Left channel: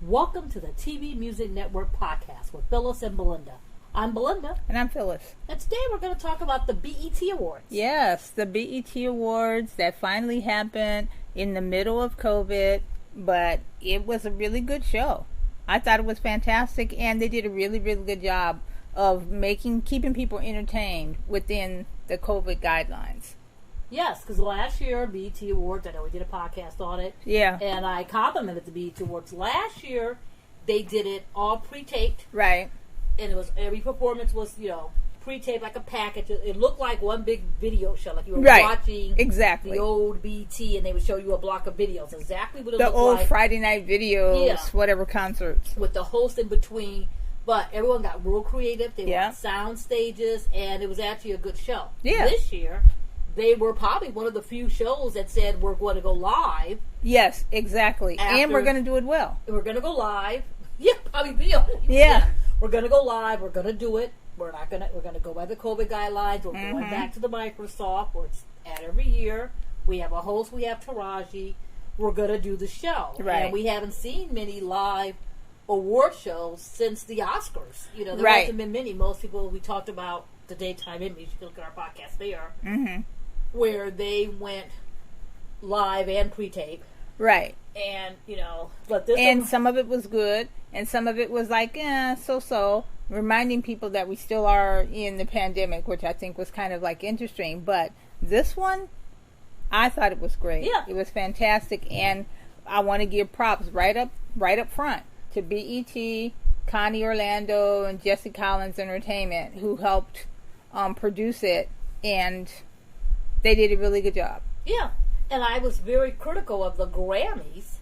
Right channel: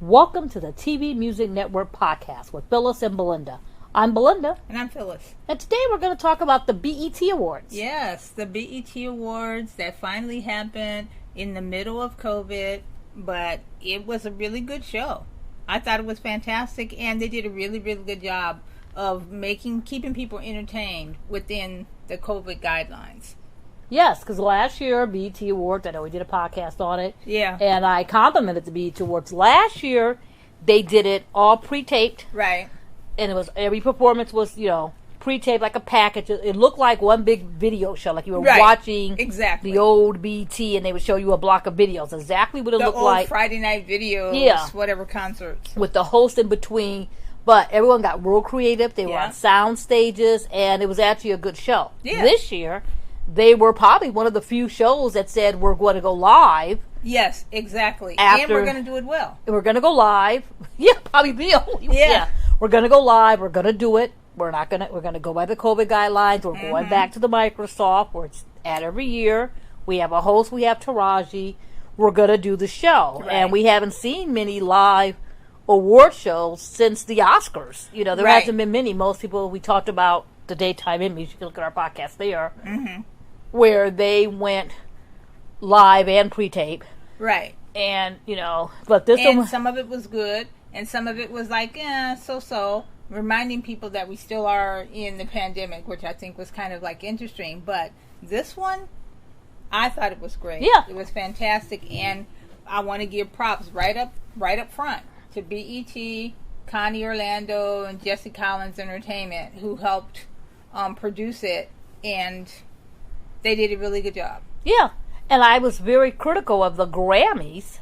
Welcome to the TVMusic Network Podcast with Phyllis and Belinda. I'm Belinda. And I'm Phyllis. And today we're going to talk about the BET Awards. Yes, the BET Awards that finally happened in the middle of COVID, but it was a really good show. I thought it was fantastic, and they did a really, really good job of keeping people entertained within the COVID guidelines. Yes, because last year, BET Awards, I know we did a podcast on it. Yeah. And I complimented the BET Awards. Last year, they did it all pre-taped. Right. And it was every performance was, pre-taped like a package. It looked like one big video show, like you were watching the old BET, and they would show you a block of videos. Exactly what it looked like. The old Friday night videos, whatever concerts. With the host in between. But everyone got real creative. They were on sound stages, and it was actually a good show. Yeah. This year, they were probably one of the few shows that said we're going to go live. Yes, exactly. And we're going to do it well. And we're going to go live. Yeah, probably the only. Yeah. We're going to go live. We're going to do it. We're going to go by the COVID guidelines. We're going back to the Microsoft where it's at every year. We have a host. We have Taraji. We're going to do the show. Right. And we haven't seen many live award shows since the Oscars. There hasn't been many. Most people, we talked about the daytime Emmys. You can look at our podcast there. Mm-hmm. Where they went live and pre-tape. Right. And, but this one... some of it was good, and some of it was like, so-so, reminding people that we still are in the pandemic, which I think was kind of like interesting. But this one, I thought it was great. Yeah. It was fantastic, and I want to give props right up front to BET, Connie Orlando, and Jesse Collins Entertainment, who helped produce it, and... they did a really good job. Yeah, and I was very critical of the Grammys,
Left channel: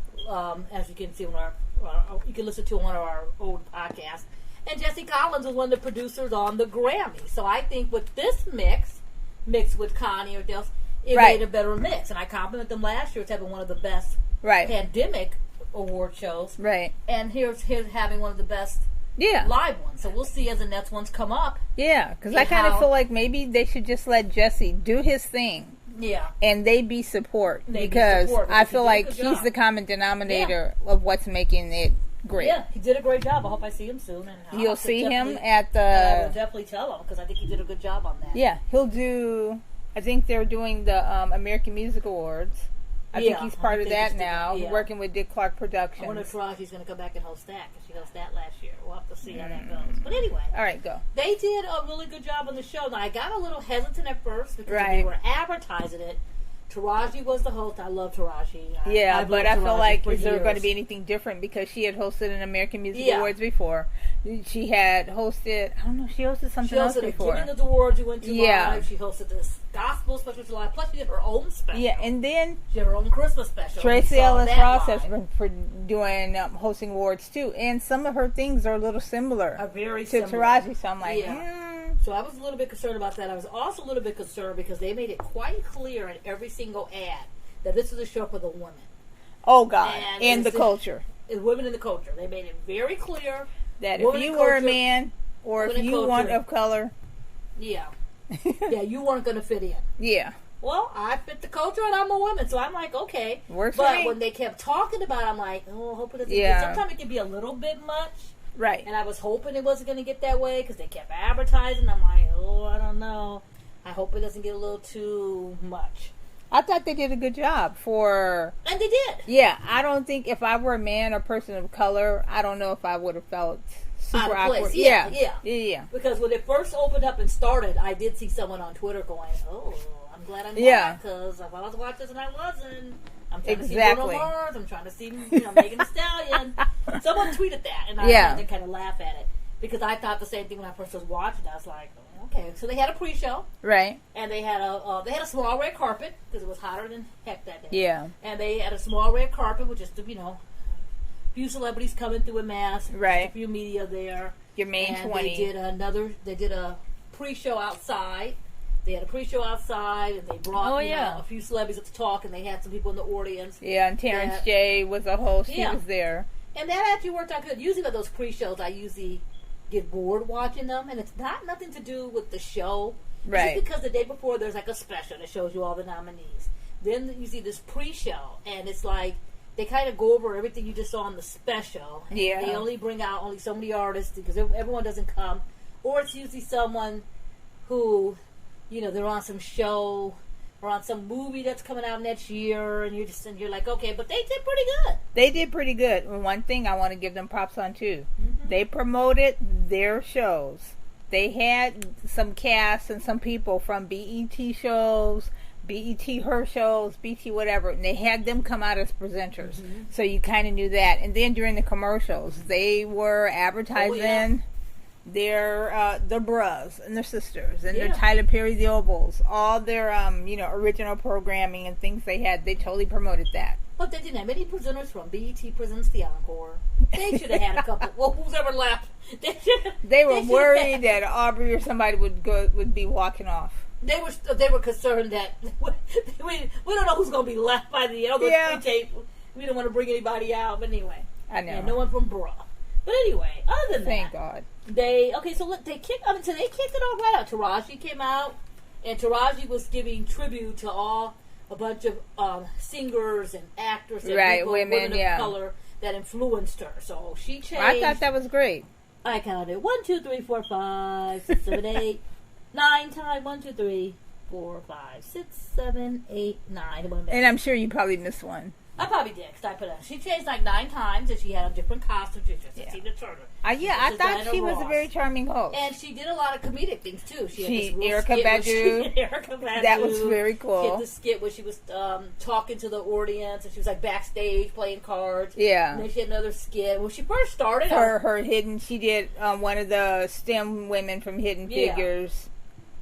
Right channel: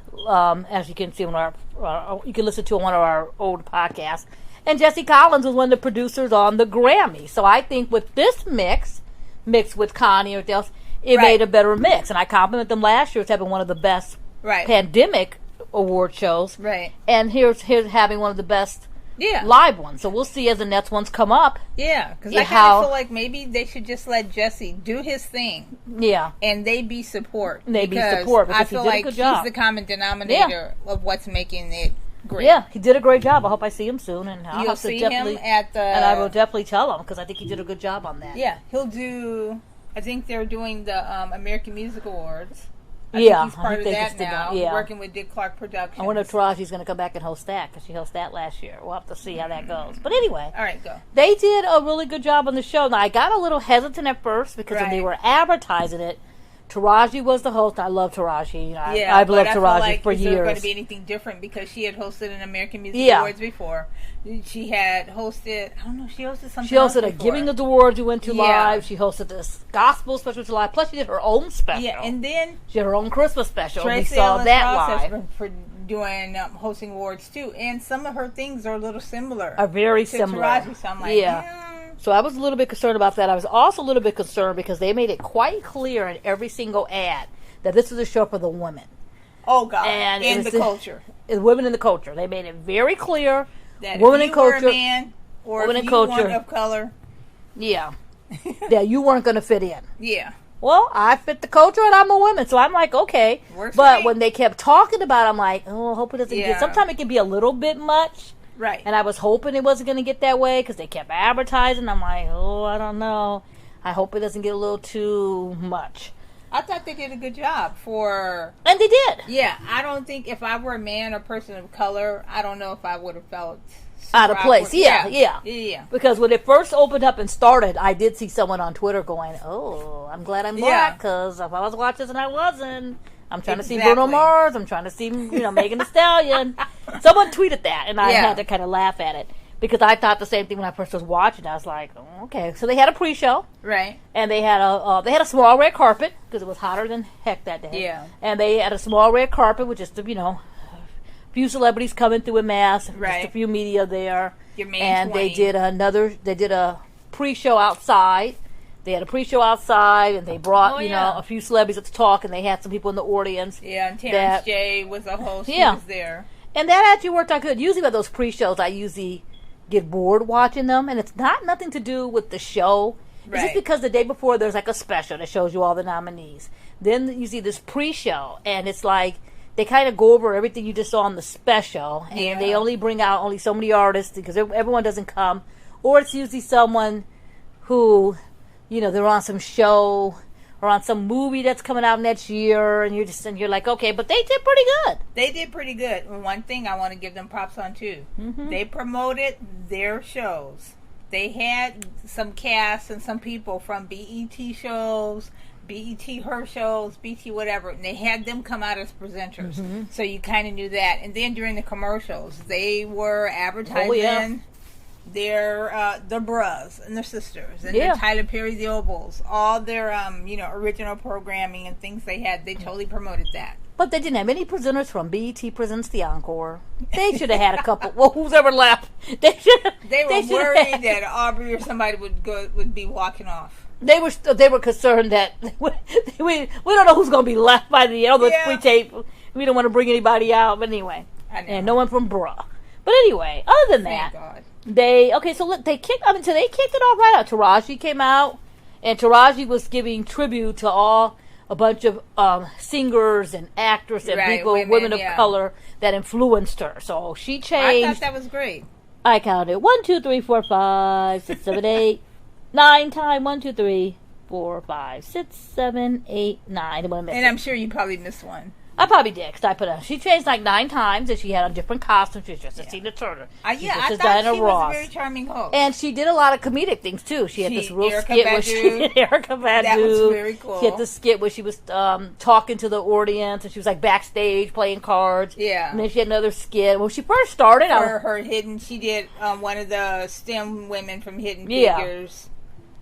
as you can see on you can listen to one of our old podcasts. And Jesse Collins was one of the producers on the Grammys. So I think with this mixed with Connie or else, it made a better mix. And I complimented them last year as having one of the best pandemic award shows. Right. And here's having one of the best. Live ones. So we'll see as the next ones come up. Yeah, because I kind of feel like maybe they should just let Jesse do his thing. Yeah. And they be support. Because I feel like he's the common denominator of what's making it great. Yeah, he did a great job. I hope I see him soon. And you'll see him at the... and I will definitely tell him because I think he did a good job on that. Yeah, he'll do... I think they're doing the American Music Awards. I think he's part of that now, working with Dick Clark Productions. I wonder if Taraji's going to come back and host that, because she hosted that last year. We'll have to see how that goes. But anyway. All right, go. They did a really good job on the show. Now, I got a little hesitant at first, because when they were advertising it, Taraji was the host. I love Taraji. I've loved Taraji feel like for years. Is there going to be anything different? Because she had hosted an American Music Awards before. She had hosted, I don't know, she hosted something else before. She hosted a Giving of the Awards we went to live. She hosted this gospel special live. Plus, she did her own special. Yeah, and then she had her own Christmas special. Tracy Ellis Ross has been doing hosting awards too, and some of her things are a little similar. Are very to similar. Taraji, so I'm like, So I was a little bit concerned about that. I was also a little bit concerned because they made it quite clear in every single ad that this is a show for the women. Oh, God. And in the culture. Women in the culture. They made it very clear that if you were a man or if you weren't of color. Yeah. You weren't going to fit in. Yeah. Well, I fit the culture and I'm a woman. So I'm like, okay. Works but for me. When they kept talking about it, I'm like, oh, I hope it doesn't get... Sometimes it can be a little bit much. Right. And I was hoping it wasn't going to get that way because they kept advertising. I'm like, oh, I don't know. I hope it doesn't get a little too much. I thought they did a good job for... And they did. Yeah. I don't think if I were a man or person of color, I don't know if I would have felt out of place. Yeah. Because when it first opened up and started, I did see someone on Twitter going, oh, I'm glad I'm black because if I was watching this and I wasn't... I'm trying to see Bruno Mars. I'm trying to see, Megan Thee Stallion. Someone tweeted that, and I had to kind of laugh at it because I thought the same thing when I first was watching. I was like, oh, okay. So they had a pre-show, right? And they had a small red carpet because it was hotter than heck that day. Yeah. And they had a small red carpet with just a few celebrities coming through in mass, right? Just a few media there. Your main and 20. They did a pre-show outside. They had a pre-show outside, and they brought, a few celebrities to talk, and they had some people in the audience. Yeah, and Terrence J was a host. He was there. And that actually worked out good. Usually by those pre-shows, I usually get bored watching them, and it's nothing to do with the show. Right. It's just because the day before, there's like a special that shows you all the nominees. Then you see this pre-show, and it's like they kind of go over everything you just saw on the special. And Yeah. they only bring out only so many artists because everyone doesn't come. Or it's usually someone who, they're on some show or on some movie that's coming out next year, and you're like, okay, but they did pretty good. They did pretty good. And one thing I want to give them props on too. Mm-hmm. They promoted their shows. They had some cast and some people from BET shows, BET her shows, BET whatever, and they had them come out as presenters. Mm-hmm. So you kind of knew that. And then during the commercials, they were advertising their bras and their sisters and their Tyler Perry the Opals, all their original programming and things they had. They totally promoted that. But they didn't have any presenters from BET Presents the Encore. They should have had a couple. Well, who's ever left? They were worried that Aubrey or somebody would be walking off. They were concerned that we don't know who's going to be left by the end of the tape. We don't want to bring anybody out. But anyway, I know. And no one from Bra. But anyway, other than Thank that, God. they kicked it all right out. Taraji came out, and Taraji was giving tribute to a bunch of singers and actors and people, women of color that influenced her. So she changed. I thought that was great. I counted 1, 2, 3, 4, 5, 6, 7, 8, 9 times. 1, 2, 3, 4, 5, 6, 7, 8, 9. And I'm sure you probably missed one. I probably did, because she changed like 9 times, and she had a different costume. She was just a Tina Turner. I thought she was a very charming host. And she did a lot of comedic things, too. She had this real Erica skit Badu. Erica Badu. That was very cool. She had this skit where she was talking to the audience, and she was like backstage playing cards. Yeah. And then she had another skit. When she first started, she did one of the STEM women from Hidden Figures.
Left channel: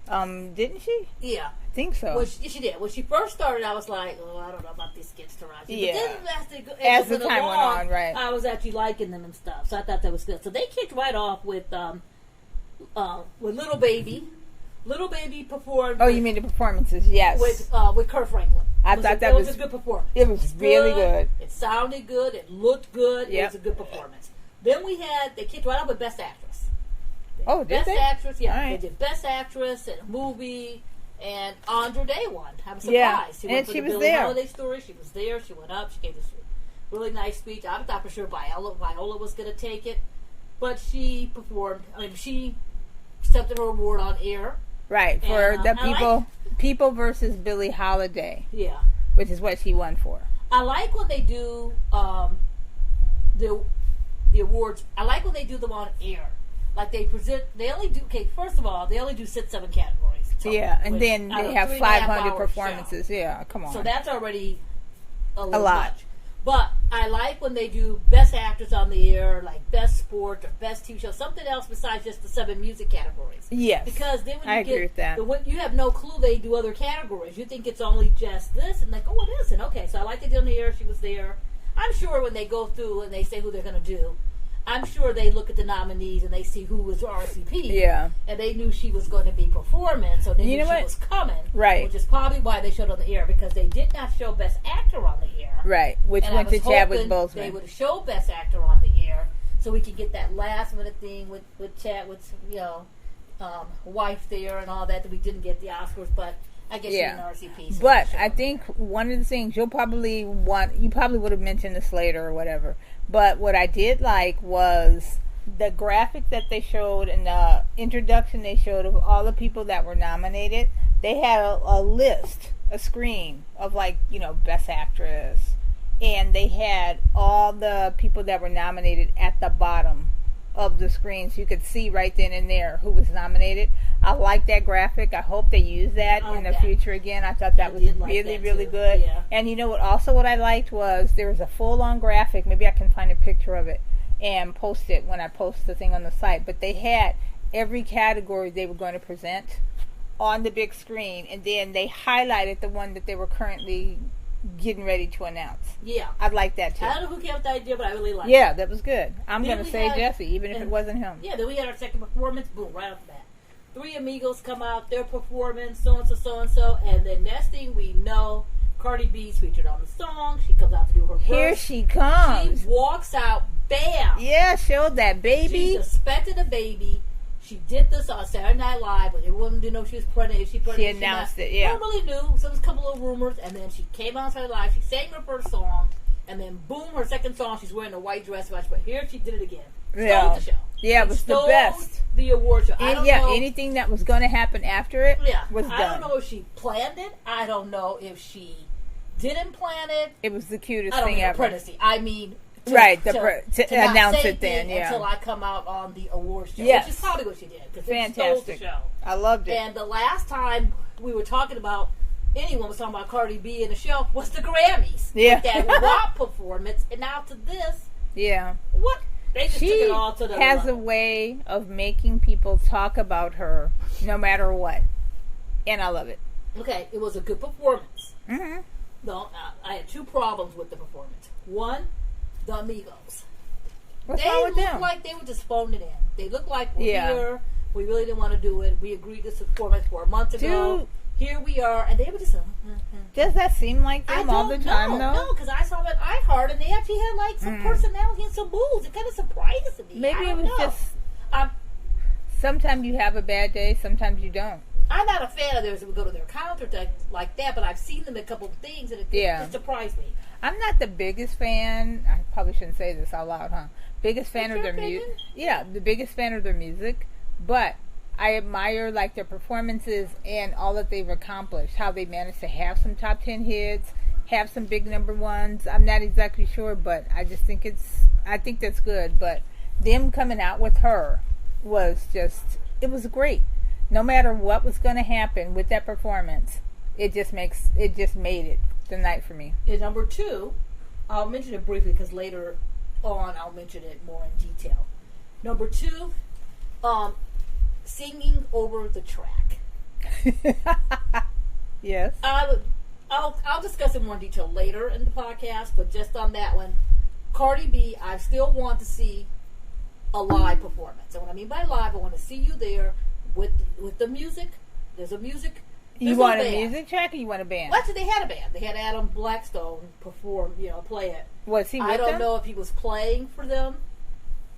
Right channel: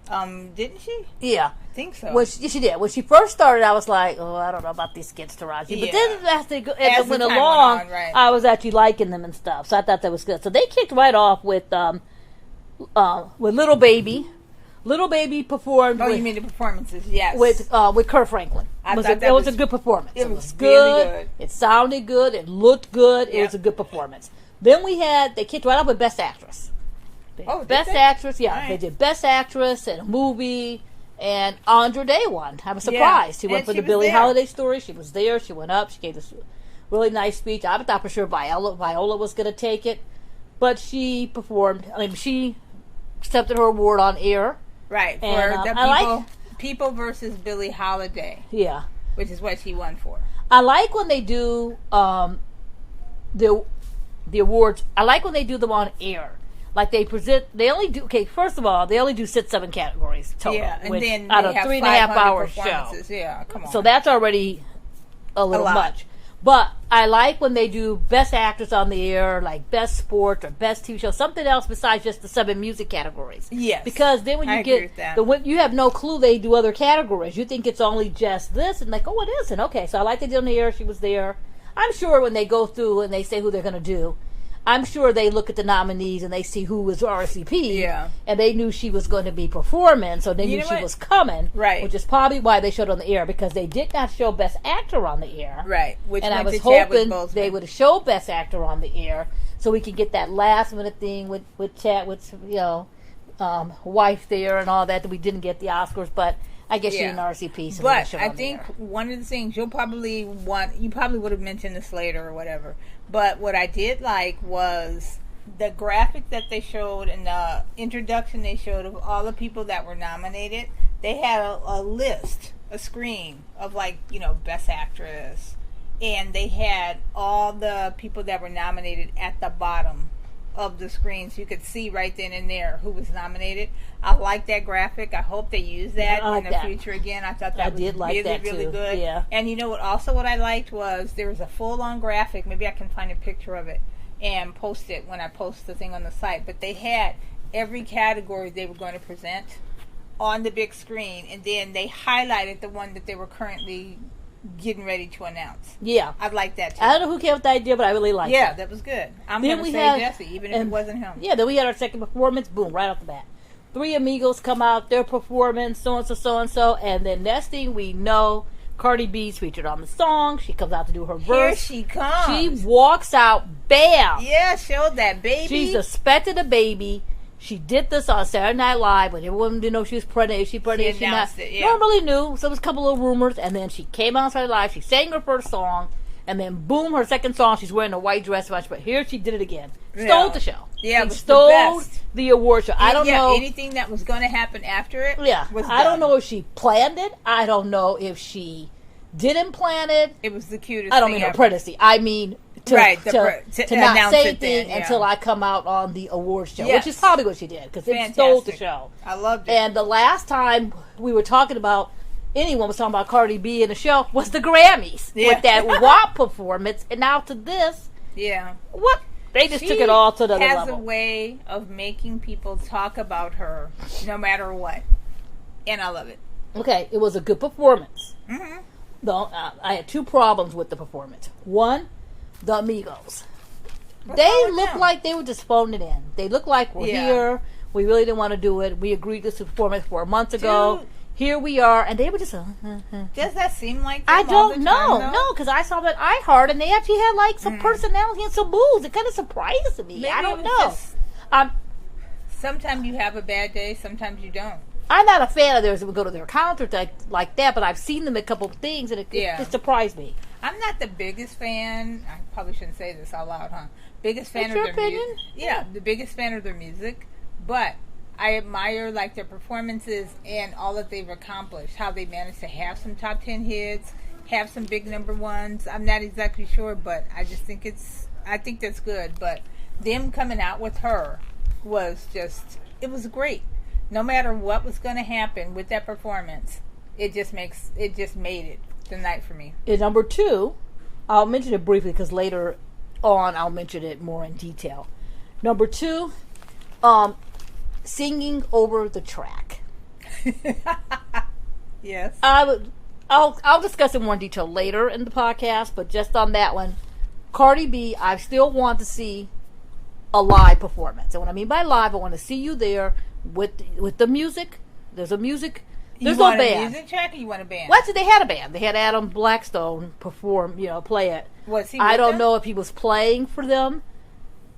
Didn't she? Yeah. I think so. Well, she did. When she first started, I was like, oh, I don't know about these skits, Taraji. Yeah. But then as they went along, I was actually liking them and stuff. So I thought that was good. So they kicked right off with Little Baby. Little Baby performed. Oh, you mean the performances? Yes. With Kurt Franklin. I thought that was a good performance. It was really good. It sounded good. It looked good. It was a good performance. Then they kicked right off with Best Actress. Best Actress, yeah. Right. They did Best Actress in a movie, and Andra Day won. I was surprised. She went for the Billie Holiday story. She was there. She went up. She gave this really nice speech. I thought for sure Viola was going to take it, but she performed. I mean, she accepted her award on air. Right, for the people versus Billie Holiday. Yeah. Which is what she won for. I like when they do the awards. I like when they do them on air. Like they only do, first of all, they only do 6-7 categories total. Yeah, and then they have 500 performances. Show. Yeah, come on. So that's already a little much. But I like when they do Best Actress on the Air, like Best Sport or Best TV Show, something else besides just the 7 music categories. Yes. Because then when you you have no clue they do other categories. You think it's only just this, and like, oh, it isn't. Okay, so I like they did on the air. She was there. I'm sure when they go through and they say who they're going to do, I'm sure they look at the nominees and they see who was RSVP. Yeah. And they knew she was going to be performing, so they knew she was coming. Right. Which is probably why they showed on the air, because they did not show Best Actor on the air. Right. Which and went I was to Chadwick hoping Boseman. they would have showed Best Actor on the air so we could get that last minute thing with Chadwick's, wife there and all that we didn't get the Oscars, but I guess she's an RCP. So but I think one of the things you probably would have mentioned this later or whatever, but what I did like was the graphic that they showed and the introduction they showed of all the people that were nominated. They had a list, a screen of Best Actress, and they had all the people that were nominated at the bottom of the screen, so you could see right then and there who was nominated. I like that graphic. I hope they use that in the future again. I thought that was really good. Yeah. And what I liked was there was a full-on graphic. Maybe I can find a picture of it and post it when I post the thing on the site. But they had every category they were going to present on the big screen, and then they highlighted the one that they were currently getting ready to announce. Yeah. I'd like that too. I don't know who came up with the idea, but I really liked it. Yeah, that was good. I'm going to say Jesse, even if it wasn't him. Yeah, then we had our second performance, boom, right off the bat. 3 amigos come out, their performance, so-and-so, and then next thing we know, Cardi B's featured on the song. She comes out to do her verse. Here she comes. She walks out, bam! Yeah, showed that baby. She suspected a baby. She did this on Saturday Night Live when everyone didn't know she was pregnant. She announced it, yeah. No one really knew, so there was a couple of rumors, and then she came on Saturday Night Live. She sang her first song. And then, boom, her second song, she's wearing a white dress. But here she did it again. Stole the show. Yeah, it was stole the best. The award show. I don't know. Anything that was going to happen after it was done. I don't know if she planned it. I don't know if she didn't plan it. It was the cutest I don't thing mean ever. apprentice. I mean... to not announce say it then until I come out on the award show, which is probably what she did, because it stole the show. I loved it. And the last time we were talking about, anyone was talking about Cardi B in the show, was the Grammys with that WAP performance, and now to this, what? They just took it all to the level. She has a way of making people talk about her no matter what, and I love it. Okay, it was a good performance. Mm-hmm. Though I had two problems with the performance. One, the Amigos. What's they wrong with looked them? like they were just phoning it in. They looked like we're here. We really didn't want to do it. We agreed to this performance 4 months ago. Dude. Here we are, and they were just. Does that seem like them I all don't the time, know. though? No, because I saw that iHeart, and they actually had like some personality and some moves. It kind of surprises me. Maybe I don't it was know. just. Sometimes you have a bad day. Sometimes you don't. I'm not a fan of theirs that would go to their accounts or like that, but I've seen them in a couple of things, and it surprised me. I'm not the biggest fan. I probably shouldn't say this out loud, huh? Biggest fan of their music. Yeah, the biggest fan of their music. But I admire like their performances and all that they've accomplished. How they managed to have some top 10 hits, have some big number ones. I'm not exactly sure, but I just think I think that's good. But them coming out with her was just, it was great. No matter what was going to happen with that performance, it just made it the night for me. And number two, I'll mention it briefly because later on I'll mention it more in detail. Number two, singing over the track. Yes. I'll discuss it more in detail later in the podcast, but just on that one, Cardi B, I still want to see a live performance. And what I mean by live, I want to see you there with the music. There's a music. There's you want no a band. music track or you want a band? Well, actually, they had a band. They had Adam Blackstone perform, play it. Was he? I don't them? know if he was playing for them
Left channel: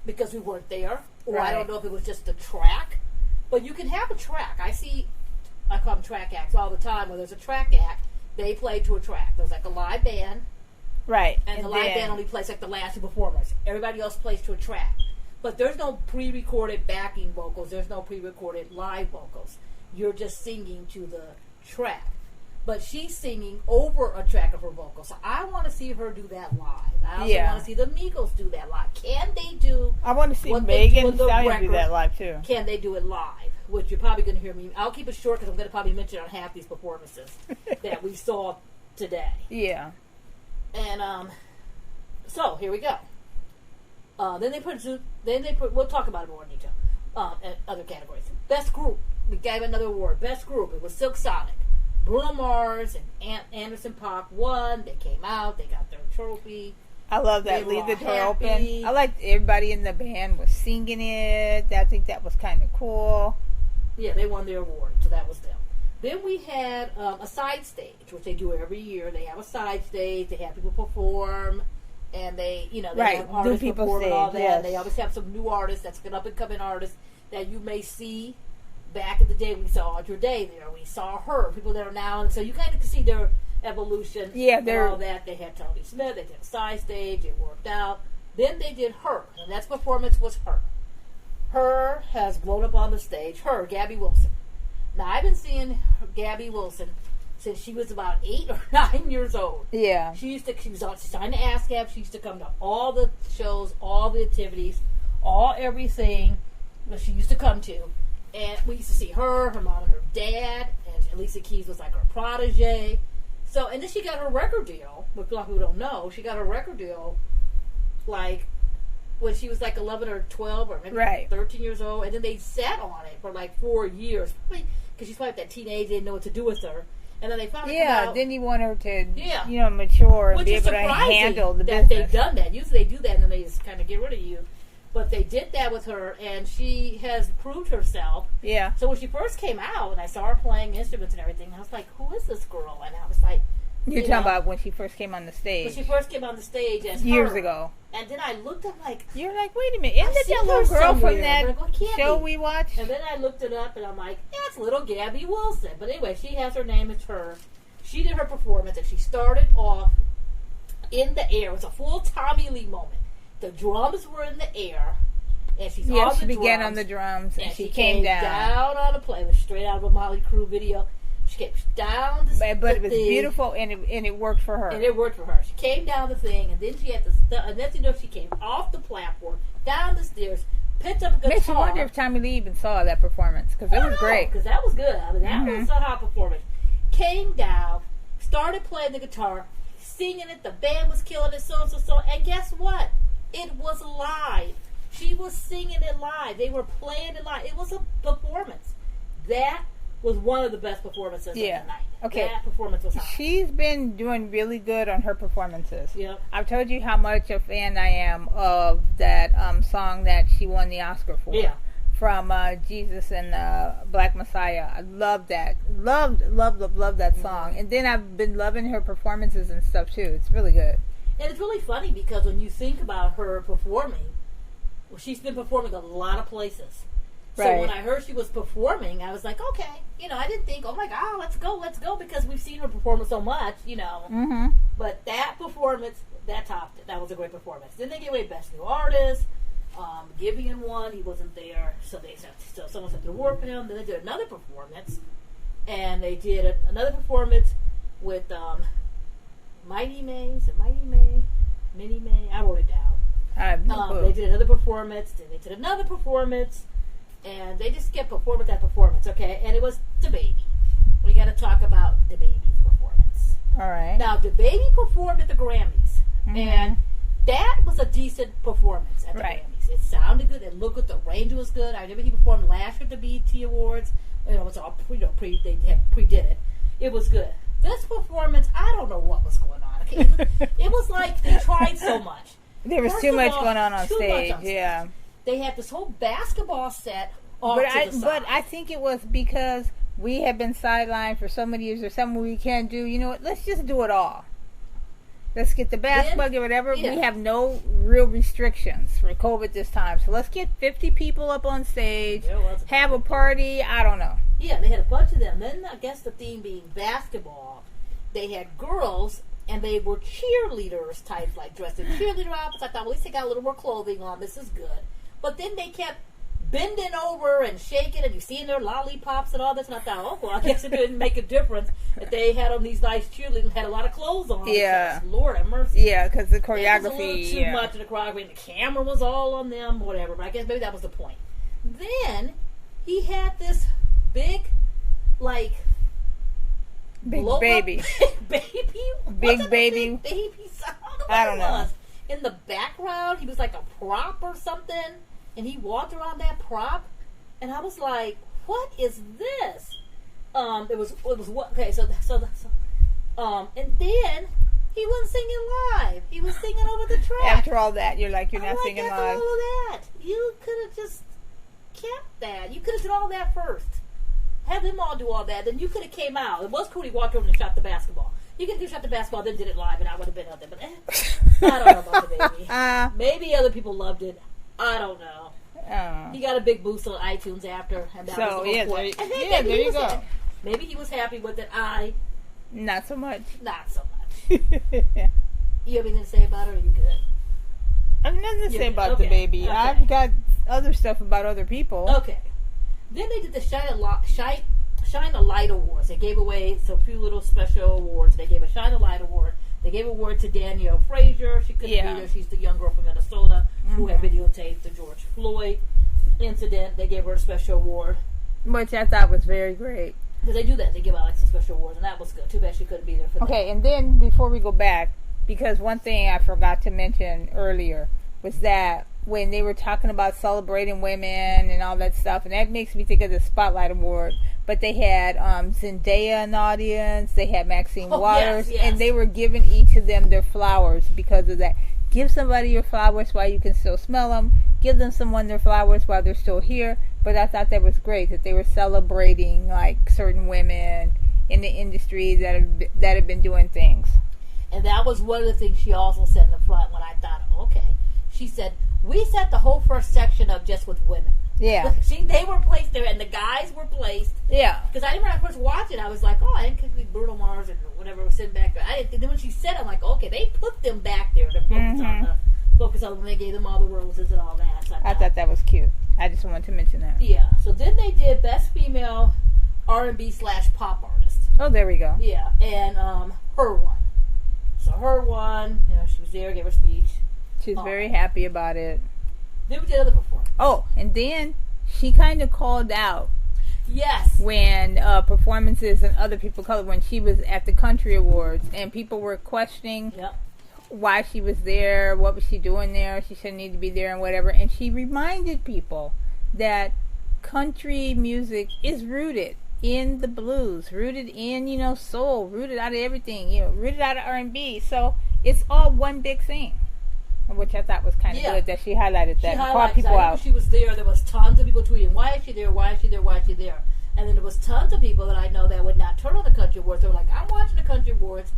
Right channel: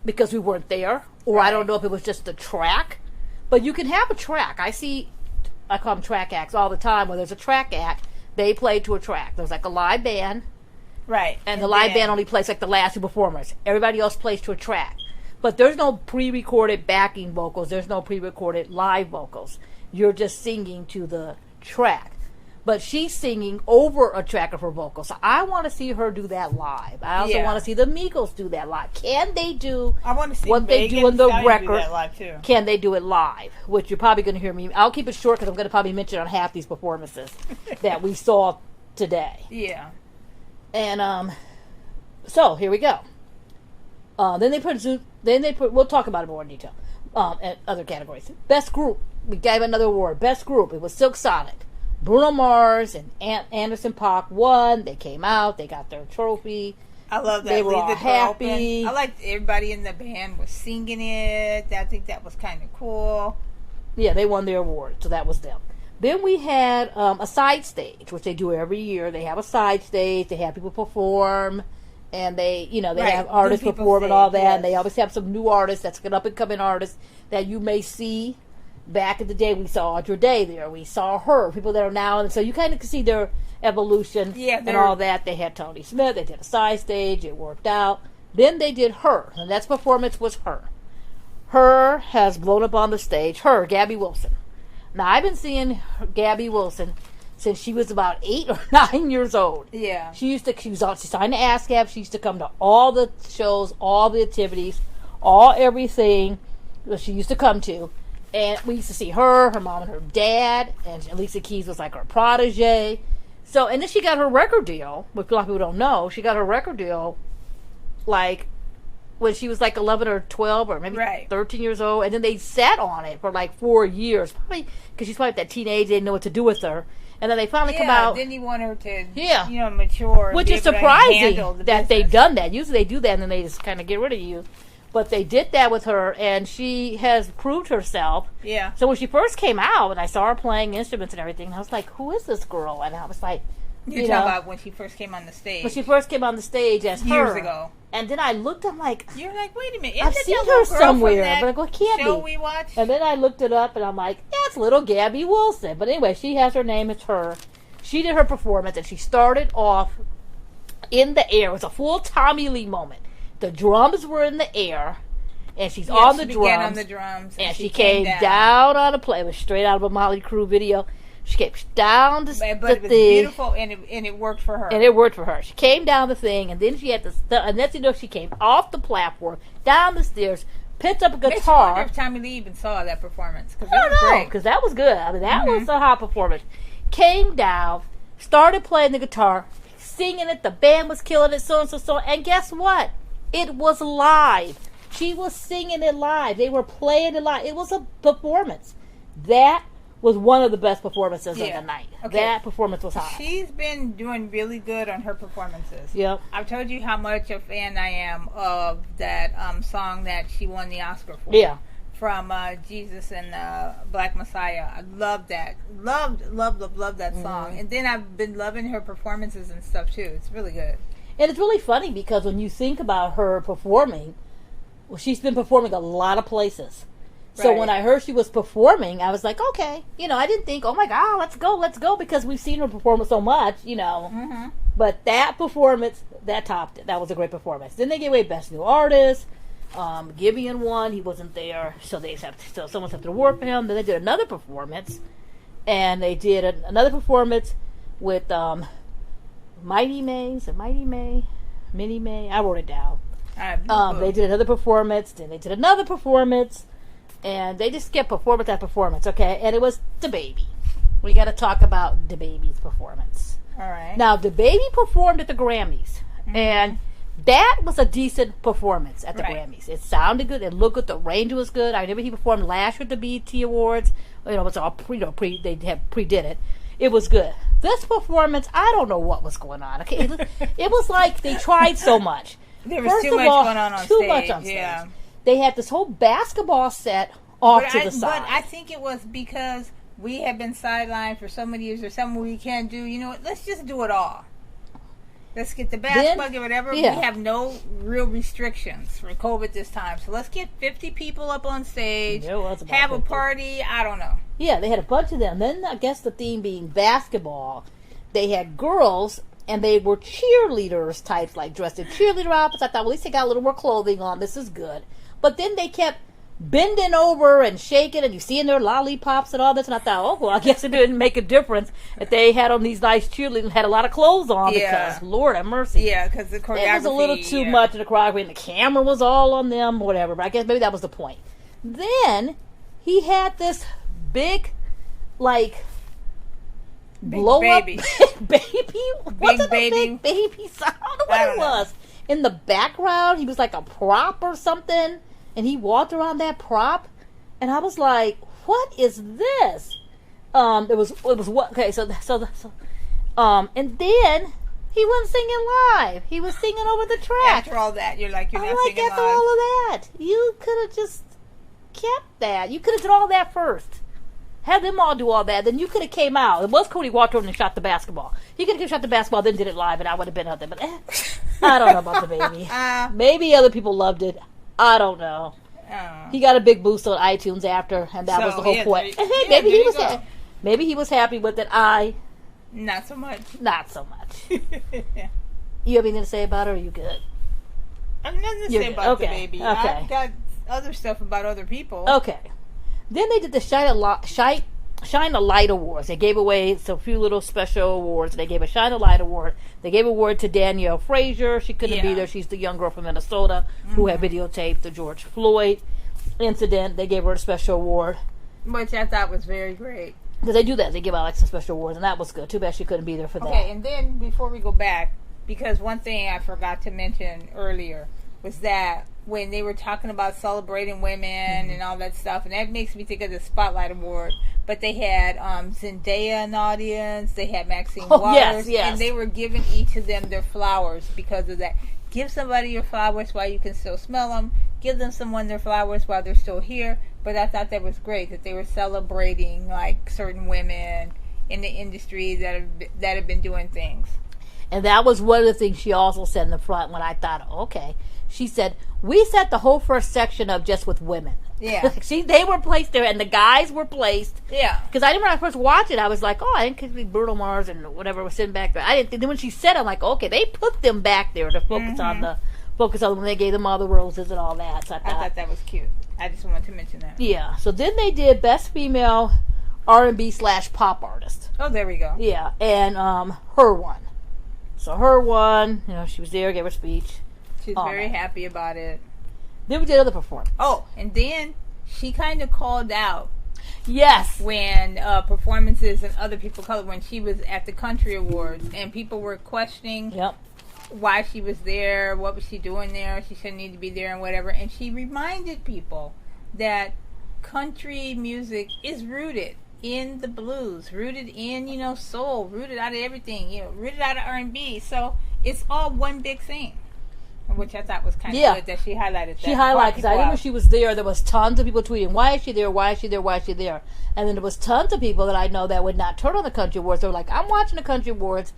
because we weren't there, or I don't know if it was just a track. But you can have a track. I call them track acts all the time. When there's a track act, they play to a track. There's like a live band, right? And the live band only plays like the last two performers. Everybody else plays to a track. But there's no pre-recorded backing vocals. There's no pre-recorded live vocals. You're just singing to the track. But she's singing over a track of her vocals. So I want to see her do that live. I also want to see the Migos do that live. Can they do I want to see what they do in the record? Do that live too. Can they do it live? Which you're probably going to hear me. I'll keep it short because I'm going to probably mention on half these performances that we saw today. Yeah. And so here we go. Then they put. We'll talk about it more in detail. And other categories. Best group. We gave another award. Best group. It was Silk Sonic. Bruno Mars and Anderson .Paak won. They came out. They got their trophy. I love that. They were all happy. I liked everybody in the band was singing it. I think that was kind of cool. Yeah, they won their award, so that was them. Then we had a side stage, which they do every year. They have a side stage. They have people perform. And they have artists perform and all that. Yes. And they always have some new artists, that's an up-and-coming artist that you may see. Back in the day, we saw Audra Day there. We saw her. People that are now. And so you kind of can see their evolution and all that. They had Tony Smith. They did a side stage. It worked out. Then they did Her. And that performance was Her. Her has blown up on the stage. Her, Gabby Wilson. Now, I've been seeing Gabby Wilson since she was about 8 or 9 years old. Yeah. She signed the ASCAP. She used to come to all the shows, all the activities, everything that she used to come to. And we used to see her mom and her dad, and Alicia Keys was like her protege. So, and then she got her record deal, which a lot of people don't know. She got her record deal, like, when she was like 11 or 12 or maybe 13 years old. And then they sat on it for like 4 years, probably because she's probably that teenage, they didn't know what to do with her. And then they finally come out. Then you want her to, mature. Which is surprising that they've done that. Usually they do that and then they just kind of get rid of you. But they did that with her, and she has proved herself. Yeah. So when she first came out, and I saw her playing instruments and everything, I was like, who is this girl? And I was like... You're talking about when she first came on the stage. When she first came on the stage as years her. ago. And then I looked, I'm like... You're like, wait a minute. I've seen her somewhere. From that but can't show be. We watched? And then I looked it up, and I'm like, that's little Gabby Wilson. But anyway, she has her name. It's Her. She did her performance, and she started off in the air. It was a full Tommy Lee moment. The drums were in the air, and she's Yeah, on the she drums. began on the drums, and she came down on a plane. It was straight out of a Motley Crue video. She came down the thing. But it was beautiful, and it worked for her. And it worked for her. She came down the thing, and then she had to. And then she came off the platform, down the stairs, picked up a guitar. Makes you wonder if Tommy Lee even saw that performance, because it was great. Because that was good. I mean, that was a hot performance. Came down, started playing the guitar, singing it. The band was killing it, so and so. And guess what? It was live. She was singing it live. They were playing it live. It was a performance. That was one of the best performances of the night. Okay. That performance was hot. She's been doing really good on her performances. Yep. I've told you how much a fan I am of that song that she won the Oscar for. Yeah. From Jesus and Black Messiah. I love that. Love that song. And then I've been loving her performances and stuff too. It's really good. And it's really funny because when you think about her performing, well, she's been performing a lot of places. So when I heard she was performing, I was like, okay. I didn't think, oh my God, let's go, because we've seen her perform so much, Mm-hmm. But that performance, that topped it. That was a great performance. Then they gave away Best New Artist. Gibeon won. He wasn't there, so someone had to award for him. Then they did another performance, and they did another performance with Minnie May. I wrote it down. They did another performance. Then they did another performance. And they just kept performance after performance, okay? And it was DaBaby. We got to talk about DaBaby's performance. All right. Now, DaBaby performed at the Grammys. Mm-hmm. And that was a decent performance at the Grammys. It sounded good. It looked good. The range was good. I remember he performed last year at the BET Awards. It was all they had pre-did it. It was good. This performance, I don't know what was going on. Okay, it was like they tried so much. There was too much going on stage. Yeah. They had this whole basketball set off to the side. But I think it was because we have been sidelined for so many years. There's something we can't do. You know what? Let's just do it all. Let's get the basketball, get whatever. Yeah. We have no real restrictions for COVID this time. So let's get 50 people up on stage, have a party. I don't know. Yeah, they had a bunch of them. Then I guess the theme being basketball, they had girls, and they were cheerleaders types, like dressed in cheerleader outfits. I thought, well, at least they got a little more clothing on. This is good. But then they kept bending over and shaking, and you seeing their lollipops and all this. And I thought, oh, well, I guess it didn't make a difference if they had on these nice cheerleaders and had a lot of clothes on. Yeah. Because, Lord have mercy. Yeah, because the choreography. It was a little too much of the choreography, and the camera was all on them, whatever. But I guess maybe that was the point. Then he had this big, like, blow baby. Up baby. Big baby. Big baby sound. I don't know what it was. In the background, he was like a prop or something. And he walked around that prop, and I was like, "What is this?" It was what? Okay, so, and then he wasn't singing live. He was singing over the track. After all that, you're not singing live. After all of that, you could have just kept that. You could have done all that first. Have them all do all that. Then you could have came out. It was Cody walked over and shot the basketball. He could have shot the basketball, then did it live, and I would have been out there. But I don't know about the baby. Maybe other people loved it. I don't know. He got a big boost on iTunes after, and that was the whole point. Maybe he was happy with it. Not so much. Not so much. You have anything to say about it, or are you good? I have nothing to say about the baby. Okay. I've got other stuff about other people. Okay. Then they did the Shine a Light Awards. They gave away a few little special awards. They gave a Shine a Light Award. They gave an award to Danielle Frazier. She couldn't be there. She's the young girl from Minnesota who had videotaped the George Floyd incident. They gave her a special award. Which I thought was very great. Because they do that. They give out some special awards, and that was good. Too bad she couldn't be there for that. Okay, and then before we go back, because one thing I forgot to mention earlier was that when they were talking about celebrating women and all that stuff, and that makes me think of the Spotlight Award, but they had Zendaya in the audience, they had Maxine Waters, and they were giving each of them their flowers because of that. Give somebody your flowers while you can still smell them. Give them someone their flowers while they're still here. But I thought that was great, that they were celebrating like certain women in the industry that have been doing things. And that was one of the things she also said in the front when I thought, okay. She said, we set the whole first section up just with women. Yeah. They were placed there, and the guys were placed. Yeah. Because I remember when I first watched it, I was like, oh, I didn't think Bruno Mars and whatever was sitting back there. I didn't think. Then when she said it, I'm like, okay, they put them back there to focus on when they gave them all the roses and all that. So I thought that was cute. I just wanted to mention that. Yeah. So then they did Best Female R&B/Pop Artist. Oh, there we go. Yeah, and her won. So her won. She was there, gave her speech. She's very happy about it. Then we did other performance. Oh, and then she kind of called out. Yes. When performances and other people colored, when she was at the Country Awards, and people were questioning why she was there, what was she doing there, she shouldn't need to be there and whatever. And she reminded people that country music is rooted in the blues, rooted in, soul, rooted out of everything, rooted out of R&B. So it's all one big thing. Which I thought was kind of good that she highlighted that. She highlighted, because I remember she was there was tons of people tweeting, why is she there, why is she there, why is she there? And then there was tons of people that I know that would not turn on the Country Awards. They were like, I'm watching the Country Awards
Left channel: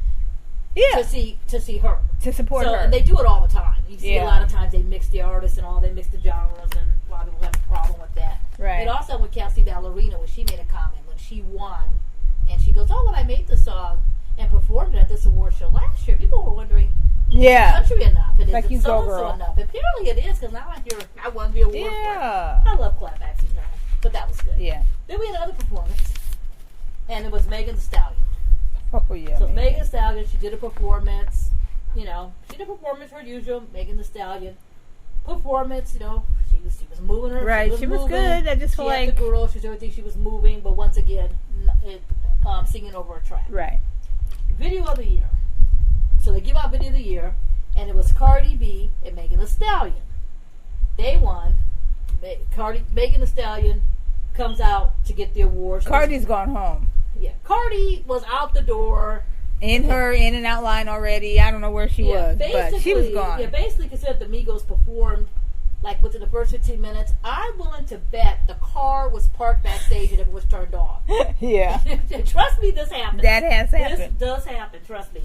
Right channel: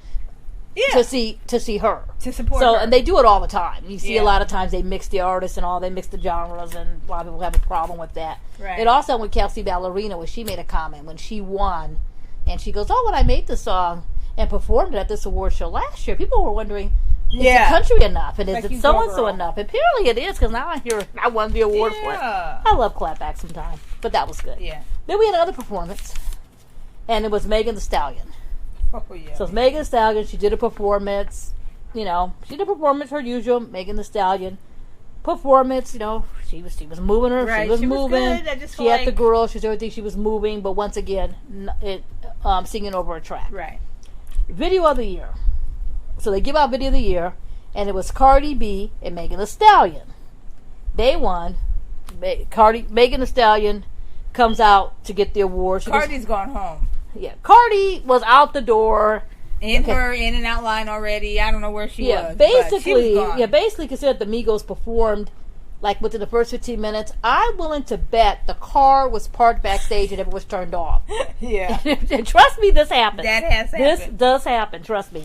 to see her. To support her. And they do it all the time. You see a lot of times they mix the artists and all, they mix the genres, and a lot of people have a problem with that. Right. It also with Kelsey Ballerina, when she made a comment when she won, and she goes, oh, when I made the song and performed it at this award show last year, people were wondering, is it country enough? And is it so-and-so enough? And apparently it is, because now I won the award for it. I love clapback sometimes. But that was good. Yeah. Then we had another performance, and it was Megan Thee Stallion. Oh, yeah. So it's Megan Thee Stallion. She did a performance. She did a performance, her usual Megan Thee Stallion performance. She was moving her. Right. She was moving. Good. I just she had the girl. She was everything. She was moving, but once again, singing over a track. Right. Video of the year. So they give out Video of the Year, and it was Cardi B and Megan Thee Stallion. They won. Megan Thee Stallion comes out to get the award. Cardi's gone home. Yeah, Cardi was out the door. Her in and out line already. I don't know where she was. Basically, but she was gone. Yeah, basically considered the Migos performed like within the first 15 minutes. I'm willing to bet the car was parked backstage and it was turned off. Yeah. And trust me, this happens. That has happened. This does happen, trust me.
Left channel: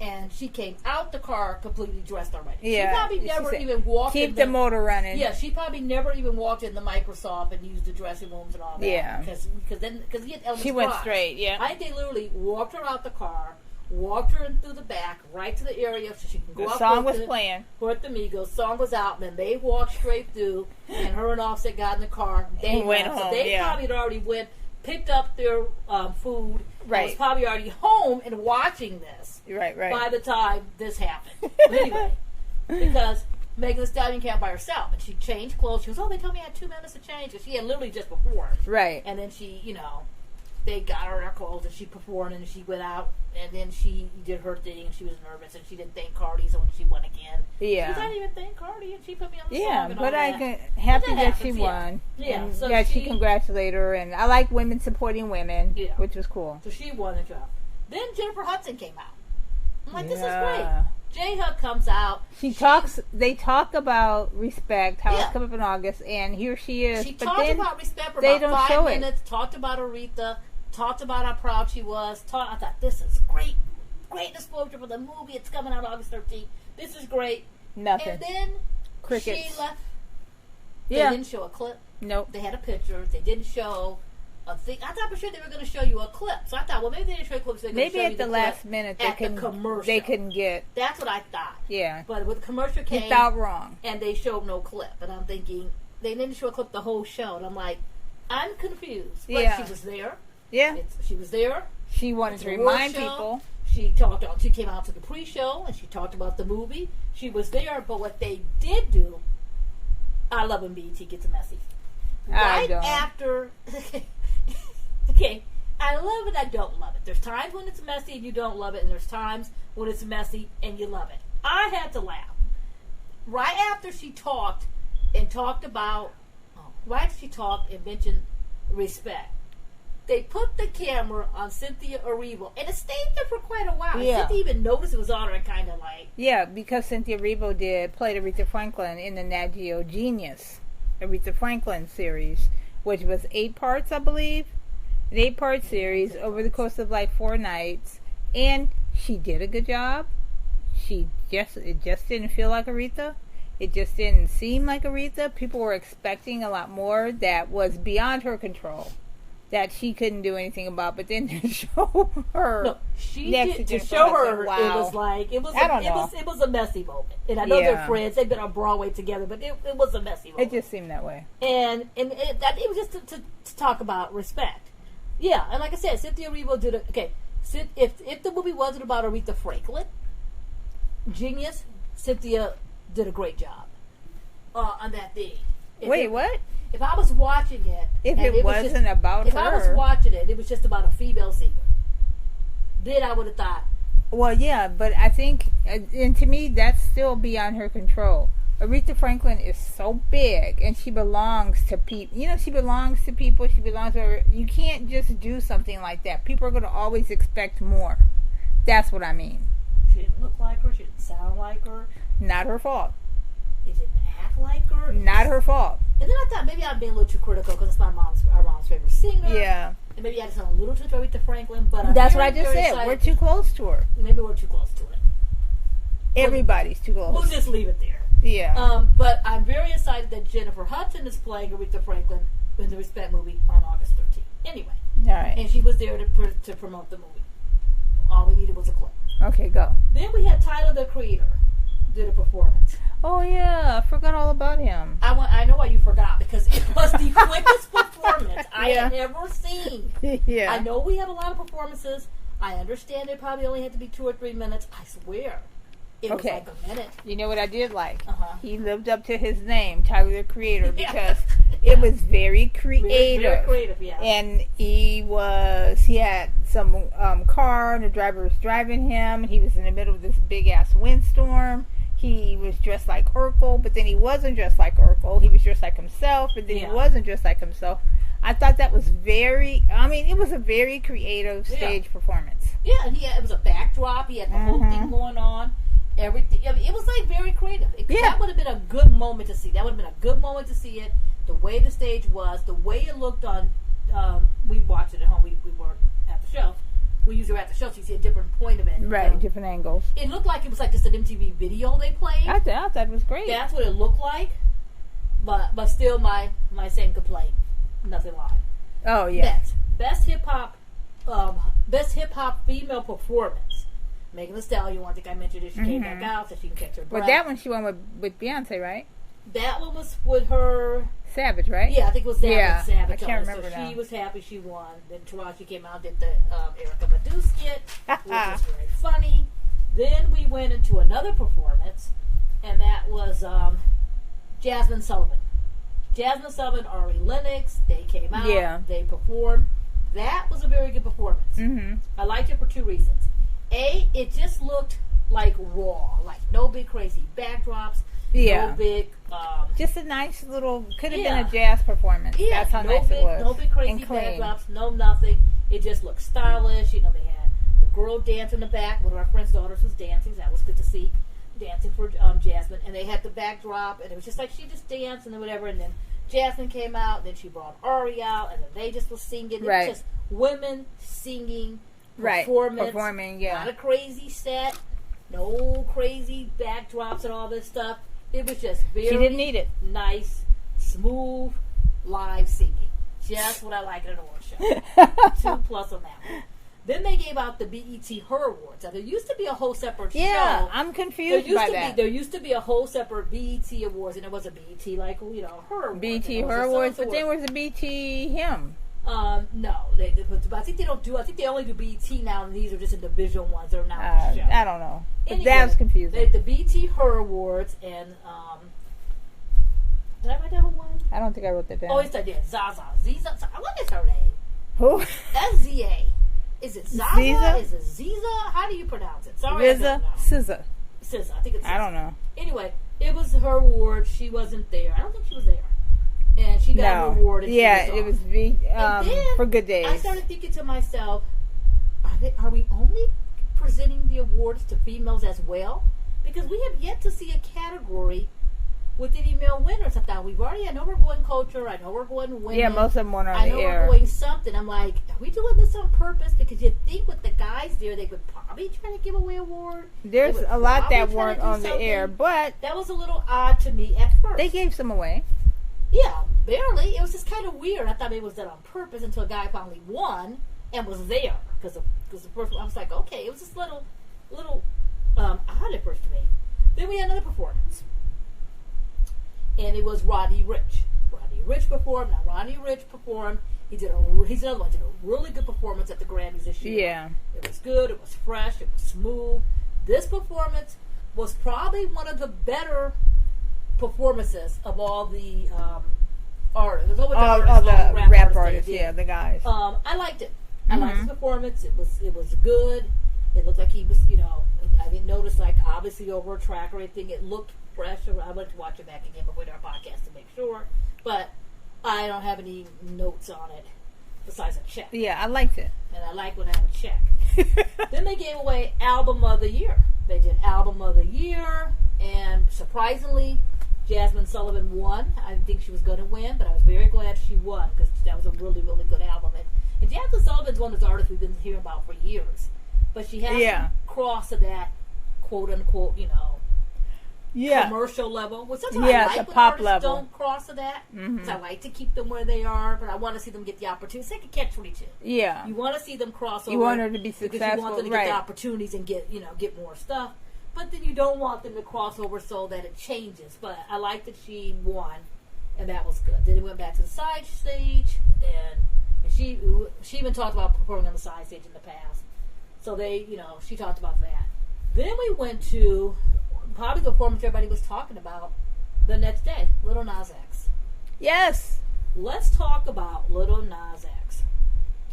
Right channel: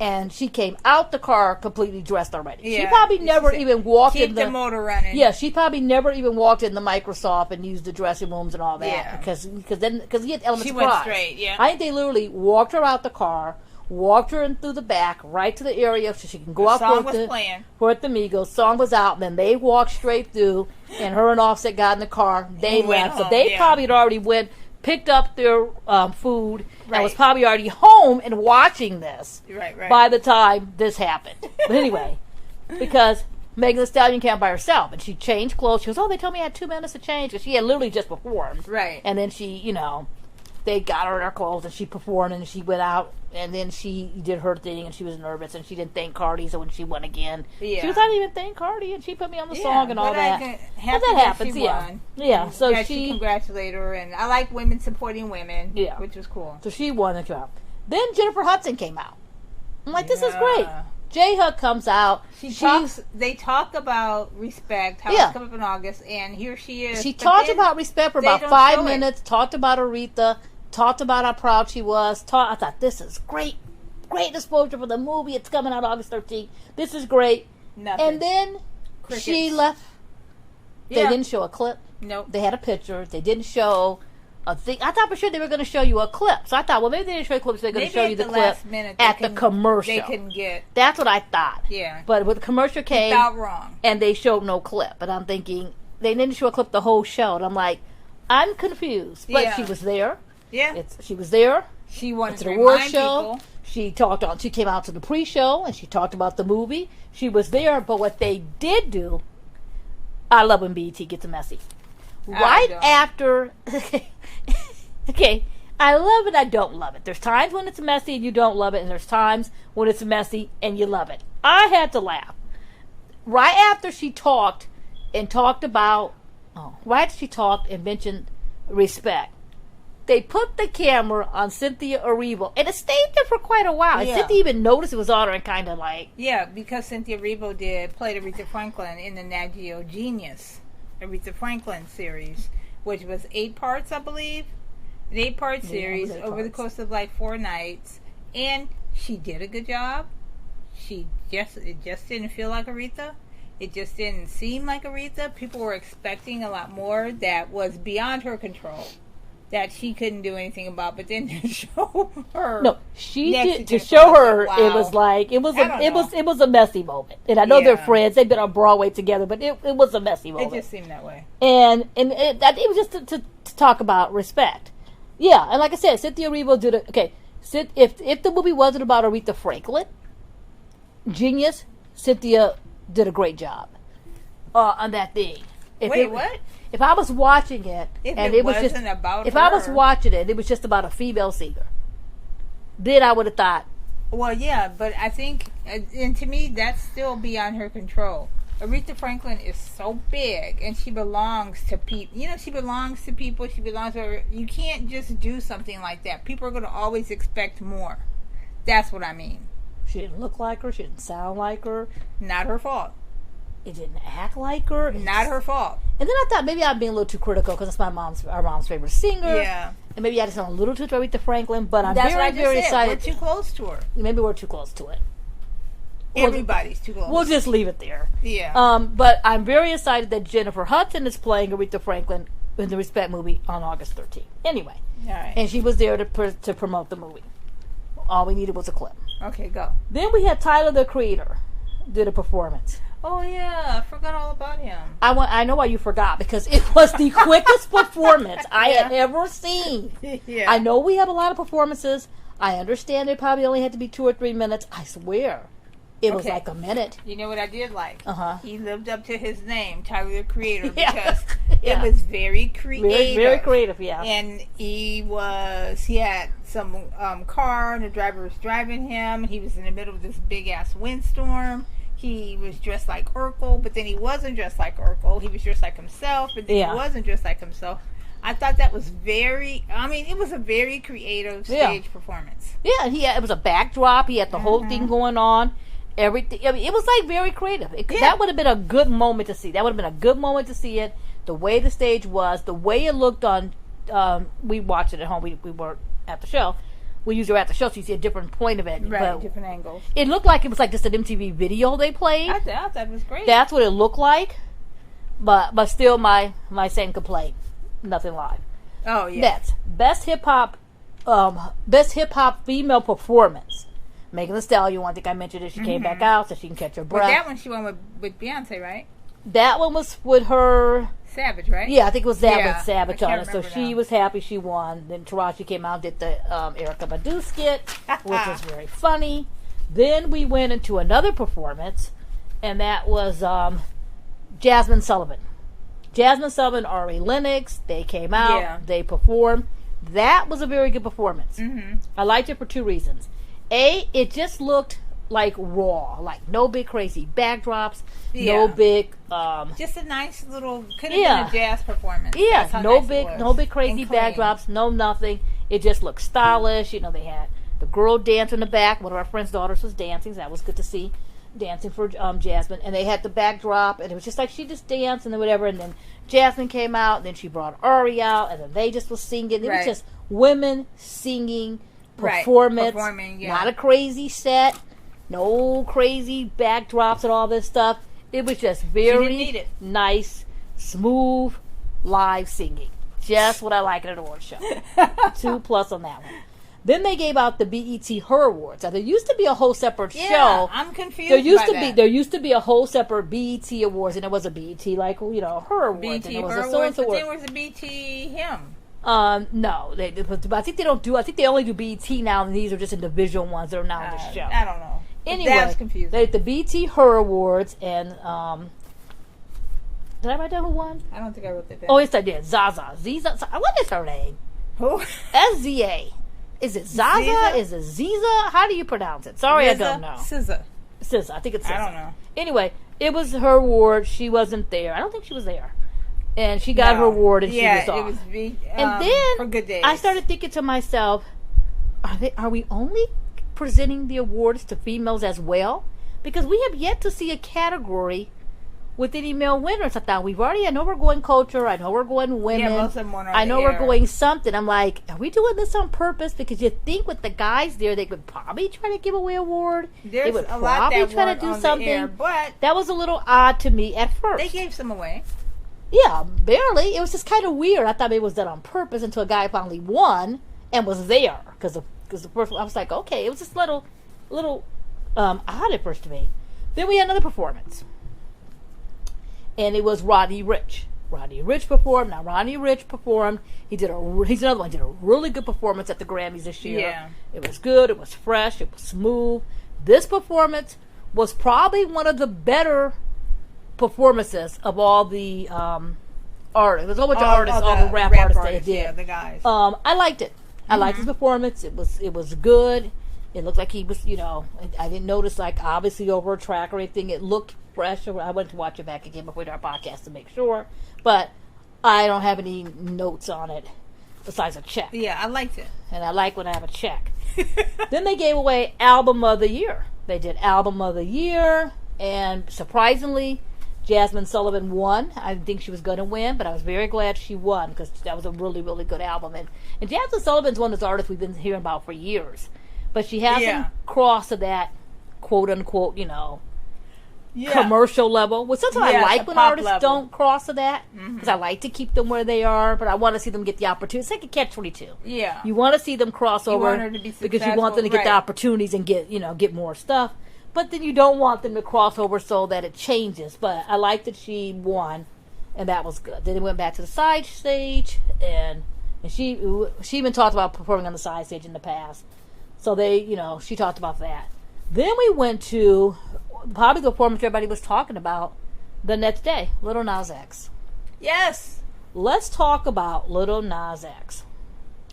And she came out the car completely dressed already. Yeah. She probably never even walked in the motor running. Yeah, she probably never even walked in the Microsoft and used the dressing rooms and all that. Yeah. Because he had elements. She went straight, yeah. I think they literally walked her out the car, walked her in through the back, right to the area so she can go out. The song was playing. For the Migos. Song was out, and then they walked straight through, and her and Offset got in the car. They went home. So they probably had already picked up their food, and was probably already home and watching this. Right. By the time this happened. But anyway, because Megan Thee Stallion came by herself, and she changed clothes. She goes, oh, they told me I had 2 minutes to change, because she had literally just performed. Right. And then she, they got her in her clothes, and she performed, and she went out, and then she did her thing, and she was nervous, and she didn't thank Cardi, so when she won again, she was, I didn't even thank Cardi, and she put me on the song and all that. Happy that she won. Yeah, so she congratulated her, and I like women supporting women, which was cool. So she won the job. Then Jennifer Hudson came out. I'm like, this is great. J-Hud comes out. They talk about respect, how it's coming up in August, and here she is. She talked about respect for about 5 minutes, talked about Aretha, talked about how proud she was. I thought, this is great. Great exposure for the movie. It's coming out August 13th. This is great. Nothing. And then she left. They didn't show a clip. Nope. They had a picture. They didn't show a thing. I thought for sure they were going to show you a clip. So I thought, well, maybe they didn't show you clips. They're going to show you the clip last minute at the commercial. They couldn't get. That's what I thought. Yeah. But when the commercial came. You thought wrong. And they showed no clip. And I'm thinking, they didn't show a clip the whole show. And I'm like, I'm confused. But she was there. Yeah. She was there. She wanted to remind people. She came out to the pre-show and she talked about the movie. She was there, but what they did do, I love when BET gets messy. Right after, okay, I love it, I don't love it. There's times when it's messy and you don't love it, and there's times when it's messy and you love it. I had to laugh. Right after she talked and mentioned respect, they put the camera on Cynthia Erivo, and it stayed there for quite a while. Yeah. Cynthia even noticed it was on her and kind of like... Yeah, because Cynthia Erivo played Aretha Franklin in the Nat Geo Genius Aretha Franklin series, which was 8 parts, I believe. An 8-part series over the course of like 4 nights. And she did a good job. It just didn't feel like Aretha. It just didn't seem like Aretha. People were expecting a lot more that was beyond her control, that she couldn't do anything about. But then to show her, no, she did to show her. Wow. It was like it was a messy moment. And I know they're friends; they've been on Broadway together, but it was a messy moment. It just seemed that way. And it was just to talk about respect. Yeah, and like I said, Cynthia Erivo did it. Okay, if the movie wasn't about Aretha Franklin, genius, Cynthia did a great job on that thing. What? If I was watching it, if it wasn't about her, I was watching it, it was just about a female singer, then I would have thought. Well, yeah, but I think, and to me, that's still beyond her control. Aretha Franklin is so big, and she belongs to people. You know, she belongs to people. She belongs to her. You can't just do something like that. People are going to always expect more. That's what I mean. She didn't look like her. She didn't sound like her. Not her fault. It didn't act like her. Not her fault. And then I thought maybe I'm being a little too critical because it's our mom's favorite singer. Yeah. And maybe I just sound a little too Aretha Franklin, but that's what I just said. Excited. We're too close to her. Maybe we're too close to it. Everybody's too close. We'll just leave it there. Yeah. But I'm very excited that Jennifer Hudson is playing Aretha Franklin in the Respect movie on August 13th. Anyway. All right. And she was there to promote the movie. All we needed was a clip. Okay, go. Then we had Tyler, the Creator, did a performance. Oh, yeah. I forgot all about him. I know why you forgot, because it was the quickest performance I had ever seen. Yeah. I know we have a lot of performances. I understand they probably only had to be 2 or 3 minutes. I swear. It was like a minute. You know what I did like? Uh-huh. He lived up to his name, Tyler the Creator, because it was very creative. Very creative, yeah. And he had some car, and the driver was driving him, and he was in the middle of this big-ass windstorm. He was dressed like Urkel, but then he wasn't dressed like Urkel. He was dressed like himself, but then he wasn't dressed like himself. I thought that was it was a very creative stage performance. Yeah, and it was a backdrop. He had the whole thing going on. Everything. I mean, it was like very creative. That would have been a good moment to see. That would have been a good moment to see it. The way the stage was, the way it looked on. We watched it at home. We weren't at the show. We usually were at the show, so you see a different point of it. Right, different angles. It looked like it was like just an MTV video they played. I thought it was great. That's what it looked like. But still, my same complaint. Nothing live. Oh yeah. Next, best hip hop female performance. Megan Thee Stallion. I think I mentioned it. She came back out so she can catch her breath. But that one she won with Beyonce, right? That one was with her. Savage, right? Yeah, I think it was Savage on it. So now. she was happy she won. Then Taraji came out and did the Erykah Badu skit, which was very funny. Then we went into another performance, and that was Jasmine Sullivan. Jasmine Sullivan, Ari Lennox, they came out, they performed. That was a very good performance. Mm-hmm. I liked it for 2 reasons. A, it just looked like raw, like no big crazy backdrops, no big... just a nice little, could have been a jazz performance. Yeah, no big crazy backdrops, no nothing. It just looked stylish. You know, they had the girl dance in the back. One of our friend's daughters was dancing, so that was good to see. Dancing for Jasmine, and they had the backdrop, and it was just like she just danced and then whatever, and then Jasmine came out, and then she brought Ari out, and then they just was singing. It was just women singing, performing, not a crazy set, no crazy backdrops and all this stuff. It was just very nice, smooth, live singing. Just what I like at an award show. 2+ on that one. Then they gave out the BET Her Awards. Now, there used to be a whole separate show. I'm confused by that. There used to be a whole separate BET Awards, and it was a BET, like, Her Awards. BET Her Awards, but then was a BET Him. No. I think they only do BET now, and these are just individual ones that are not the show. I don't know. Anyway, that was confusing. They had the BET Her Awards, and, did I write down who won? I don't think I wrote that down. Oh, yes, I did. Zaza. What is her name? Who? SZA. Is it Zaza? Ziza? Is it Ziza? How do you pronounce it? Sorry, I don't know. SZA. I think it's SZA. I don't know. Anyway, it was her award. She wasn't there. I don't think she was there. And she got her award, and she was off. It was and then for Good Days. I started thinking to myself, are we only presenting the awards to females as well? Because we have yet to see a category with any male winners. I thought, I know we're going culture. I know we're going women. Yeah, most of them won on I know the we're air. going something. I'm like, are we doing this on purpose? Because you think with the guys there, they could probably try to give away an award. There's a lot that weren't on the air, but that was a little odd to me at first. they gave some away. Yeah, barely. It was just kind of weird. I thought it was done on purpose until a guy finally won and was there. Because the first one, I was like, okay, it was just a little odd at first to me. Then we had another performance. And it was Rodney Ricch. Rodney Ricch performed. Now, Rodney Ricch performed. He's another one. He did a really good performance at the Grammys this year. Yeah. It was good. It was fresh. It was smooth. This performance was probably one of the better performances of all the artists. There's a whole bunch of artists, all the rap artists. Yeah, the guys. I liked it. I liked his performance. It was good. It looked like he was, I didn't notice, like, obviously over a track or anything. It looked fresh. I went to watch it back again before our podcast to make sure. But I don't have any notes on it besides a check. Yeah, I liked it. And I like when I have a check. Then they gave away Album of the Year. They did Album of the Year. And surprisingly, Jasmine Sullivan won. I didn't think she was going to win, but I was very glad she won because that was a really, really good album. And Jasmine Sullivan's one of those artists we've been hearing about for years. But she hasn't crossed to that quote-unquote, commercial level. Which sometimes I like when artists don't cross to that. Because I like to keep them where they are, but I want to see them get the opportunity. It's like a catch-22. Yeah. You want to see them cross over. You want her to be successful. Because you want them to get the opportunities and get more stuff. But then you don't want them to cross over so that it changes. But I like that she won, and that was good. Then they went back to the side stage, and she even talked about performing on the side stage in the past. So she talked about that. Then we went to probably the performance everybody was talking about the next day, Lil Nas X. Yes. Let's talk about Lil Nas X.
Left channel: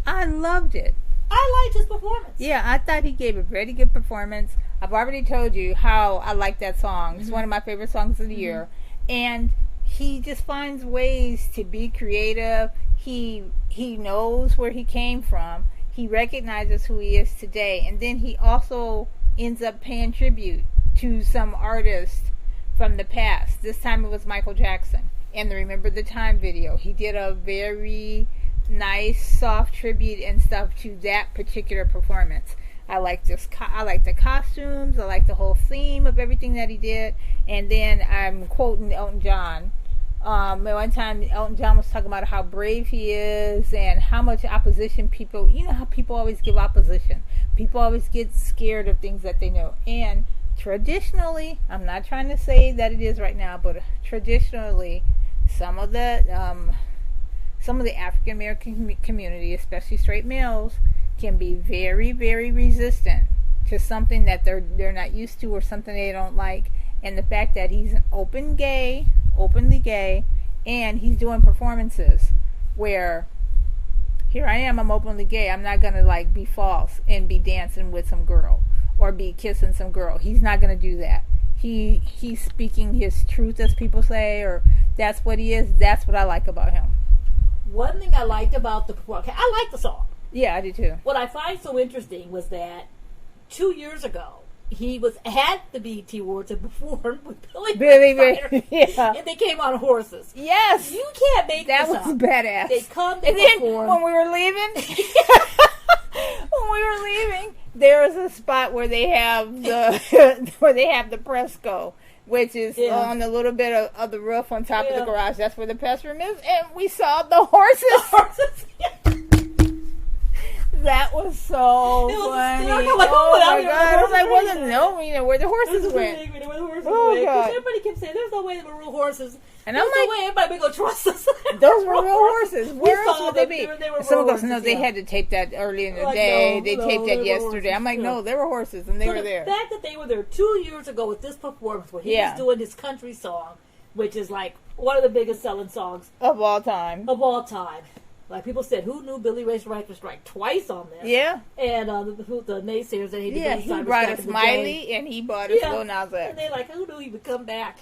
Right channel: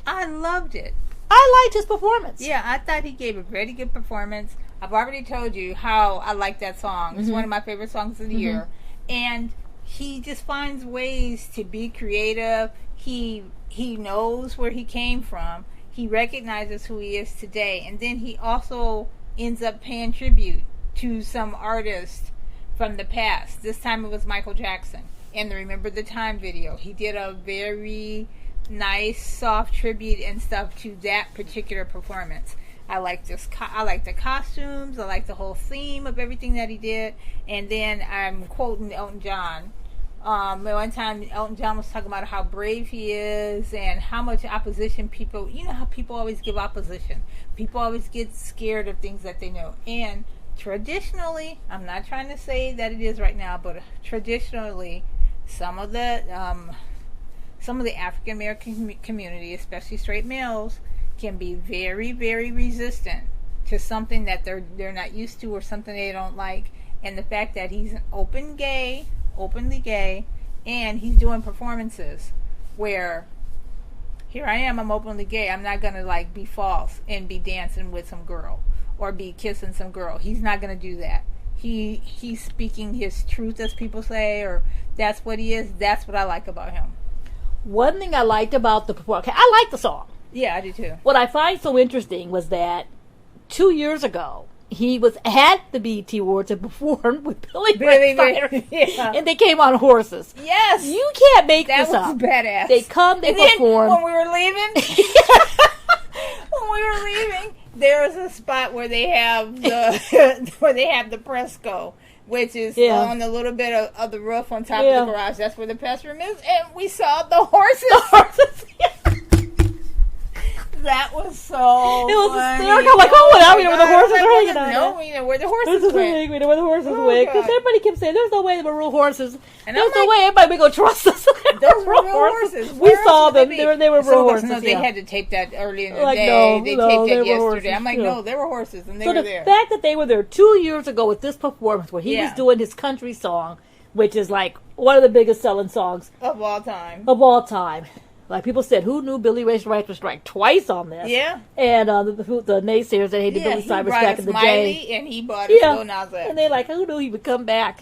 I loved it. I liked his performance. Yeah, I thought he gave a very good performance. I've already told you how I like that song. It's one of my favorite songs of the year. And he just finds ways to be creative. He knows where he came from. He recognizes who he is today. And then he also ends up paying tribute to some artists from the past. This time it was Michael Jackson. In the Remember the Time video, he did a very nice, soft tribute and stuff to that particular performance. I like the costumes. I like the whole theme of everything that he did. And then I'm quoting Elton John. One time Elton John was talking about how brave he is and how much opposition people, how people always give opposition. People always get scared of things that they know. And traditionally, I'm not trying to say that it is right now, but traditionally, some of the African American community, especially straight males, can be very, very resistant to something that they're not used to or something they don't like. And the fact that he's openly gay, and he's doing performances where here I am, I'm openly gay. I'm not gonna be false and be dancing with some girl or be kissing some girl. He's not gonna do that. He's speaking his truth, as people say, or that's what he is. That's what I like about him. One thing I liked about the performance, I like the song. Yeah, I do too. What I find so interesting was that 2 years ago, he was at the BET Awards and performed with Billy Ray yeah. And they came on horses. Yes. You can't make this up. That was badass. They come, they and perform. Then when we were leaving, there was a spot where they have the press go, which is on a little bit of the roof on top of the garage. That's where the press room is. And we saw the horses. That was so funny. I'm like, we know where the horses are. No, we know where the horses went. We know where the horses went. Because everybody kept saying, there's no way they were real horses. And there's no way anybody going to trust us. Those were real horses. We saw them. They were real horses. No, they had to tape that early in the day. They taped that yesterday. I'm like, no, they were horses, and they were there. The fact that they were there 2 years ago with this performance where he was doing his country song, which is like one of the biggest selling songs of all time. Like people said, who knew Billy Ray's right to strike twice on this? Yeah. And the naysayers that hated Billy Cyrus back in the day. He brought a Smiley and he brought a Lil Nas X. And they like, who knew he would come back?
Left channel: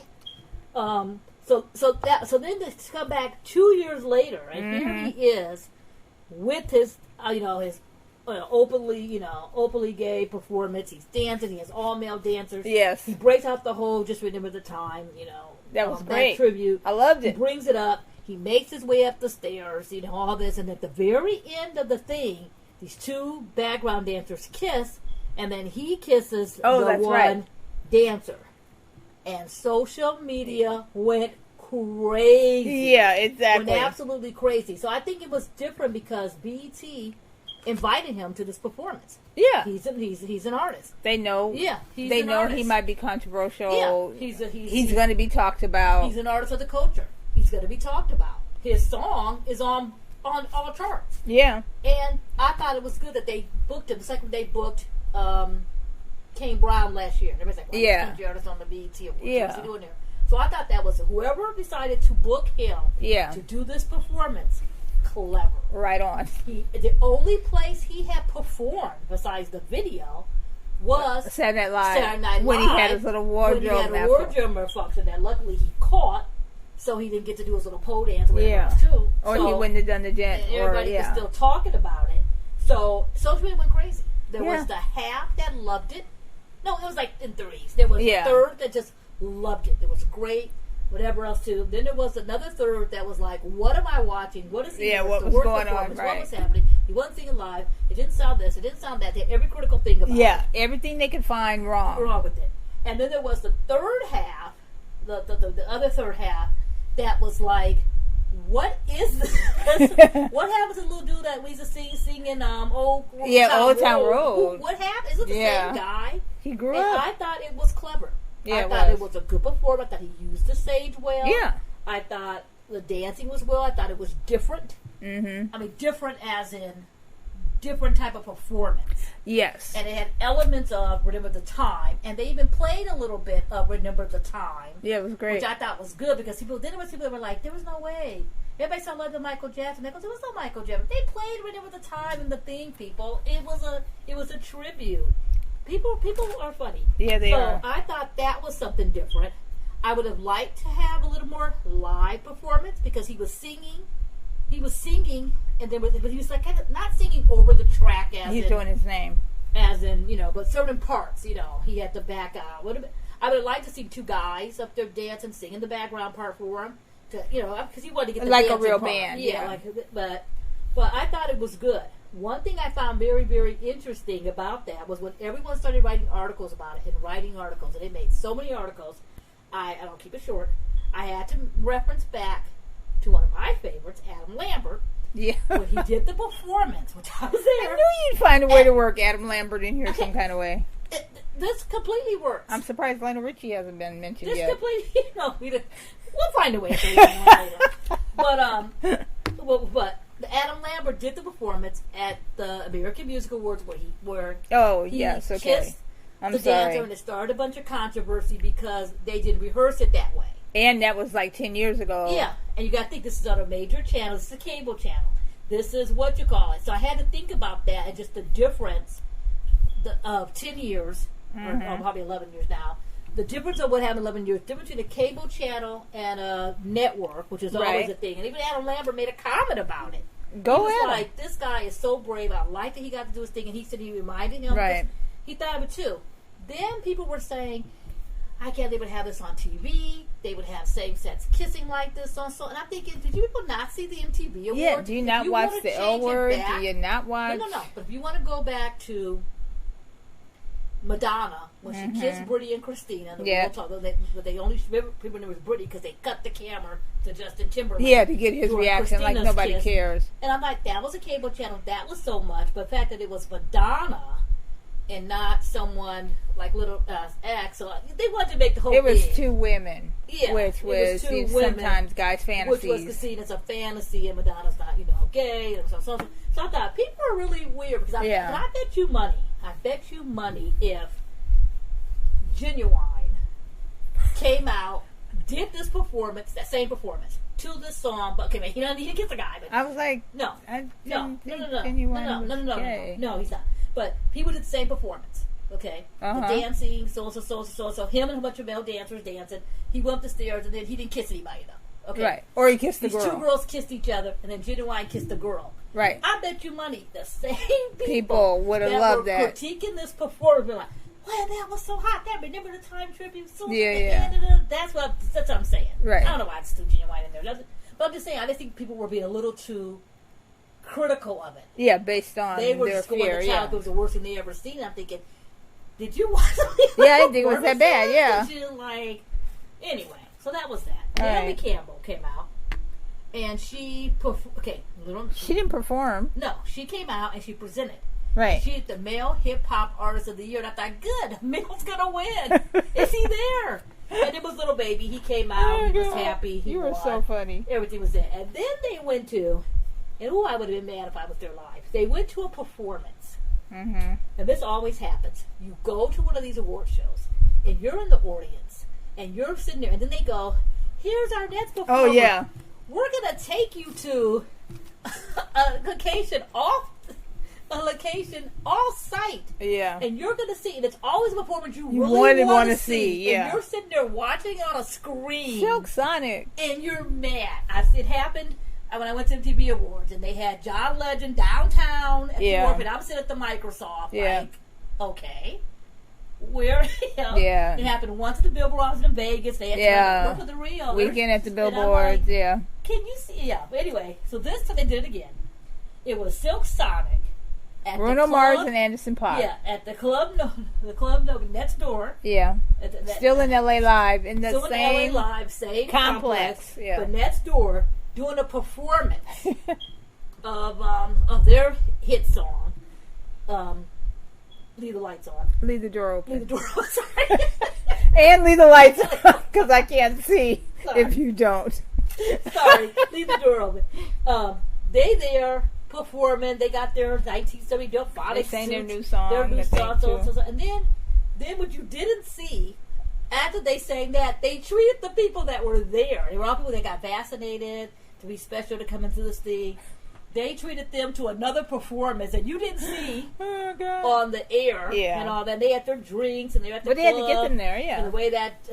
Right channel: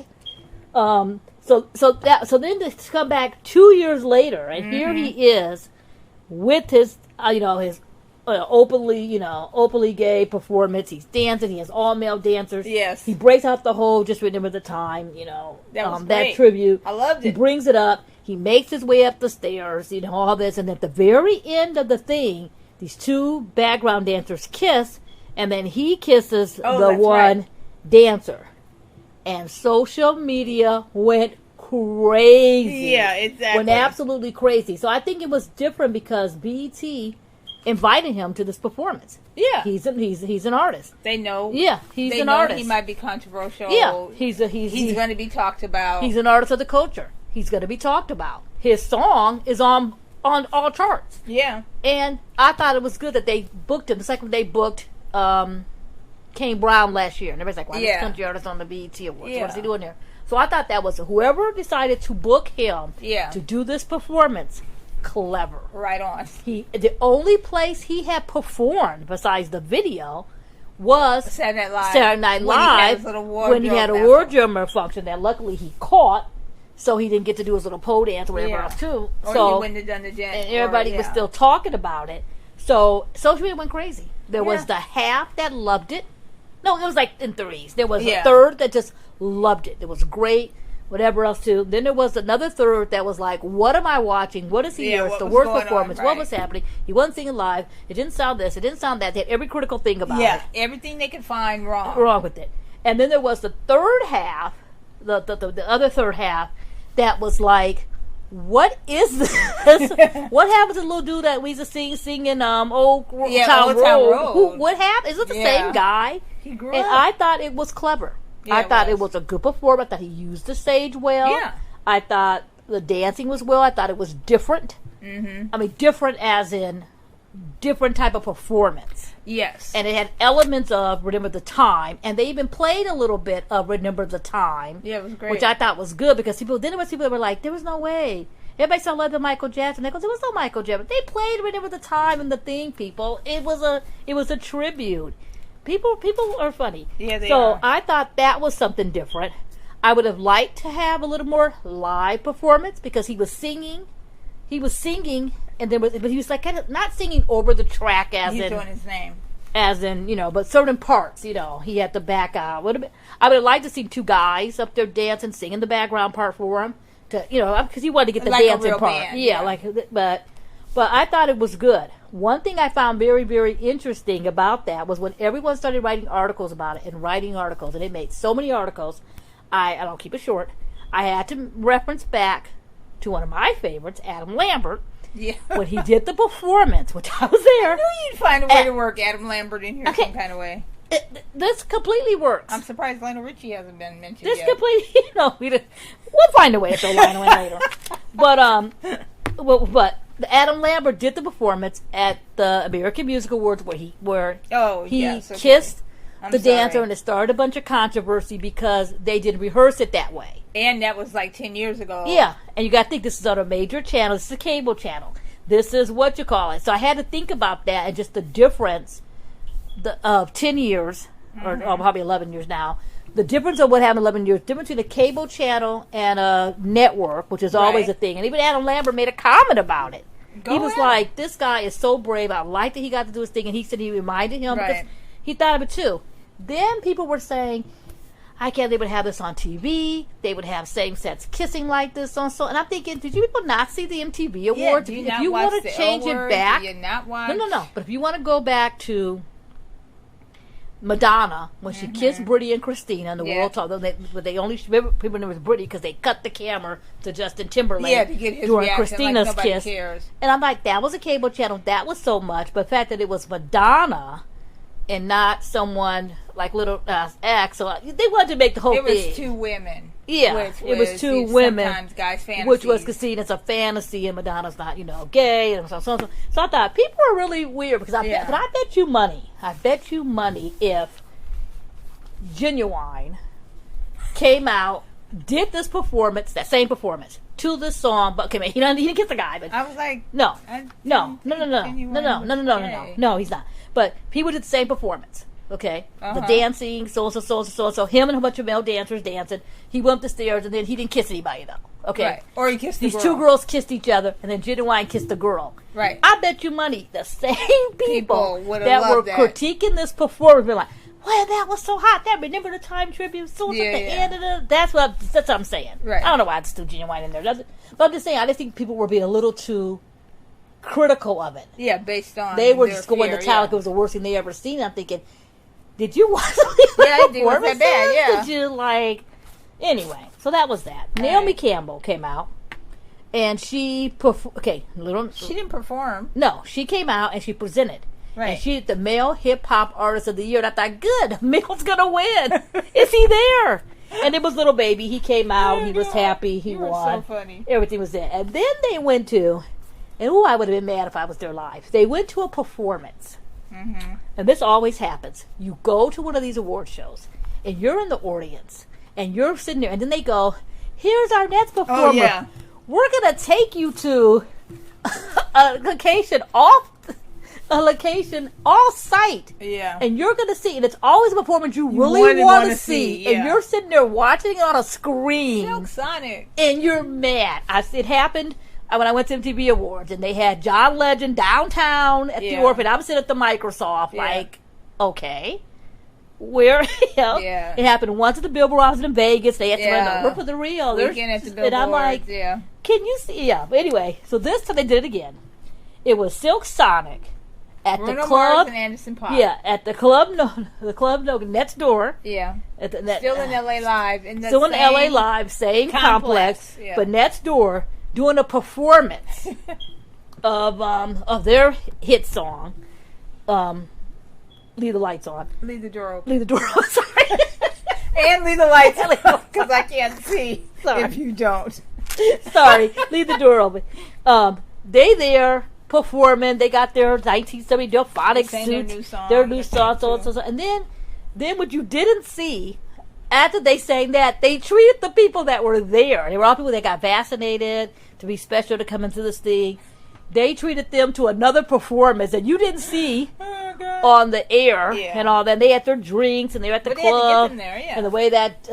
So then to come back 2 years later, and here he is with his his openly gay performance. He's dancing. He has all male dancers. Yes. He breaks out the whole Just Remember the Time, that was great. that tribute. I loved it. He brings it up. He makes his way up the stairs, all this. And at the very end of the thing, these two background dancers kiss, and then he kisses the one dancer. And social media went crazy. Yeah, exactly. Went absolutely crazy. So I think it was different because BET invited him to this performance. Yeah, he's an artist. They know. Yeah, he's they an know artist. He might be controversial. Yeah, he's going to be talked about. He's an artist of the culture. He's going to be talked about. His song is on all charts. Yeah, and I thought it was good that they booked him. It's like when they booked Kane Brown last year, and everybody's like, "Why this country artist on the BET Awards? What's he doing there?" So I thought that was whoever decided to book him to do this performance. Clever. Right on. The only place he had performed besides the video was Saturday Night Live when he had his little wardrobe. When he had a wardrobe malfunction that luckily he caught, so he didn't get to do his little pole dance or whatever else too. Or he wouldn't have done the dance. And everybody was still talking about it. So social media went crazy. There was the half that loved it. No, it was like in threes. There was a third that just loved it. It was great. Whatever else too. Then there was another third that was like, "What am I watching? What is he? It's the worst performance. What was happening? He wasn't singing live. It didn't sound this. It didn't sound that." They had every critical thing about it. Yeah, everything they could find wrong with it. And then there was the third half, the other third half, that was like, "What is this? What happened to the little dude that we used to singing Old Town Road? What happened? Is it the same guy?" He grew up. And I thought it was clever. Yeah, I thought it was a good performance. I thought he used the stage well. Yeah. I thought the dancing was well. I thought it was different. Mm-hmm. I mean, different as in different type of performance. Yes. And it had elements of Remember the Time. And they even played a little bit of Remember the Time. Yeah, it was great. Which I thought was good because people that were like, there was no way. Everybody saw Love the Michael Jackson. They go, there was no Michael Jackson. They played Remember the Time and the thing, people. It was a tribute. People are funny. Yeah, they are. So I thought that was something different. I would have liked to have a little more live performance because he was singing, and but he was like kind of not singing over the track he's doing his name, as in but certain parts, he had to back out. I would have liked to see two guys up there dancing, singing the background part for him to because he wanted to get the like dancing a real part. Band, but I thought it was good. One thing I found very, very interesting about that was when everyone started writing articles about it and they made so many articles, I don't keep it short, I had to reference back to one of my favorites, Adam Lambert, when he did the performance, which I was there. I knew you'd find a way to work Adam Lambert in here some kind of way. This completely works. I'm surprised Lionel Richie hasn't been mentioned this yet. Completely, we'll find a way to throw Lionel in later. But Adam Lambert did the performance at the American Music Awards where he kissed the dancer, and it started a bunch of controversy because they didn't rehearse it that way. And that was like 10 years ago. Yeah, and you got to think this is on a major channel. This is a cable channel. This is what you call it. So I had to think about that and just the difference of 10 years, or probably 11 years now. The difference of what happened 11 years, difference between a cable channel and a network, which is always a thing. And even Adam Lambert made a comment about it. He was like, this guy is so brave. I like that he got to do his thing. And he said he reminded him. Because he thought of it too. Then people were saying, I can't, they would have this on TV. They would have same-sex kissing like this on so. And I'm thinking, did you people not see the MTV Awards? Yeah, do you not watch the Awards? Do you not watch? No. But if you want to go back to Madonna, when she kissed Britney and Christina, and the world talk, but they only people knew it was Britney because they cut the camera to Justin Timberlake. Yeah, to get his reaction, Christina's like nobody kiss. cares. And I'm like, that was a cable channel. That was so much. But the fact that it was Madonna and not someone like Little X, so they wanted to make the whole thing. It was two women. Yeah, which it was two women. Sometimes guys' fantasies. Which was because it's a fantasy, and Madonna's not, gay. And so I thought people are really weird because but I bet you money if Genuine came out, did this performance, that same performance to this song, but he didn't kiss the guy. But I was like, no, he's not. But he would do the same performance. Okay, the dancing, so him and a bunch of male dancers dancing. He went up the stairs, and then he didn't kiss anybody though. Okay. Right. Or he kissed the girl. These two girls kissed each other, and then Genuine kissed the girl. Right. I bet you money the same People would have that were loved that. critiquing this performance were like, well, that was so hot. That remember the time tribute? So Yeah, at the yeah. end of the, that's what I'm saying. Right. I don't know why it's still Genuine in there. But I'm just saying, I just think people were being a little too critical of it. Yeah, based on They were their just going fear, to tell yeah. like it was the worst thing they ever seen. I'm thinking, did you watch something? Yeah, I think it was that bad, yeah. Did you like? Anyway, so that was that. All Naomi right. Campbell came out, and she She didn't perform. No, she came out and she presented. Right. And she the male hip hop artist of the year. And I thought, good, Male's gonna win. Is he there? And it was Little Baby. He came out. He was happy. He You were won. so funny. Everything was there. And then they went to, and I would have been mad if I was there live. They went to a performance. Mm-hmm. And this always happens. You go to one of these award shows, and you're in the audience, and you're sitting there, and then they go, here's our next performer. Oh, yeah. We're going to take you to a location off site. Yeah. And you're going to see, and it's always a performance you You really wouldn't want to wanna see. see, yeah. And you're sitting there watching it on a screen. Silk Sonic. And you're mad. It happened when I went to MTV Awards, and they had John Legend downtown at the Yeah. Orphan. I'm sitting at the Microsoft, Yeah. like, okay. Where, Yeah. It happened once at the Billboard office in Vegas. They had to Yeah. look for the real. Weekend at the And I'm Billboard. like, Yeah. can you see? Yeah. But anyway, so this time they did it again. It was Silk Sonic at Bruno the Mars club. and Anderson .Paak. Yeah, at the club next door. Yeah. At Still in LA Live. In the Still in same LA Live, same complex, yeah. but next door doing a performance of their hit song, "Leave the Lights On." Leave the door open. Leave the door open. Sorry. And leave the lights on, because I can't see Sorry. if you don't. Sorry, leave the door open. They there performing. They got their 1970 Delphonic They sang suits, their new song, their new I song, think, too. and then what you didn't see. After they sang that, they treated the people that were there. They were all people that got vaccinated to be special to come into this thing. They treated them to another performance that you didn't see Oh, God. on the air Yeah. and all that. They had their drinks and they were at the But they had to get club. them there, yeah. And the way that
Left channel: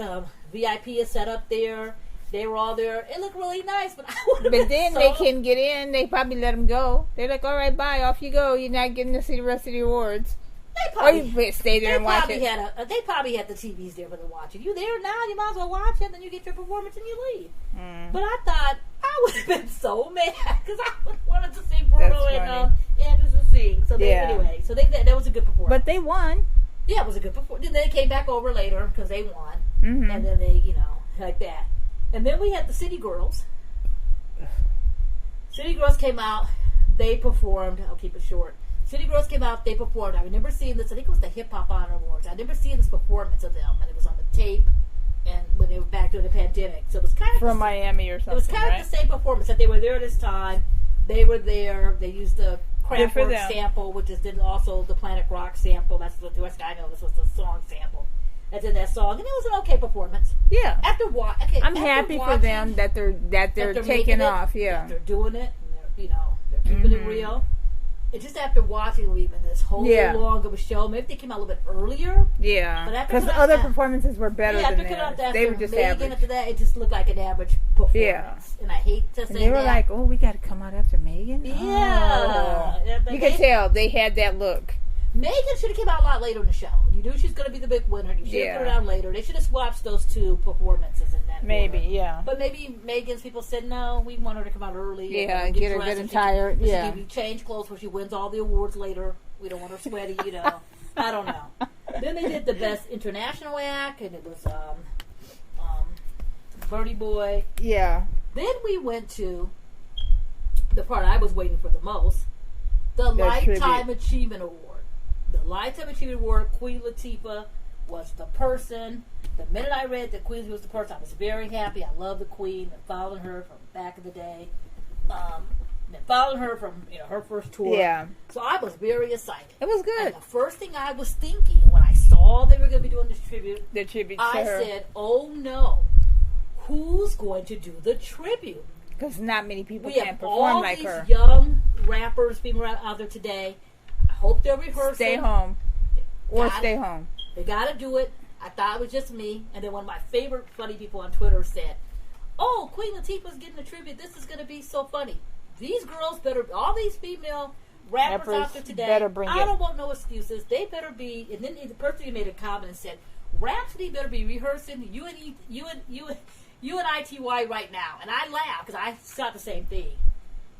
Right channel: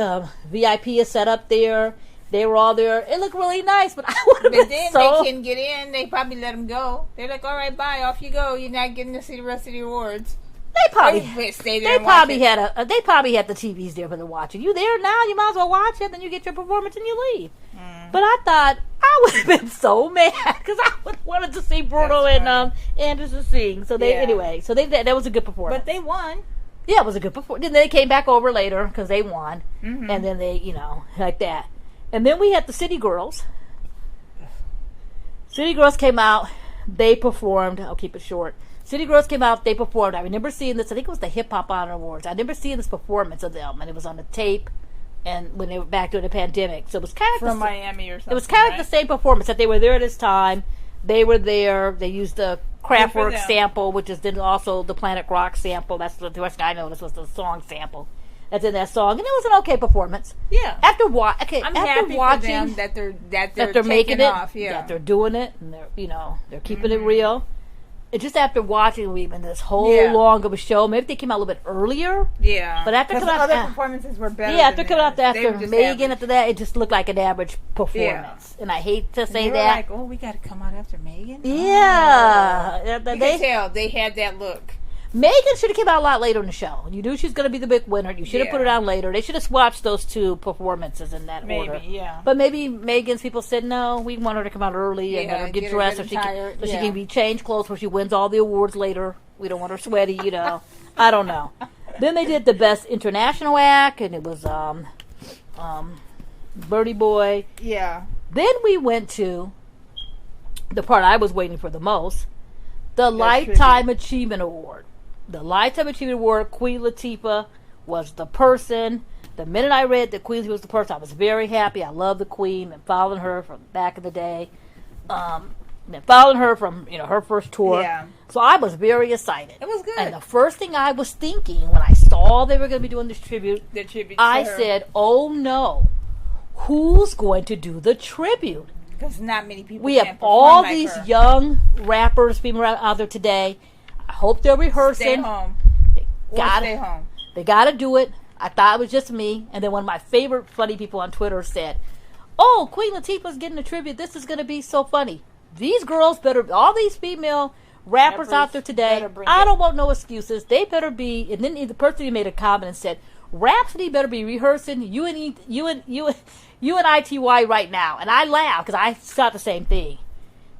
VIP is set up there, they were all there. It looked really nice, but I would have But been then so... they couldn't get in. They probably let them go. They're like, all right, bye. Off you go. You're not getting to see the rest of the awards. They probably... Or you stay there They and watch probably it. they probably had the TVs there for the watching. You there now? You might as well watch it. Then you get your performance and you leave. But I thought I would have been so mad because I would wanted to see Bruno That's and Anderson sing. So they Yeah. that was a good performance. But they won. Yeah, it was a good performance. Then they came back over later because they won, Mm-hmm. and then they like that. And then we had the City Girls. City Girls came out. They performed. I'll keep it short. City Girls came out, they performed. I remember seeing this, I think it was the Hip Hop Honor Awards. I remember seeing this performance of them, and it was on the tape, and when they were back during the pandemic. So it was kind of From Miami or something. it was kind of the same performance, that they were there at this time. They were there. They used the Good for Kraftwerk them. sample, which is then also the Planet Rock sample. That's the rest I noticed was the song sample. That's in that song, and it was an okay performance. Yeah. I'm I'm happy for them that they're they're taking making off. it, Yeah. that they're doing it, and they're keeping it real. And just after watching even this whole long of a show, maybe they came out a little bit earlier. Yeah. But after because coming other out, performances were better. yeah, than after coming out theirs. They after were just Megan, average. after that, it just looked like an average performance. And I hate to And say they were that. like, oh, we got to come out after Megan? Yeah. Oh. You could tell they had that look. Megan should have came out a lot later in the show. You knew she was going to be the big winner. You should have put it on later. They should have swapped those two performances in that order. Yeah. But maybe Megan's people said, no, we want her to come out early and get dressed so she can be changed clothes when she wins all the awards later. We don't want her sweaty, I don't know. Then they did the best international act, and it was Birdie Boy. Yeah. Then we went to the part I was waiting for the most, the Lifetime Achievement Award. The Lifetime Achievement Award, Queen Latifah was the person. The minute I read that Queen Latifah was the person, I was very happy. I love the Queen and following her from back in the day. Been following her from her first tour. Yeah. So I was very excited. It was good. And the first thing I was thinking when I saw they were going to be doing this tribute, I said, "Oh no, who's going to do the tribute?" Because not many people. We have all these young rappers being out there today. I hope they're rehearsing. Stay home. Stay home. They got to do it. I thought it was just me. And then one of my favorite funny people on Twitter said, oh, Queen Latifah's getting a tribute. This is going to be so funny. These girls better, all these female rappers out there today, I don't want no excuses. They better be, and then the person who made a comment and said, Rhapsody better be rehearsing you and ITY right now. And I laughed because I thought the same thing.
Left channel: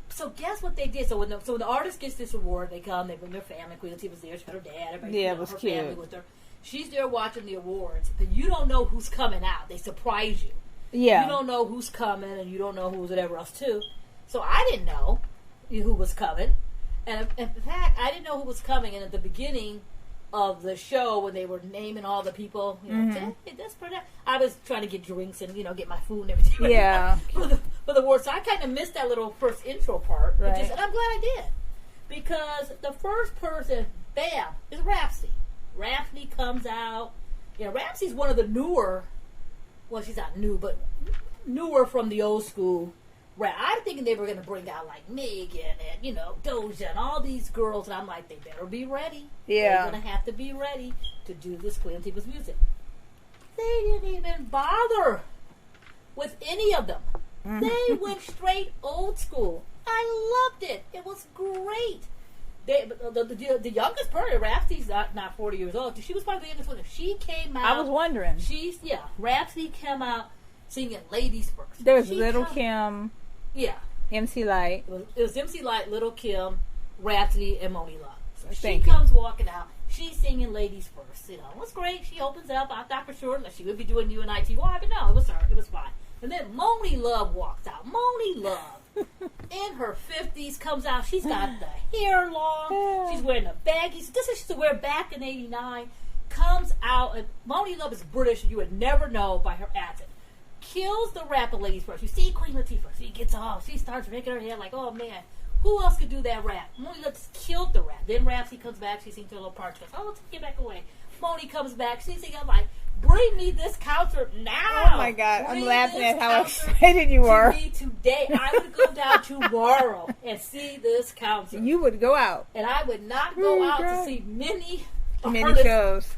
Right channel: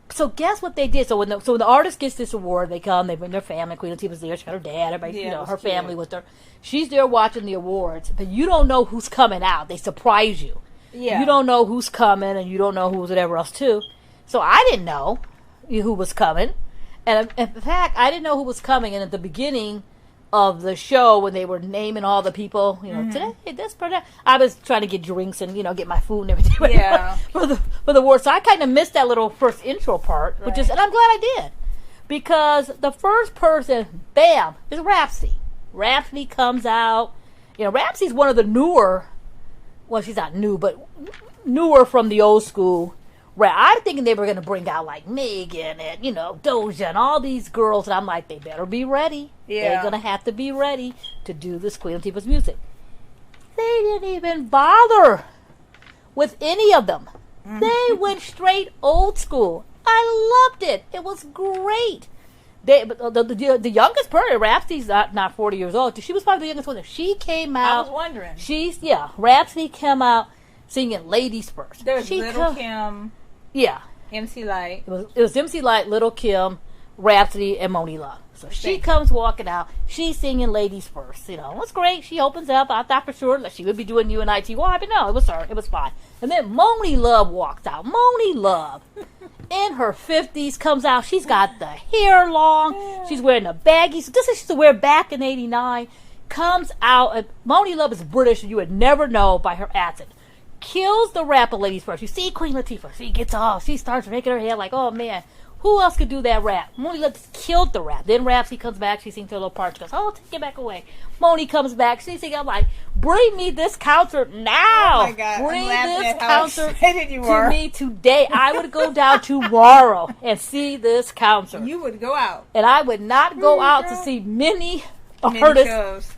So guess what they did? So when the artist gets this award, they come, they bring their family. Queen Latifah's there. She got her dad, everybody, her cute family with her. She's there watching the awards, but you don't know who's coming out. They surprise you. Yeah. You don't know who's coming, and you don't know who's whatever else too. So I didn't know who was coming. And in fact, I didn't know who was coming. And at the beginning of the show, when they were naming all the people, today, this person, I was trying to get drinks and get my food and everything ready for the award. So I kind of missed that little first intro part, and I'm glad I did, because the first person, bam, is Rhapsody. Rhapsody comes out. Rhapsody's one of the newer. Well, she's not new, but newer from the old school. I'm thinking they were going to bring out like Megan and, Doja and all these girls. And I'm like, they better be ready. Yeah. They're going to have to be ready to do this Queen Latifah's music. They didn't even bother with any of them. They went straight old school. I loved it. It was great. The youngest person, Rhapsody's not 40 years old. She was probably the youngest one. She came out. I was wondering. Rhapsody came out singing Ladies First. There was Little Kim. Yeah. MC Light. It was MC Light, Little Kim, Rhapsody, and Moni Love. So she comes walking out. She's singing Ladies First. It was great. She opens up. I thought for sure that she would be doing UNITY, but no, it was her. It was fine. And then Moni Love walks out. Moni Love, in her 50s, comes out. She's got the hair long. She's wearing a baggy. So this is she used to wear back in '89. Comes out. And Moni Love is British, and you would never know by her accent. Kills the rapper Ladies First. You see Queen Latifah. She gets off. She starts making her hair like, oh man, who else could do that rap? Moni Love just killed the rap. Then Rhapsody comes back. She sings her little part. She goes, oh, take it back away. Moni comes back. She sings, I'm like, bring me this concert now. Oh my God. I'm laughing at how excited you are. To me today. I would go down tomorrow and see this concert. You would go out. And I would not go out to see many artists.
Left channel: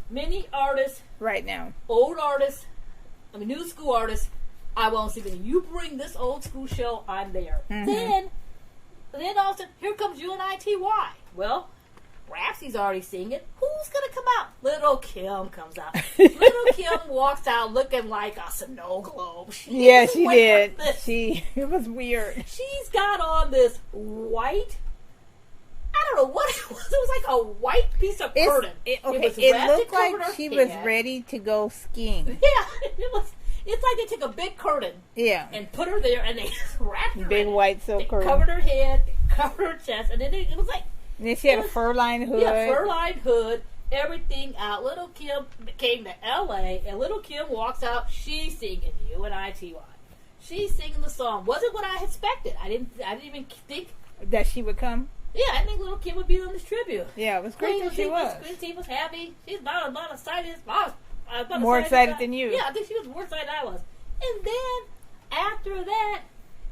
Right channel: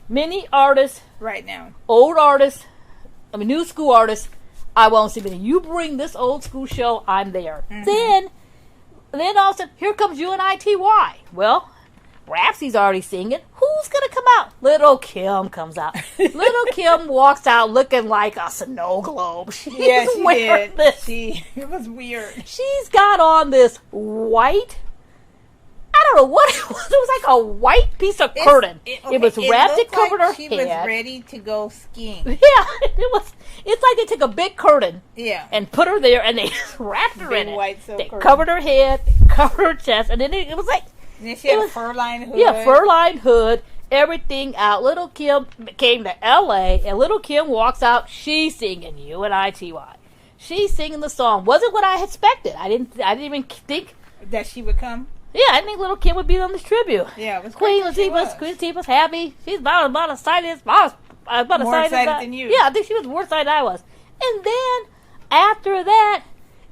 Right now. Old artists. New school artists, I won't see many. You bring this old school show, I'm there. Then all of a sudden, here comes UNITY. Well, Rhapsody's already singing. Who's going to come out? Little Kim comes out. Little Kim walks out looking like a snow globe. She did. It was weird. She's got on this white, I don't know what it was. It was like a white piece of curtain. It was wrapped and covered her head. She was ready to go skiing. Yeah, it was. It's like they took a big curtain, and put her there, and they just wrapped her in it. White silk curtain. Covered her head, covered her chest, and then it was like. And then she had a fur-lined hood. Yeah, fur-lined hood, everything out. Little Kim came to L.A., and Little Kim walks out. She's singing UNITY. She's singing the song. Wasn't what I expected. I didn't even think that she would come. Yeah, I think Little Kim would be on this tribute. Yeah, it was great. Queen Latifah's happy. She's about excited. More excited than you. Yeah, I think she was more excited than I was. And then, after that,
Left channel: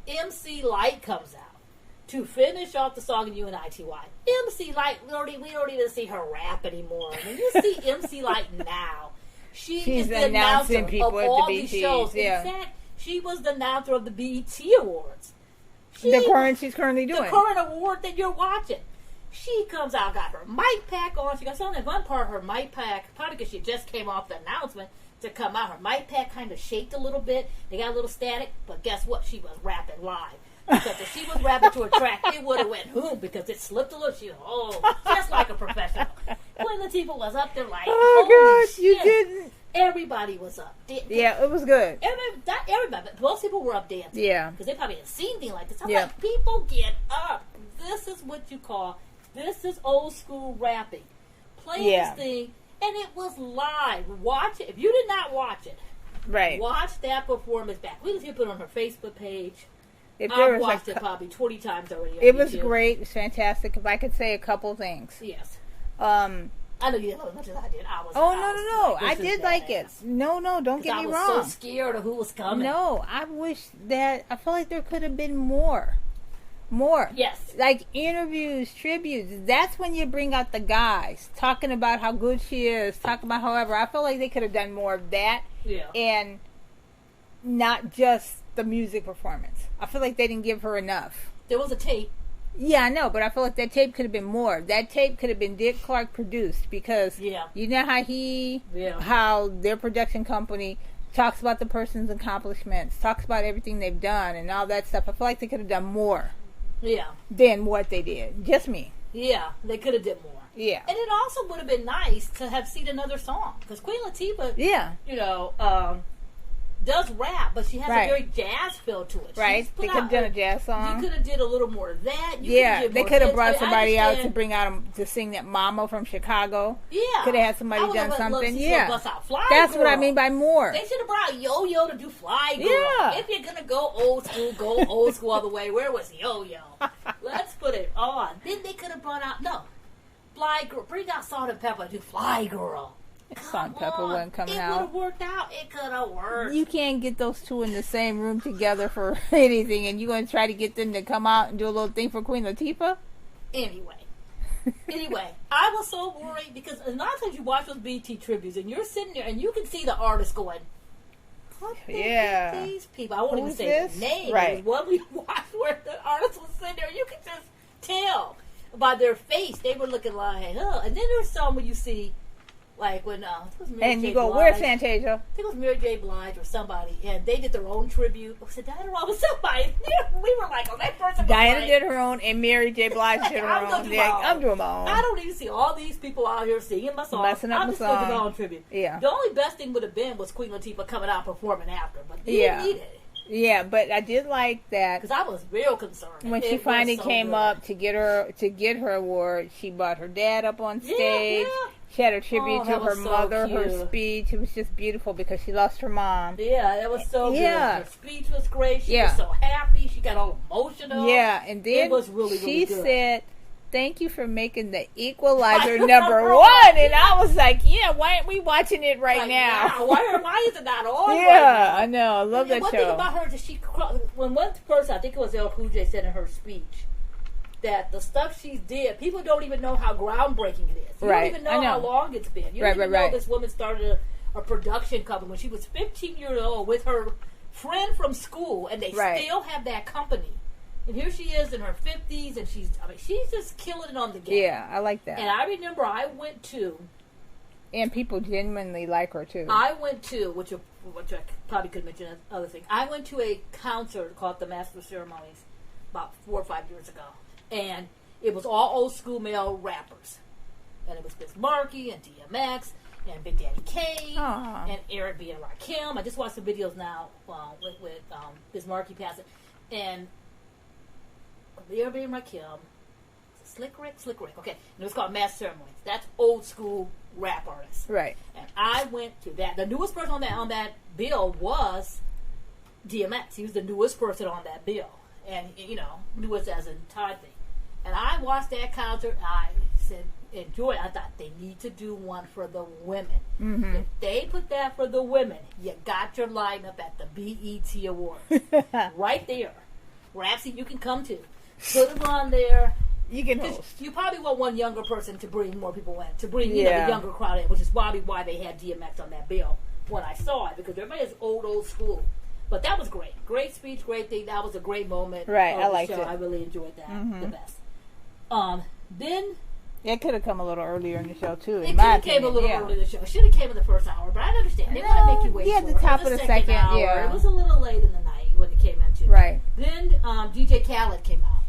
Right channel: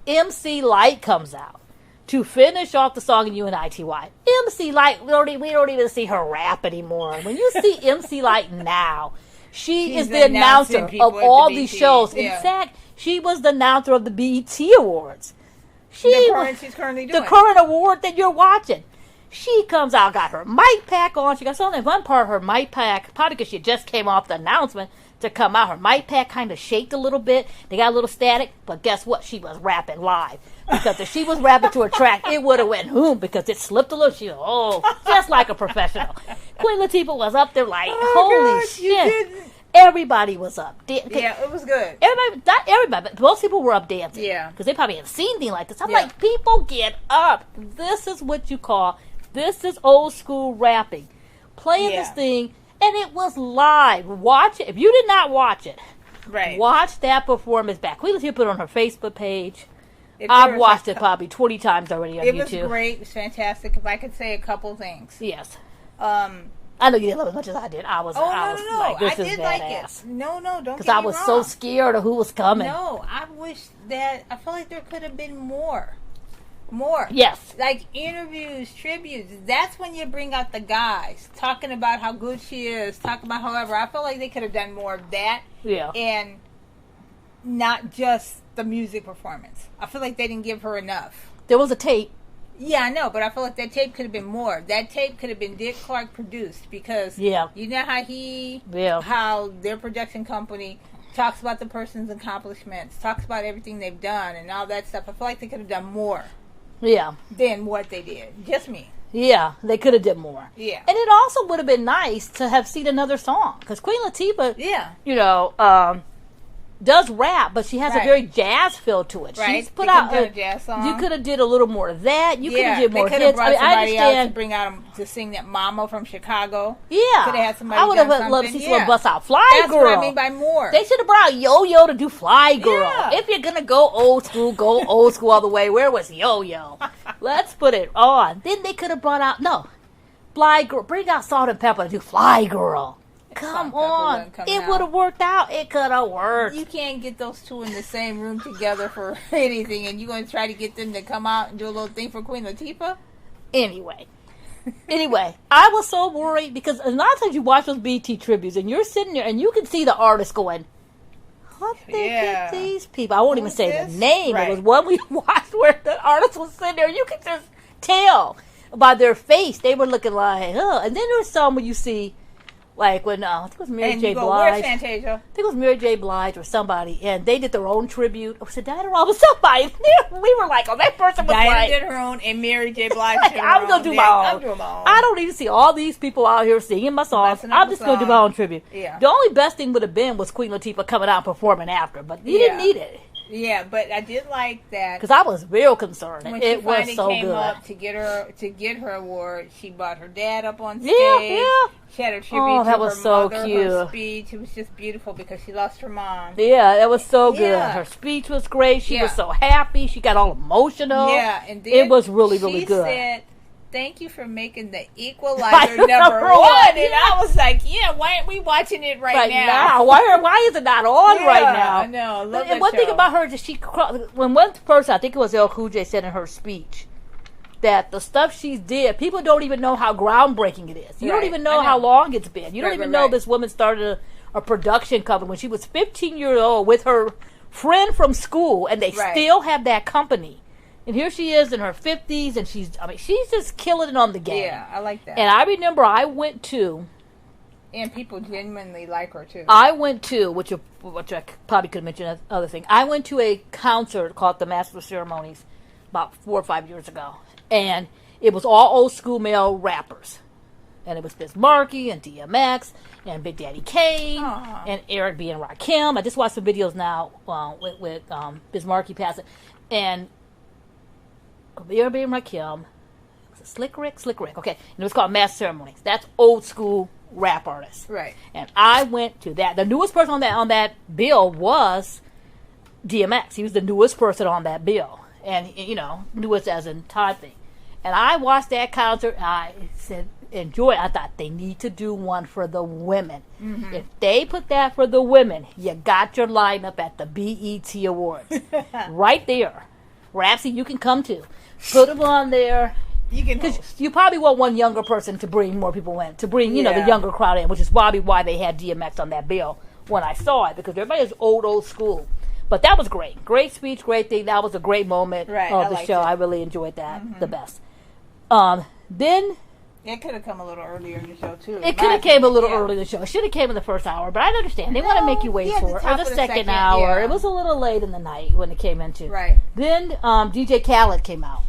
MC Light comes out to finish off the song in UNITY. MC Light, we don't even see her rap anymore. When you see MC Light now, she's is the announcer of all these shows. Yeah. In fact, she was the announcer of the BET Awards. She's currently doing. The current award that you're watching. She comes out, got her mic pack on. She got something in one part, her mic pack, probably because she just came off the announcement to come out. Her mic pack kind of shaked a little bit. They got a little static, but guess what? She was rapping live. Because if she was rapping to a track, it would have went boom because it slipped a little. She was, just like a professional. Queen Latifah was up there like, holy shit. You didn't. Everybody was up. Yeah, it was good. Not everybody, but most people were up dancing. Yeah. Because they probably hadn't seen anything like this. I'm like, people get up. This is what you call, this is old school rapping. Playing this thing, and it was live. Watch it. If you did not watch it, watch that performance back. Queen Latifah put it on her Facebook page. I've watched it probably 20 times already on YouTube. It was great. It was fantastic. If I could say a couple things. Yes. I know you didn't love it as much as I did. No. I did like it. No, don't get me wrong. Because I was so scared of who was coming. No, I felt like there could have been more. Yes. Like interviews, tributes. That's when you bring out the guys. Talking about how good she is. Talking about however. I felt like they could have done more of that. Yeah. And not just the music performance. I feel like they didn't give her enough. There was a tape. Yeah, I know, but I feel like that tape could have been more. That tape could have been Dick Clark produced because you know how how their production company talks about the person's accomplishments, talks about everything they've done and all that stuff. I feel like they could have done more. Yeah. Than what they did. Just me. Yeah, they could have did more. Yeah. And it also would have been nice to have seen another song. Because Queen Latifah, you know, does rap, but she has a very jazz feel to it. Right. She's put out a jazz song. You could have did a little more of that. You could have did more. They could have brought somebody out to bring out to sing that Mama from Chicago. Yeah. Could have had somebody done something. Loved to see bust out Fly That's Girl. what I mean by more. They should have brought out Yo-Yo to do Fly Girl. Yeah. If you're gonna go old school all the way. Where was Yo-Yo? Let's put it on. Then they could have brought out Fly Girl. Bring out Salt and Pepper to do Fly Girl. Come on. It would have worked out. It could have worked. You can't get those two in the same room together for anything, and you're going to try to get them to come out and do a little thing for Queen Latifah? Anyway, I was so worried because a lot of times you watch those BT tributes and you're sitting there and you can see the artist going, what the heck these people? I won't even say their name. Right. It was one we watched where the artist was sitting there. You could just tell by their face. They were looking like, And then there's some where you see, like when I think it was Mary J. Blige. Where's Fantasia? I think it was Mary J. Blige or somebody, and they did their own tribute. Oh, so Diana Ross was somebody. We were like, that person was Diana did her own, and Mary J. Blige did her own. I'm doing my own. I don't even see all these people out here singing my songs. I'm just going to do my own tribute. Yeah. The only best thing would have been was Queen Latifah coming out and performing after, but you didn't need it. Yeah, but I did like that because I was real concerned when she finally came up to get her award. She brought her dad up on stage. Yeah. She had a tribute to her mother. Her speech, it was just beautiful because she lost her mom. Yeah, that was so good. Her speech was great. She was so happy. She got all emotional. Yeah, and then it was really good. She said, "Thank you for making the Equalizer number one." And I was like, why aren't we watching it right now? Why is it not on right now? I know. I love that one show. Thing about her is when one person, I think it was LL Cool J, said in her speech that the stuff she did, people don't even know how groundbreaking it is. You don't even know how long it's been. You don't even know this woman started a production company when she was 15 years old with her friend from school, and they still have that company. And here she is in her 50s, and she's just killing it on the game. Yeah, I like that. And I remember I went to... And people genuinely like her, too. I went to, which I probably could mention another thing, I went to a concert called the Master of Ceremonies about 4 or 5 years ago. And it was all old school male rappers. And it was Biz Markie and DMX and Big Daddy Kane and Eric B. and Rakim. I just watched some videos now with Biz Markie passing. And Eric B. and Rakim. Slick Rick. Okay. And it was called Master Ceremonies. That's old school rap artists. Right. And I went to that. The newest person on that bill was DMX. He was the newest person on that bill. And, newest as in Todd thing. And I watched that concert, and I said, enjoy it. I thought they need to do one for the women. Mm-hmm. If they put that for the women, you got your lineup at the BET Awards. Right there. Rapsy, you can come too. Put them on there. You can host. You probably want one younger person to bring more people in, to bring, the younger crowd in, which is probably why they had DMX on that bill when I saw it, because everybody is old school. But that was great. Great speech, great thing. That was a great moment of the show. I really enjoyed that the best. Then... It could have come a little earlier in the show, too. It could have came a little earlier in the show. It should have came in the first hour, but I understand. They want to make you wait for it. Or the second hour. Yeah. It was a little late in the night when it came into. Right. Then DJ Khaled came out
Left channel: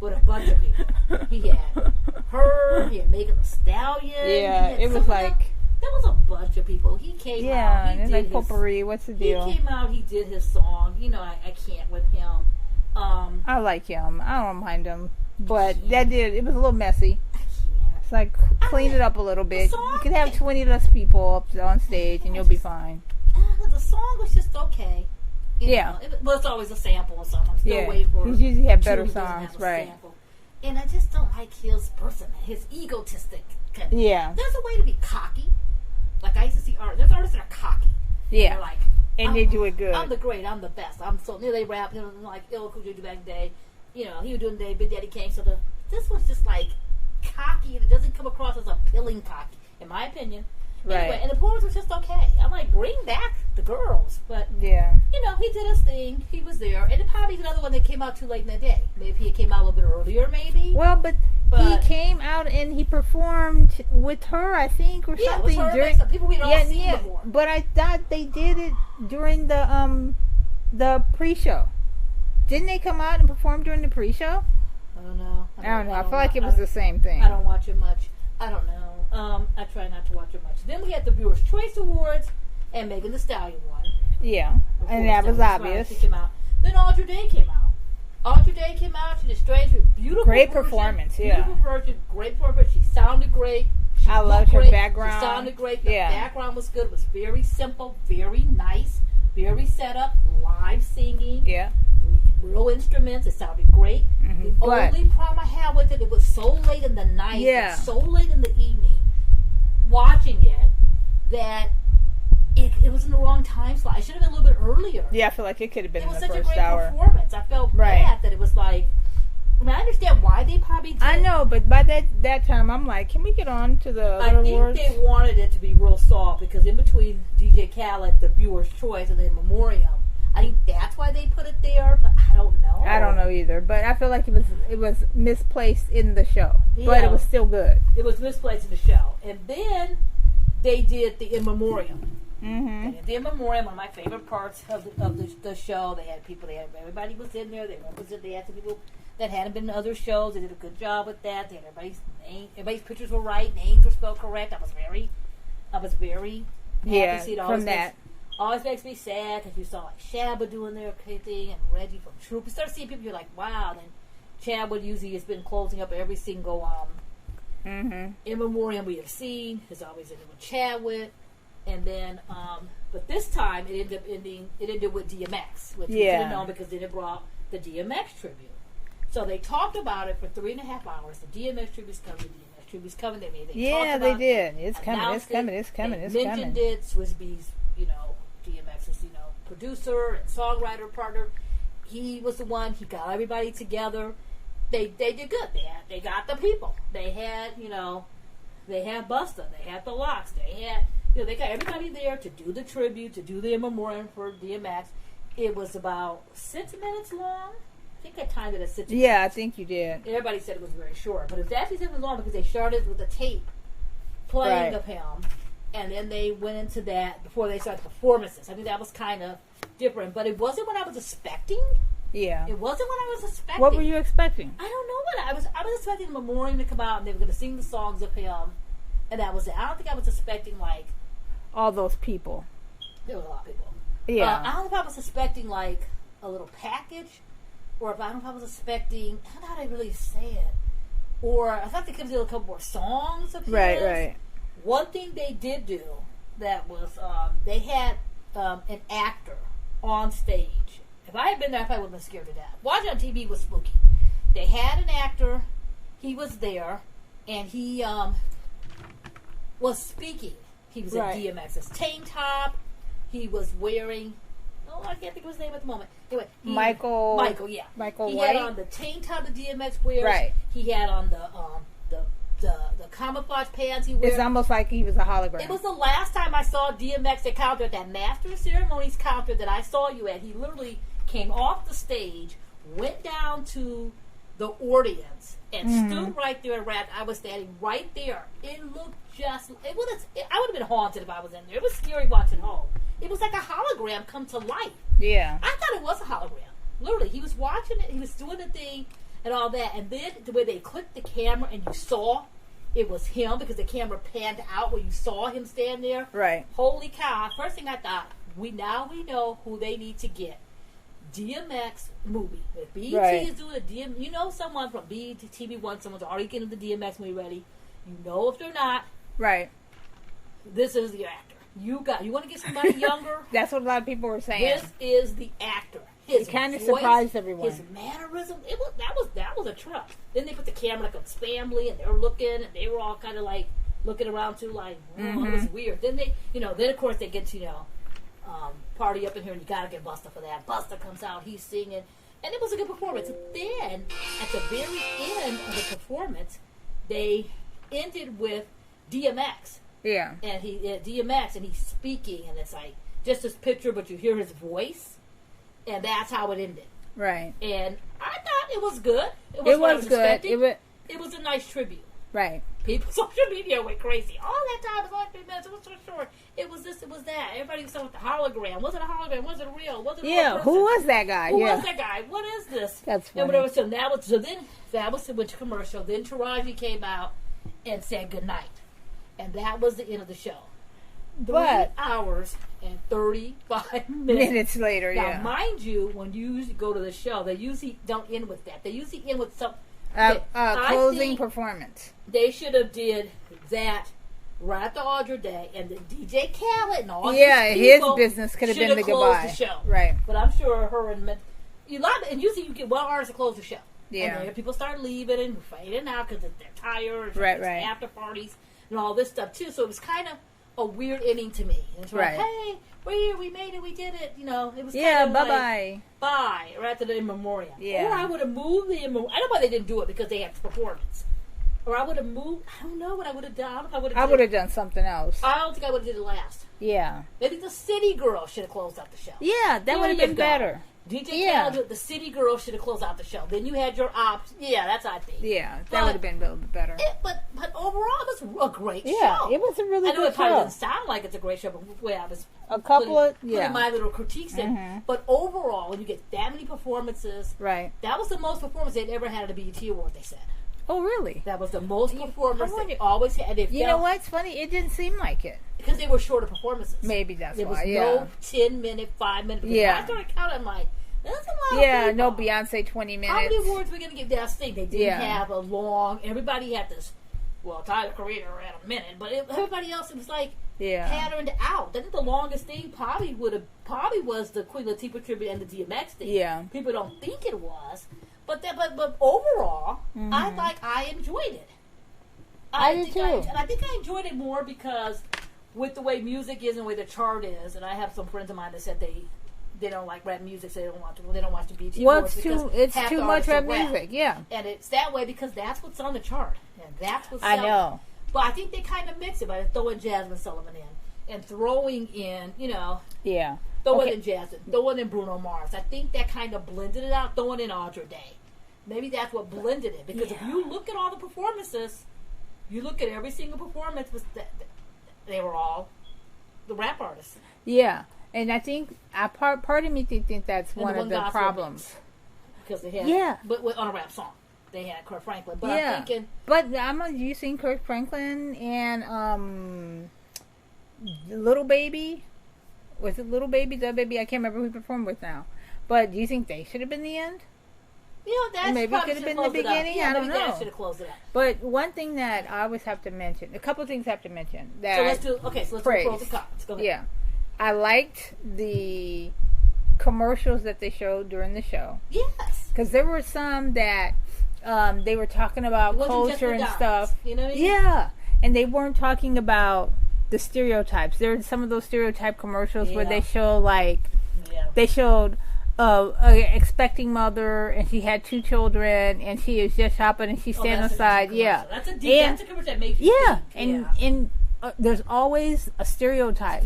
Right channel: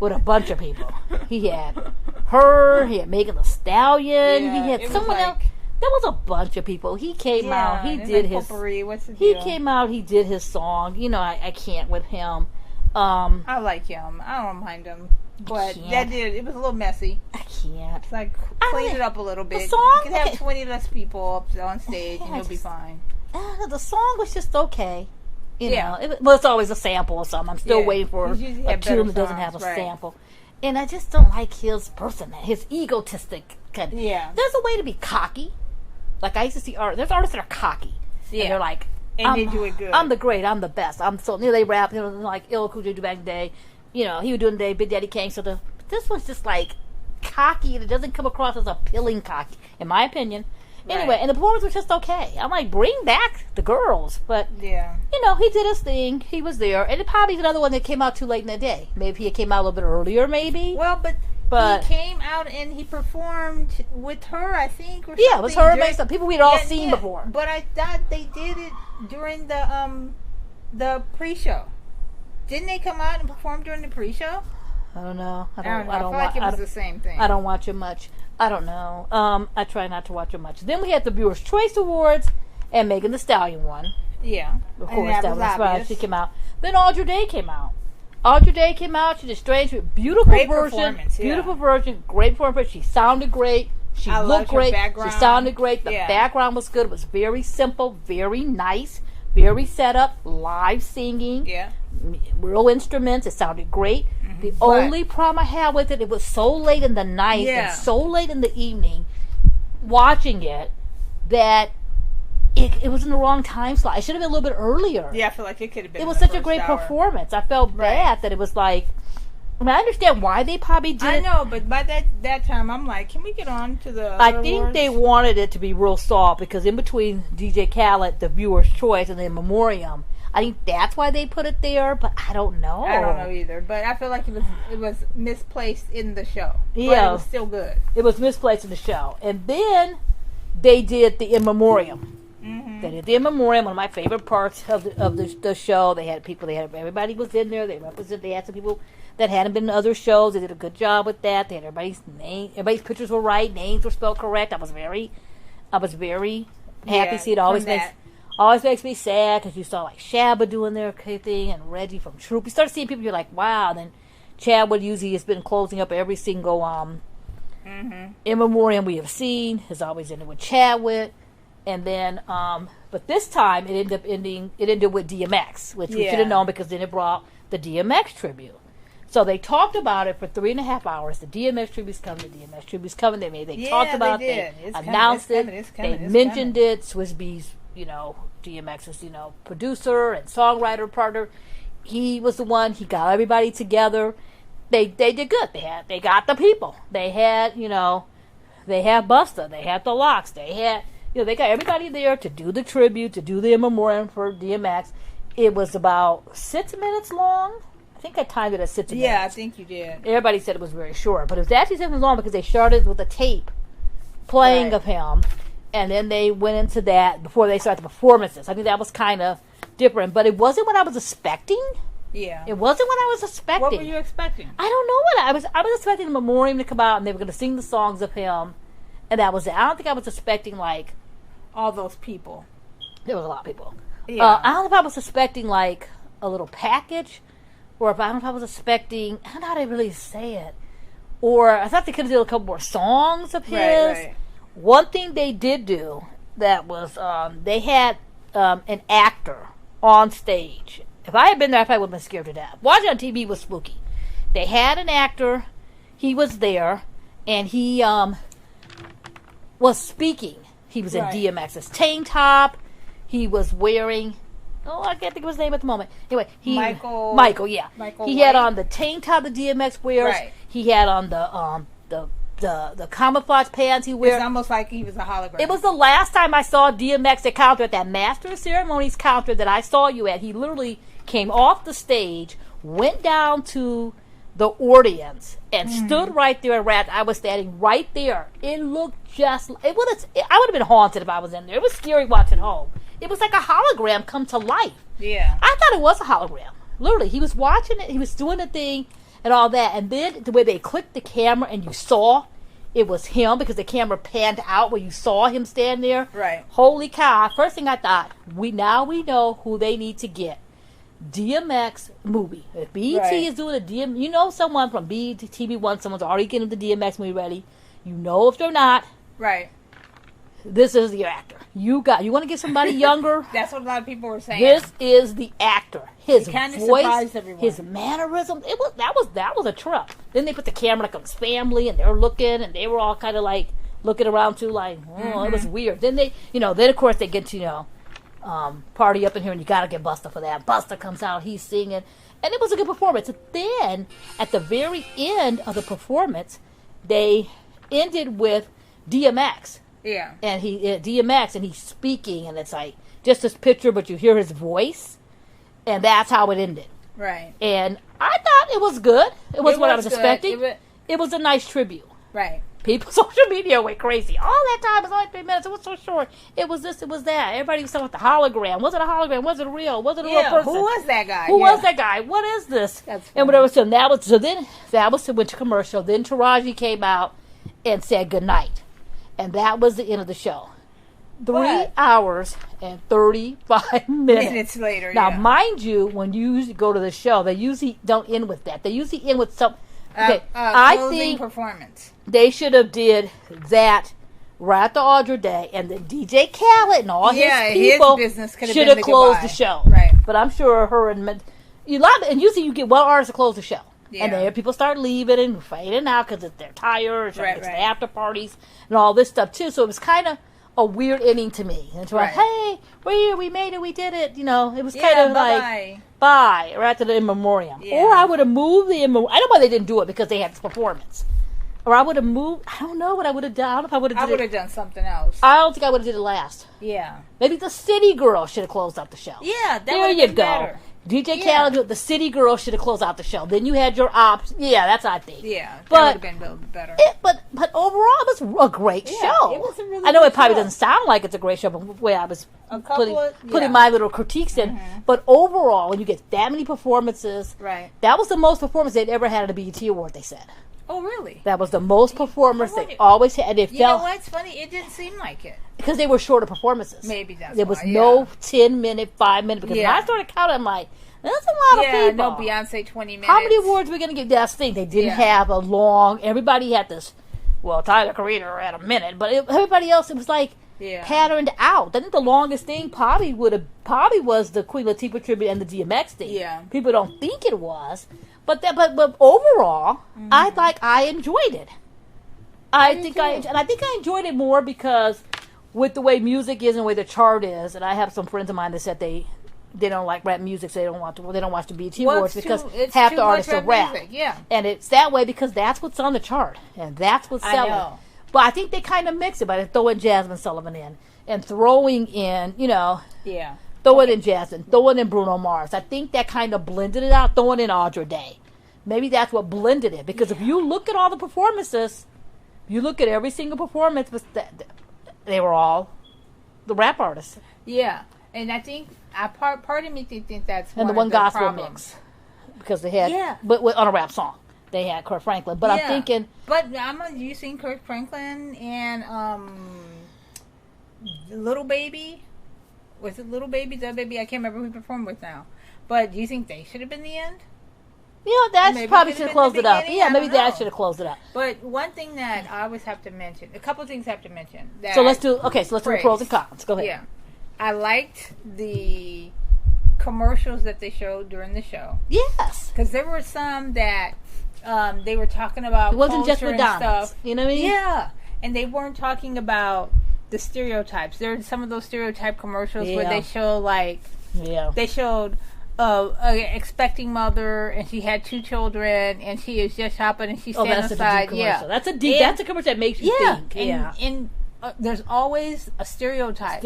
with a bunch of people. He had her. He had Megan Thee Stallion. Yeah, he had it was like... There was a bunch of people. He came out. He did his... potpourri. What's the deal? He came out. He did his song. I can't with him. I like him. I don't mind him. But it was a little messy. I can't. It's like, clean it up a little bit. You can have 20 less people up on stage and you'll be fine. The song was just okay. It's always a sample or something. I'm still waiting for a tune that doesn't have a sample. And I just don't like his person, his egotistic kind of. Yeah. There's a way to be cocky. Like, I used to see there's artists that are cocky. Yeah. And they're like, and they do it good. I'm the great. I'm the best. They rap. Like LL Cool J do back in the day. He was doing the day, Big Daddy Kane. So this one's just like cocky, and it doesn't come across as appealing cocky, in my opinion. Anyway, and the performance was just okay. I'm like, bring back the girls. But, yeah, he did his thing. He was there. And it probably another one that came out too late in the day. Maybe he came out a little bit earlier, maybe. Well, but he came out and he performed with her, I think, or something. Yeah, it was her and some people we'd all seen before. But I thought they did it during the pre-show. Didn't they come out and perform during the pre-show? I don't know. I don't know. I feel like it was the same thing. I don't watch it much. I don't know. I try not to watch it much. Then we had the Viewers' Choice Awards, and Megan Thee Stallion won. Yeah, and that was obvious. She came out. Then Audrey Day came out. She did strange, beautiful great version, performance. Beautiful version, great performance. She sounded great. She looked great. Background. She sounded great. The background was good. It was very simple, very nice, very set up. Live singing. Yeah. Real instruments. It sounded great. Mm-hmm. The only problem I had with it was so late in the night and so late in the evening watching it that it was in the wrong time slot. It should have been a little bit earlier. Yeah, I feel like it could have been. It was such a great performance. I felt bad that it was like. I mean, I understand why they probably did. I know, but by that time, I'm like, can we get on to the? I think they wanted it to be real soft because in between DJ Khaled, the Viewer's Choice, and In Memoriam, I think that's why they put it there. But I don't know. I don't know either. But I feel like it was misplaced in the show. Yeah, but it was still good. It was misplaced in the show, and then they did the In Memoriam. Mm-hmm. They did the In Memoriam, one of my favorite parts of the show. They had people. Everybody was in there. They had some people that hadn't been in other shows. They did a good job with that. They had everybody's name. Everybody's pictures were right. Names were spelled correct. I was very happy to see it. Always makes me sad because you saw like Shabba doing their thing and Reggie from Troop. You start seeing people. You're like, wow. And then Chadwood usually has been closing up every single In Memoriam we have seen. Has always ended with Chadwood. And then, but this time it ended with DMX, which we should have known because then it brought the DMX tribute. So they talked about it for 3.5 hours. The DMX tribute's coming. They talked about it. They announced it. They mentioned it. Swizz Beatz, DMX's, producer and songwriter partner. He was the one. He got everybody together. They did good. They got the people. They had, they had Busta. They had the Locks. They had. They got everybody there to do the tribute, to do the In Memoriam for DMX. It was about 6 minutes long. I think I timed it at 6 minutes. Yeah, I think you did. Everybody said it was very short. But it was actually 6 minutes long because they started with a tape playing of him. And then they went into that before they started the performances. I think that was kind of different. But it wasn't what I was expecting. Yeah. It wasn't what I was expecting. What were you expecting? I don't know what I was expecting the Memoriam to come out and they were going to sing the songs of him. And that was it. I don't think I was expecting all those people. There was a lot of people. Yeah. I don't know if I was expecting like a little package, or I don't know if I was expecting. I don't know how to really say it. Or I thought they could have done a couple more songs of his. Right. One thing they did do that was they had an actor on stage. If I had been there, I probably would have been scared to death. Watching on TV was spooky. They had an actor. He was there, and he was speaking. He was in DMX's tank top. He was wearing... I can't think of his name at the moment. Anyway, Michael, yeah. He had on the tank top the DMX wears. Right. He had on the camouflage pants he wears. It's almost like he was a hologram. It was the last time I saw DMX at counter, at that Master of Ceremonies counter that I saw you at. He literally came off the sage, went down to the audience, and stood right there and rapped. I was standing right there. It looked just... I would have been haunted if I was in there. It was scary watching home. It was like a hologram come to life. Yeah. I thought it was a hologram. Literally, he was watching it. He was doing the thing and all that. And then the way they clicked the camera and you saw it was him because the camera panned out where you saw him stand there. Right. Holy cow. First thing I thought, we know who they need to get. DMX movie. If BET is doing a someone from BET TV1, someone's already getting the DMX movie ready. If they're not. Right. This is the actor. You want to get somebody younger? That's what a lot of people were saying. This is the actor. His kind of voice, surprised everyone. His mannerism. That was a trip. Then they put the camera on his family, and they were looking, and they were all kind of like looking around too, like, it was weird. Then they, then of course they get to, party up in here, and you gotta get Busta for that. Busta comes out, he's singing, and it was a good performance. Then at the very end of the performance, they ended with DMX Yeah. And he at DMX, and he's speaking, and it's like just this picture, but you hear his voice, and that's how it ended. Right. And I thought it was good. It was what I was expecting. It was a nice tribute. Right. People, social media went crazy. All that time was only 3 minutes. It was so short. It was this, it was that. Everybody was talking about the hologram. Was it a hologram? Was it real? Was it a real person? Who was that guy? Who was that guy? What is this? That's funny. And whatever. So then that was went to commercial. Then Taraji came out and said goodnight. And that was the end of the show. 3 hours and 35 minutes later. Now, mind you, when you usually go to the show, they usually don't end with that. They usually end with some closing performance. They should have did that right after Audra Day, and then DJ Khaled and all his people his business could have should been have closed the show. Right. But I'm sure her and usually you get one artist to close the show. Yeah. And then people start leaving and fading out because they're tired, right. The after parties and all this stuff too. So it was kind of a weird ending to me. And it's like, hey, we're here, we made it, we did it. You know, it was kind of like, bye, right after the In Memoriam. Yeah. Or I would have moved the In Memoriam. I don't know why they didn't do it because they had this performance. Or I would have moved, I don't know what I would have done. I don't know if I would have I would have done something else. I don't think I would have did it last. Yeah. Maybe the City Girl should have closed out the show. Yeah, that would have been better. DJ Khaled, the City Girl should have closed out the show. Then you had your ops. Yeah, that's I think. Yeah, that would have been a little bit better. But overall, it was a great show. It was a really. I know good it probably show. doesn't sound like it's a great show, but the way I was putting my little critiques in. But overall, when you get that many performances, right? That was the most performance they'd ever had at a BET Award. They said. Oh, really? That was the most performance they always had. You know what's funny? It didn't seem like it. Because they were shorter performances. Maybe that's there why. There was no 10-minute, 5-minute. Because when I started counting, I'm like, that's a lot of people. No Beyonce 20 minutes. How many awards were we going to get? That's the thing. They didn't have a long... Everybody had this... Well, Tyler Creator had a minute. But everybody else, it was like patterned out. I think the longest thing probably was the Queen Latifah tribute and the DMX thing. Yeah. People don't think it was. But overall, I enjoyed it. I think I enjoyed it more because with the way music is and the way the chart is, and I have some friends of mine that said they don't like rap music, so they don't watch the BET Awards because half the artists are rap. Music, yeah. And it's that way because that's what's on the chart and that's what's selling. I know. But I think they kind of mix it by throwing Jasmine Sullivan in and throwing in, throwing in Jasmine, throwing in Bruno Mars. I think that kind of blended it out, throwing in Audra Day. Maybe that's what blended it. Because if you look at all the performances, you look at every single performance, they were all the rap artists. Yeah. And I think, part of me think that's one of the problems. Because they had, but on a rap song, they had Kirk Franklin. But I'm thinking. But you seen Kirk Franklin and Little Baby? Was it Little Baby? The Baby? I can't remember who he performed with now. But do you think they should have been the end? That probably should have closed it up. Yeah, maybe that should have closed it up. But one thing that I always have to mention, a couple of things I have to mention. So let's do the pros and cons. Go ahead. Yeah. I liked the commercials that they showed during the show. Yes. Because there were some that they were talking about culture and stuff. You know what I mean? Yeah. And they weren't talking about the stereotypes. There were some of those stereotype commercials where they show they showed a expecting mother and she had 2 children and she is just shopping and she's standing outside. That's a commercial that makes you think. And there's always a stereotype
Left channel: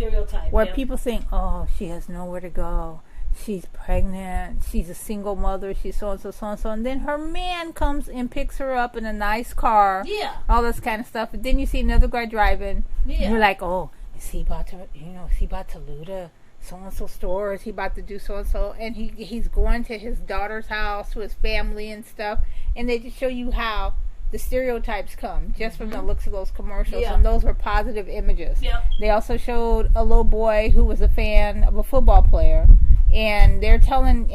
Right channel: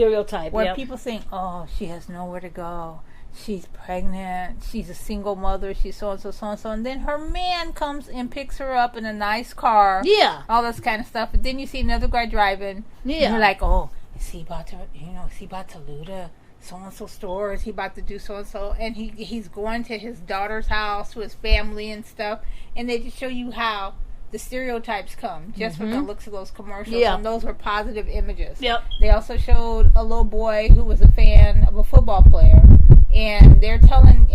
where people think, oh, she has nowhere to go, she's pregnant, she's a single mother, she's so and so, and then her man comes and picks her up in a nice car, all this kind of stuff. And then you see another guy driving, and you're like, oh, is he about to loot a so-and-so store? Is he about to do so-and-so? And he's going to his daughter's house, to his family and stuff. And they just show you how the stereotypes come just from the looks of those commercials. And those were positive images. Yep. They also showed a little boy who was a fan of a football player. And they were telling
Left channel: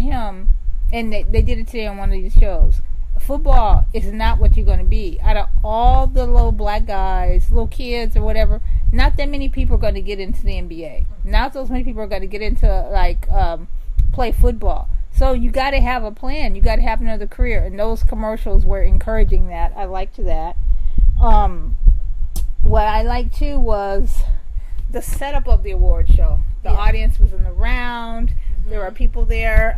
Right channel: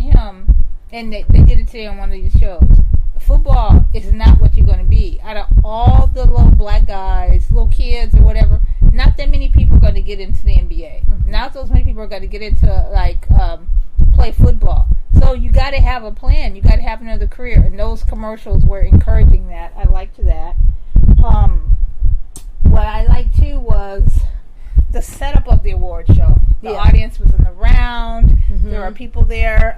him, and they did it today on one of these shows, football is not what you're going to be. Out of all the little black guys, little kids or whatever, not that many people are going to get into the NBA. Not those many people are going to get into play football. So you got to have a plan. You got to have another career. And those commercials were encouraging that. I liked that. What I liked too was the setup of the award show. The audience was in the round. There were people there.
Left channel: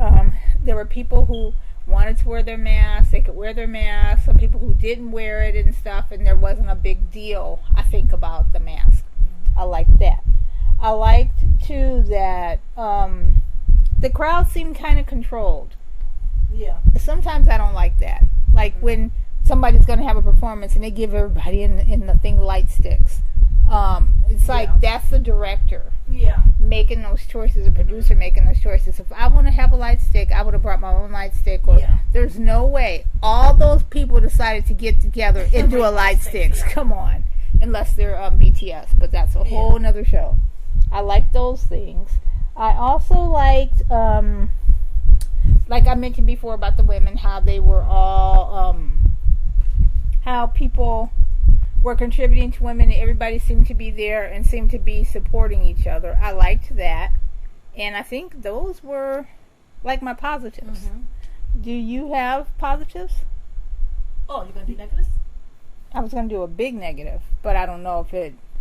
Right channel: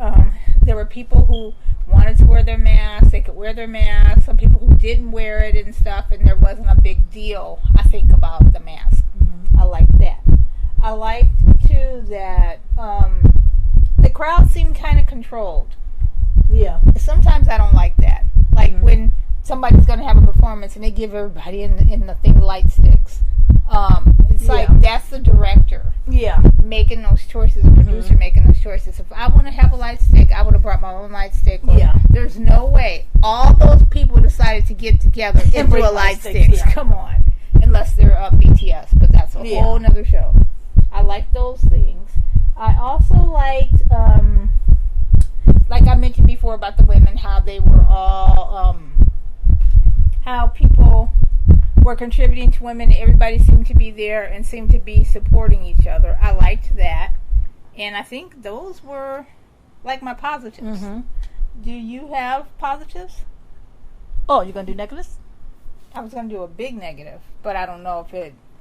There were people who wanted to wear their masks, they could wear their masks. Some people who didn't wear it and stuff, and there wasn't a big deal, I think, about the mask. I liked that. I liked, too, that the crowd seemed kind of controlled. Yeah. Sometimes I don't like that. Like when somebody's going to have a performance and they give everybody in the thing light sticks. It's like that's the director making those choices, the producer making those choices. If I want to have a light stick, I would have brought my own light stick. There's no way all those people decided to get together and do a light stick. Come on. Unless they're BTS, but that's a whole nother show. I like those things. I also liked, like I mentioned before about the women, how they were all, how people were contributing to women. Everybody seemed to be there and seemed to be supporting each other. I liked that. And I think those were like my positives. Do you have positives? Oh, you're going to do negatives? I was going to do a big negative, but I don't know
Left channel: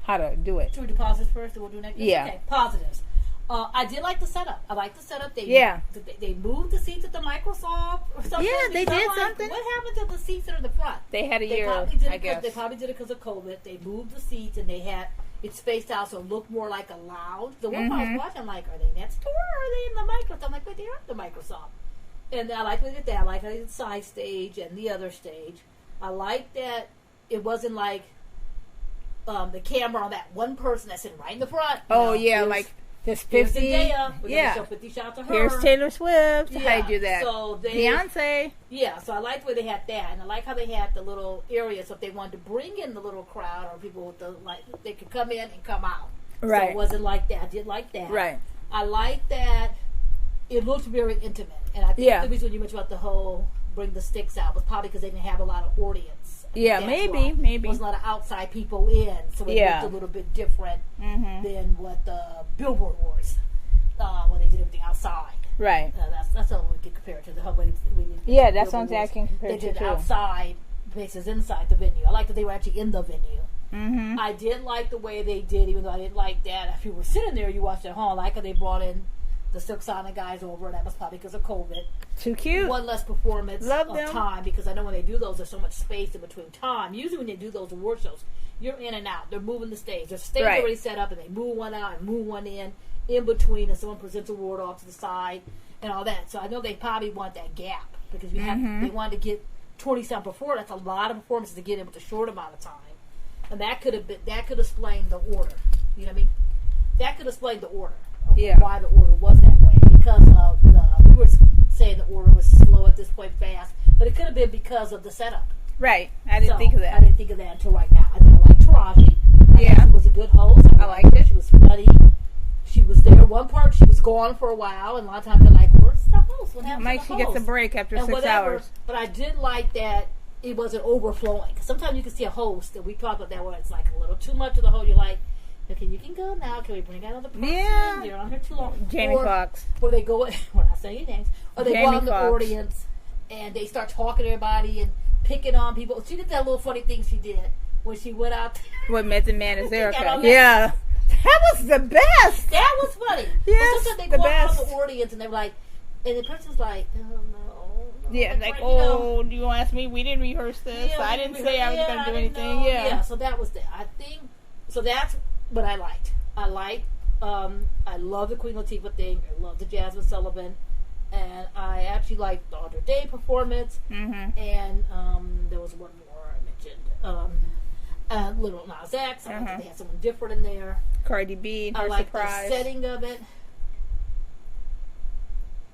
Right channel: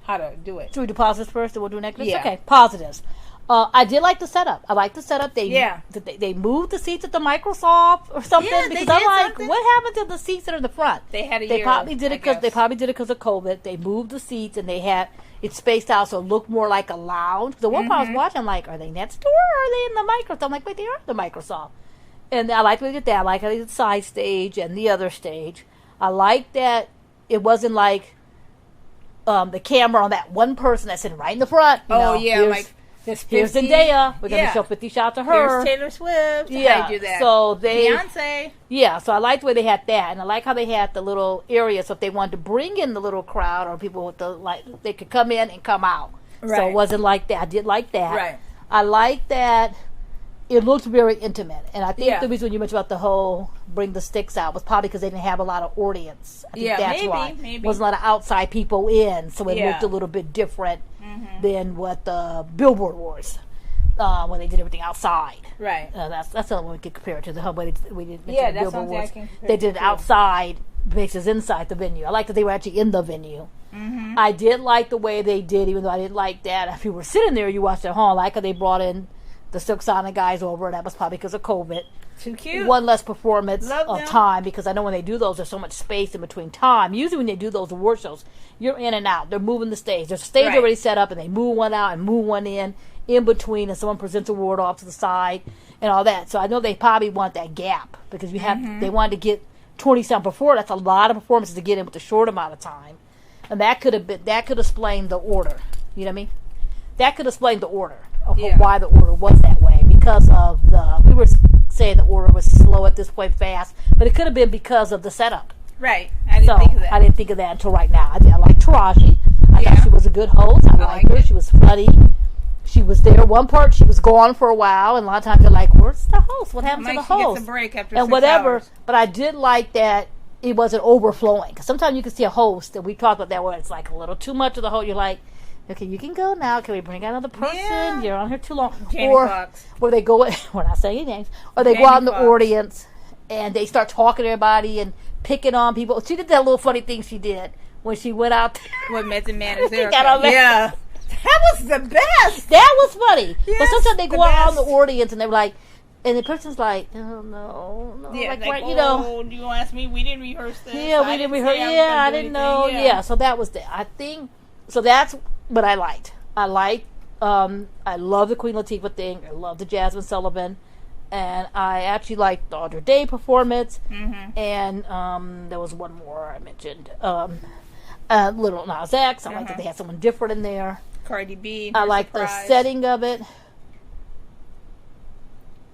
how to do it. Should we do positives first, and we'll do negatives? Yeah. Okay, positives. I did like the setup. I like the setup. They moved the seats at the Microsoft or something. Yeah, they did something. What happened to the seats that are in the front? They had They probably did it because of COVID. They moved the seats and they had it spaced out so it looked more like a lounge. The one part I was watching, I'm like, are they next door or are they in the Microsoft? I'm like, wait, they are in the Microsoft. And I like how they did that. I like how they did the side stage and the other stage. I like that it wasn't like the camera on that one person that's sitting right in the front. Here's Zendaya. We're going to show 50 shots of her. Here's Taylor Swift. Yeah. I do that. So Beyonce. Yeah, so I like the way they had that. And I like how they had the little area. So if they wanted to bring in the little crowd or people with they could come in and come out. Right. So it wasn't like that. I did like that. Right. I like that it looked very intimate. And I think the reason you mentioned about the whole bring the sticks out was probably because they didn't have a lot of audience. Maybe. Wasn't a lot of outside people in, so it looked a little bit different than what the Billboard was when they did everything outside. Right. That's the only one we could compare it to. The way we did. That's something I can compare. They did it outside bases inside the venue. I like that they were actually in the venue. I did like the way they did, even though I didn't like that. If you were sitting there, you watched at home. I like how they brought in the Silk Sonic guys over, and that was probably because of COVID. Too cute. One less performance of time, because I know when they do those, there's so much space in between time. Usually when they do those award shows, you're in and out. They're moving the stage. There's a stage already set up, and they move one out and move one in between, and someone presents an award off to the side and all that. So I know they probably want that gap, because they wanted to get 20-some before. That's a lot of performances to get in with a short amount of time. And that could explain the order. You know what I mean? That could explain the order of why the order was that way, because of we were saying the order was slow at this point, fast, but it could have been because of the setup. Right. I didn't think of that. I didn't think of that until right now. I like Taraji. I thought she was a good host. I liked her. She was funny. She was there. One part, she was gone for a while, and a lot of times they're like, where's the host? What happened to the host? She gets a break after and 6 whatever. hours. But I did like that it wasn't overflowing. Because sometimes you can see a host, and we talked about that, where it's like a little too much of the host. You're like, okay, you can go now. Can we bring out another person? Yeah. You're on here too long. Jamie Foxx. Or they go, we're not saying names, or they go out in the audience and they start talking to everybody and picking on people. She did that little funny thing she did when she went out with Method Man is there. Yeah. That was the best. That was funny. Yes, but sometimes they go out in the audience and they're like, and the person's like, oh, no. Yeah, like do you ask me? We didn't rehearse this. Yeah, I didn't rehearse. I didn't know. Yeah, so that was I think, so that's what I liked. I love the Queen Latifah thing. I love the Jasmine Sullivan. And I actually liked the Audra Day performance. And there was one more I mentioned. Little Nas X. I liked that they had someone different in there. Cardi B. I like the setting of it.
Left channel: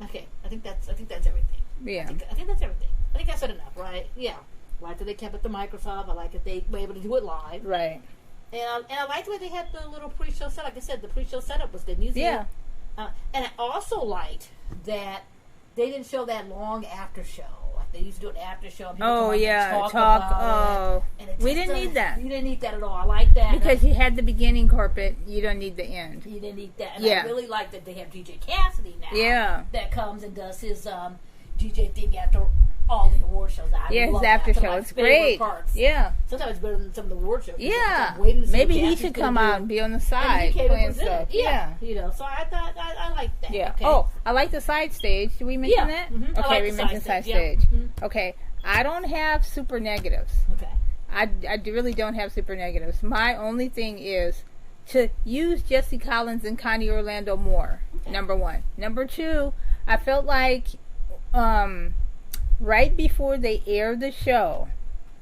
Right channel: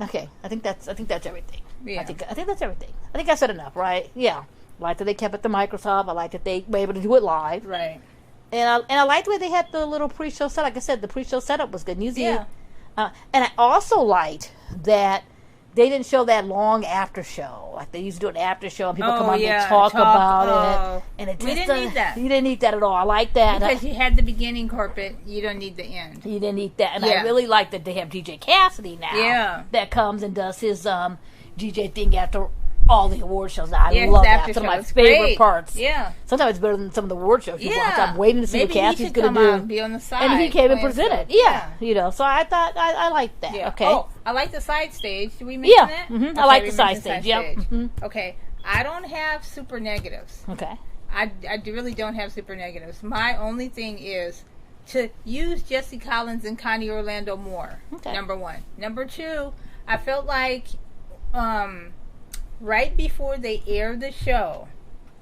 Okay, I think that's everything. Yeah, I think that's everything. I think I said enough, right? Yeah, I like that they kept it to Microsoft. I like that they were able to do it live. Right. And I liked the way they had the little pre-show set. Like I said, the pre-show setup was good. And I also liked that they didn't show that long after show. Like they used to do an after show and people come on and talk about it. And we didn't need that. You didn't need that at all. I like that. Because you had the beginning carpet. You don't need the end. You didn't need that. And I really like that they have DJ Cassidy now. Yeah. That comes and does his DJ thing after all the award shows. I love that. Some of my favorite parts. Yeah. Sometimes it's better than some of the award shows. Yeah. I'm waiting to see maybe what he should come out and be on the side. And he came and presented. Yeah. You know, so I thought I liked that. Yeah. Okay. Oh, I like the side stage. Did we mention that? Mm-hmm. Okay, I like the side stage. Yeah. Mm-hmm. Okay. I don't have super negatives. Okay. I really don't have super negatives. My only thing is to use Jesse Collins and Connie Orlando more. Okay. Number one. Number two, I felt like right before they air the show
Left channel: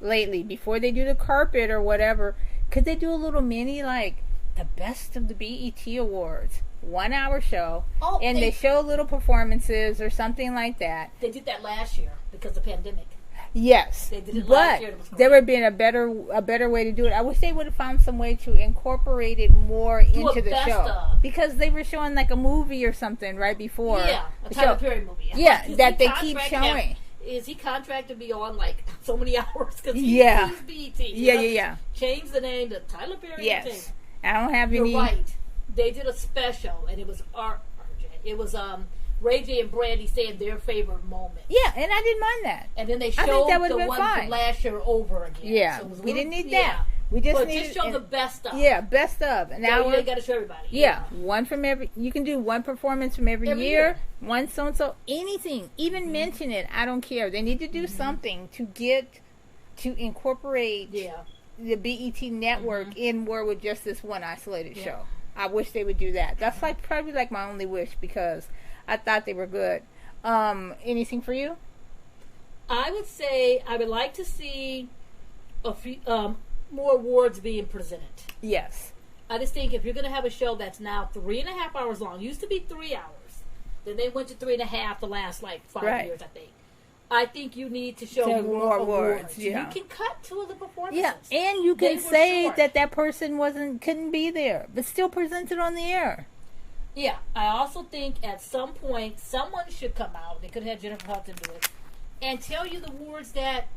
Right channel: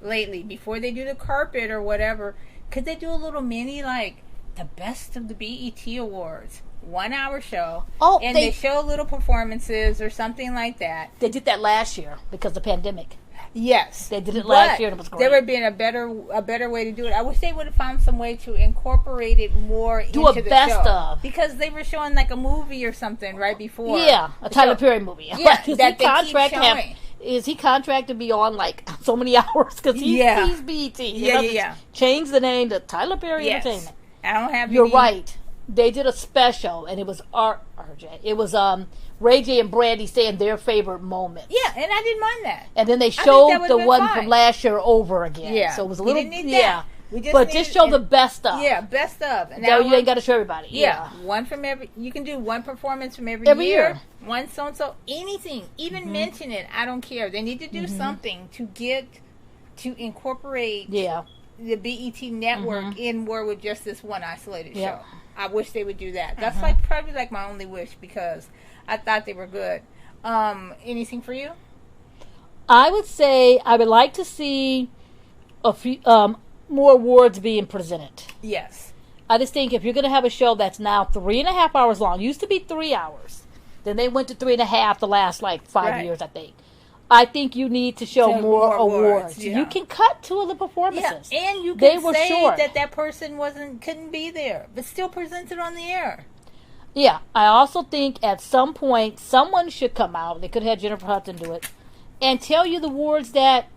lately, before they do the carpet or whatever, could they do a little mini like the best of the BET Awards 1 hour show? Oh, and they show little performances or something like that. They did that last year because of the pandemic. Yes, they did it last year and it was great. There would have been a better way to do it. I wish they would have found some way to incorporate it more into the show. Because they were showing like a movie or something right before. Yeah, a Tyler Perry movie. Yeah, that they keep showing. Is he contracted to be on like so many hours? Because he's BET. Yeah. Change the name to Tyler Perry Entertainment. I don't have. You're right. They did a special, and it was RJ. It was Ray J and Brandy saying their favorite moments. Yeah, and I didn't mind that. And then they showed the one from last year over again. Yeah, so it was a little. We didn't need that. We just show the best of. Yeah, best of. And now you ain't got to show everybody. Yeah, one from every. You can do one performance from every year. One so and so. Anything, even mention it. I don't care. They need to do something to incorporate. Yeah. The BET network in more with just this one isolated show. I wish they would do that. That's probably my only wish because I thought they were good. Anything for you? I would say I would like to see a few more awards being presented. Yes. I just think if you're going to have a show that's now 3.5 hours long, used to be 3 hours, then they went to 3.5 the last 5 years, I think. I think you need to show more awards. Yeah. You can cut 2 of the performances. Yeah, and you can say that person couldn't be there, but still present it on the air. Yeah, I also think at some point someone should come out. They could have Jennifer Hudson do it and tell you the awards that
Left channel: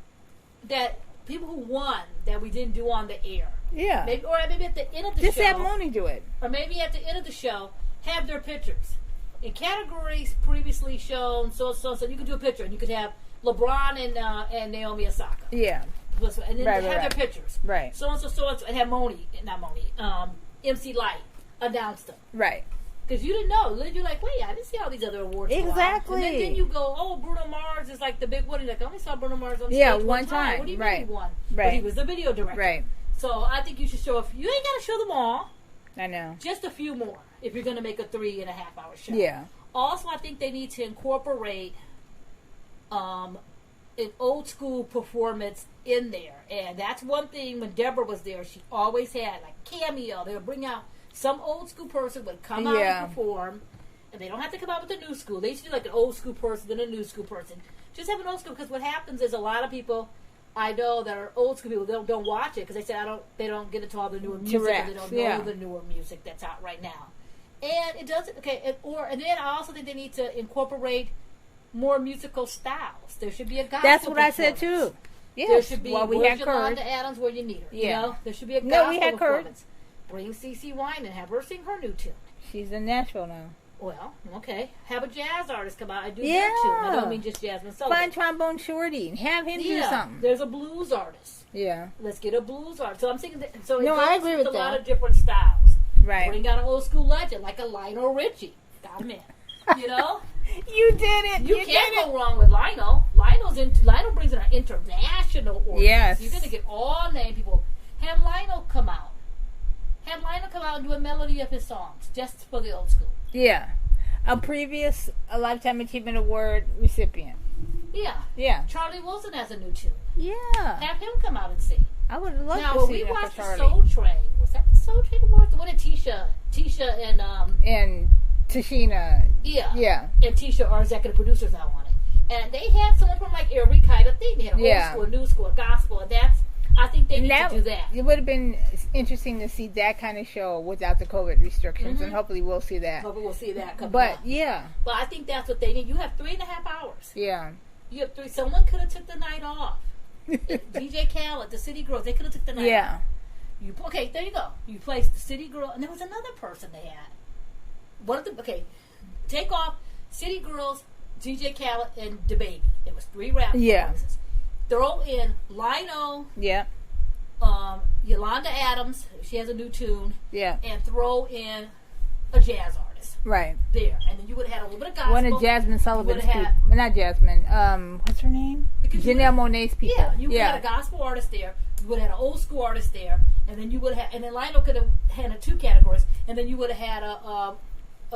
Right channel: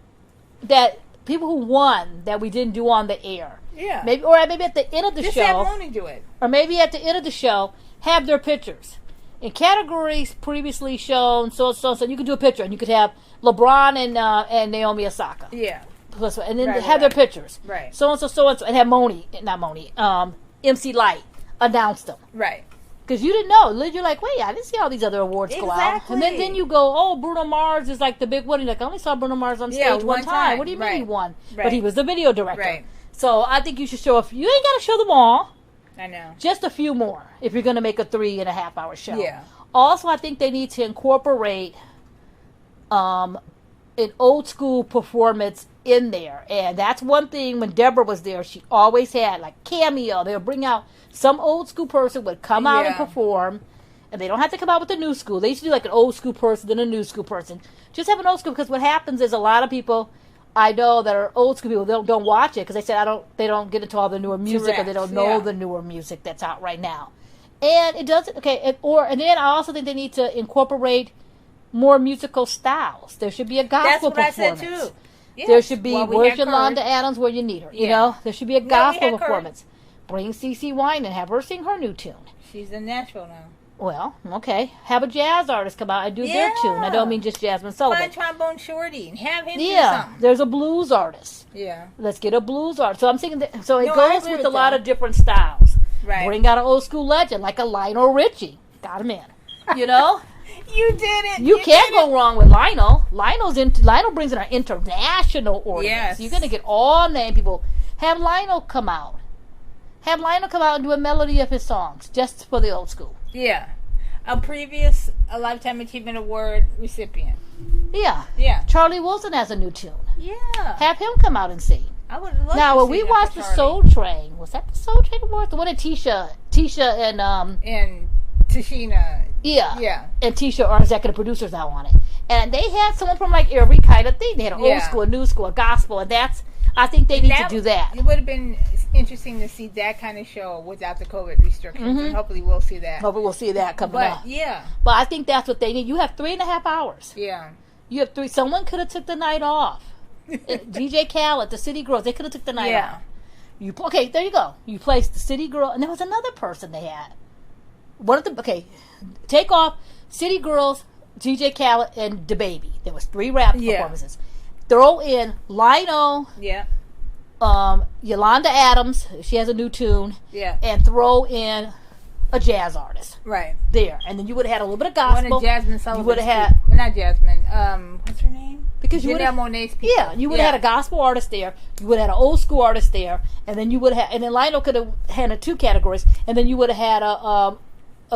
people who won that we didn't do on the air. Yeah, maybe at the end of the show. Just have Moni do it, or maybe at the end of the show have their pictures in categories previously shown. So you could do a picture and you could have LeBron and Naomi Osaka. Yeah, and then have their pictures. Right. So and so and have MC Light announce them. Right. Because you didn't know. You're like, wait, I didn't see all these other awards go out. And then you go, oh, Bruno Mars is the big one. You're like, I only saw Bruno Mars on stage one time. What do you mean he won? Right. But he was the video director. Right. So I think you should show you ain't got to show them all. I know. Just a few more if you're going to make a 3.5 hour show. Yeah. Also, I think they need to incorporate an old school performance in there. And that's one thing when Deborah was there, she always had cameo. They'll bring out some old school person would come out and perform, and they don't have to come out with the new school. They used to do an old school person, then a new school person. Just have an old school, because what happens is a lot of people I know that are old school people don't watch it because they said they don't get into all the newer music or they don't know the newer music that's out right now. And it doesn't and then I also think they need to incorporate more musical styles. There should be a gospel performance. That's what I said too. Yes. There should be where's Yolanda Adams where you need her. You know, there should be a gospel performance. Bring CeCe Wine and have her sing her new tune. She's in Nashville now. Well, okay. Have a jazz artist come out and do their tune. I don't mean just Jasmine Sullivan. Find Trombone Shorty and have him do something. There's a blues artist. Yeah. Let's get a blues artist. So I'm thinking it goes with a lot of different styles. Right. Bring out an old school legend like a Lionel Richie. Got him in. You know? You did it. You can't go wrong with Lionel. Lionel brings in an international audience. Yes. You're going to get all name people. Have Lionel come out. Have Lionel come out and do a melody of his songs just for the old school. Yeah. A previous Lifetime Achievement Award recipient. Yeah. Yeah. Charlie Wilson has a new tune. Yeah. Have him come out and sing. I would love to see that. Now, when we watched the Soul Train, was that the Soul Train Award? The one that Tisha and Tashina. Yeah. Yeah. And Tisha are executive producers now on it. And they had someone from every kind of thing. They had an old school, a new school, a gospel, and I think they need to do that. It would have been interesting to see that kind of show without the COVID restrictions, and hopefully we'll see that. Hopefully we'll see that coming up. But I think that's what they need. You have 3.5 hours. Yeah. You have 3. Someone could have took the night off. DJ Khaled, the City Girls, they could have took the night off. Okay, there you go. You placed the City Girl, and there was another person they had. Take off City Girls, DJ Khaled, and DaBaby. There was 3 rap performances. Throw in Lionel. Yeah. Yolanda Adams. She has a new tune. Yeah. And throw in a jazz artist. Right. There. And then you would have had a little bit of gospel. One of Jasmine Sullivan's would have had... Not Jasmine. What's her name? Because Janelle Monáe's people. Yeah. You would have had a gospel artist there. You would have had an old school artist there. And then you would have... And then Lionel could have had 2 categories. And then you would have had a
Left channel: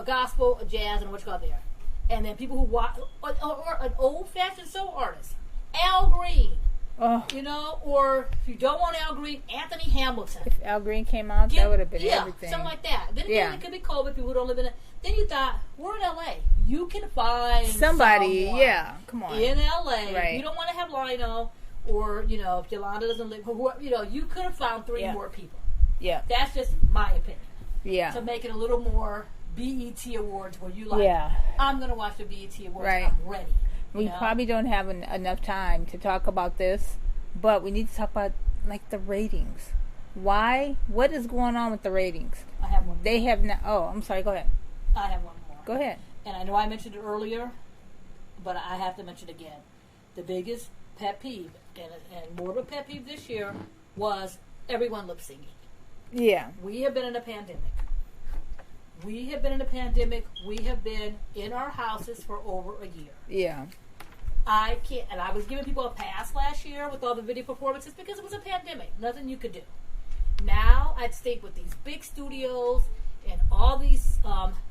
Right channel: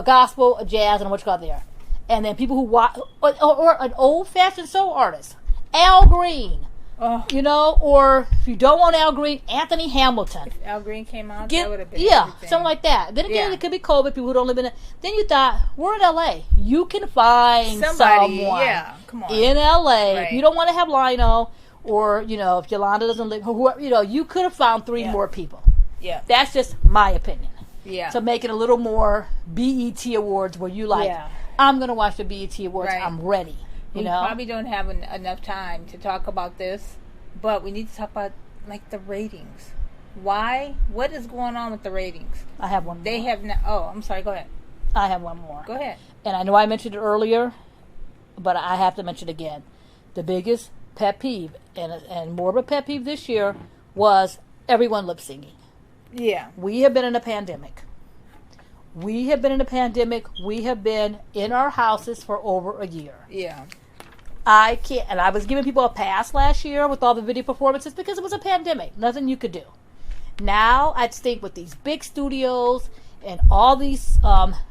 gospel, a jazz, and a what you got there. And then people who watch... Or an old-fashioned soul artist. Al Green. You know, or if you don't want Al Green, Anthony Hamilton. If Al Green came out, that would have been everything. Something like that. Then again, it could be COVID, people who don't live in it. Then you thought, we're in LA. You can find somebody, someone come on. in LA. Right. You don't want to have Lionel, or, you know, if Yolanda doesn't live, whoever, you know, you could have found 3 more people. Yeah. That's just my opinion. Yeah. To make it a little more BET Awards where you like, I'm going to watch the BET Awards. Right. I'm ready. We probably don't have enough time to talk about this. But we need to talk about, like, the ratings. Why? What is going on with the ratings? I have one. They have not... Oh, I'm sorry. Go ahead. I have one more. Go ahead. And I know I mentioned it earlier, but I have to mention it again. The biggest pet peeve, and more of a pet peeve this year, was everyone lip-syncing. Yeah. We have been in a pandemic. We have been in our houses for over a year. Yeah. I can't, and I was giving people a pass last year with all the video performances because it was a pandemic. Nothing you could do. Now, I'd think with these big studios and all these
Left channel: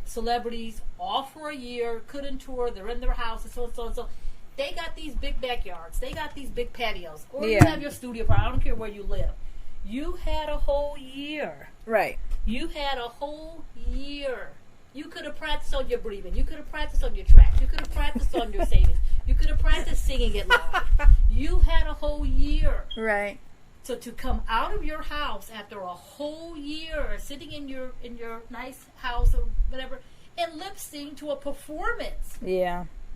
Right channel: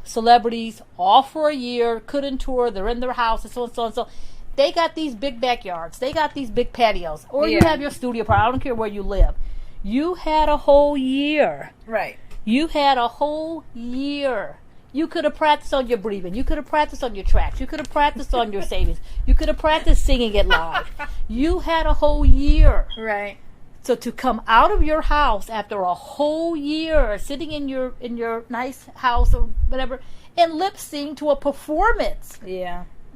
celebrities, all for a year, couldn't tour, they're in their house, and so and so and so. They got these big backyards. They got these big patios. Or you have your studio, I don't care where you live. You had a whole year. Right. You had a whole year. You could have practiced on your breathing. You could have practiced on your tracks. You could have practiced on your savings. You could have practiced singing it live. You had a whole year. Right. So to come out of your house after a whole year, sitting in your nice house or whatever, and lip sync to a performance,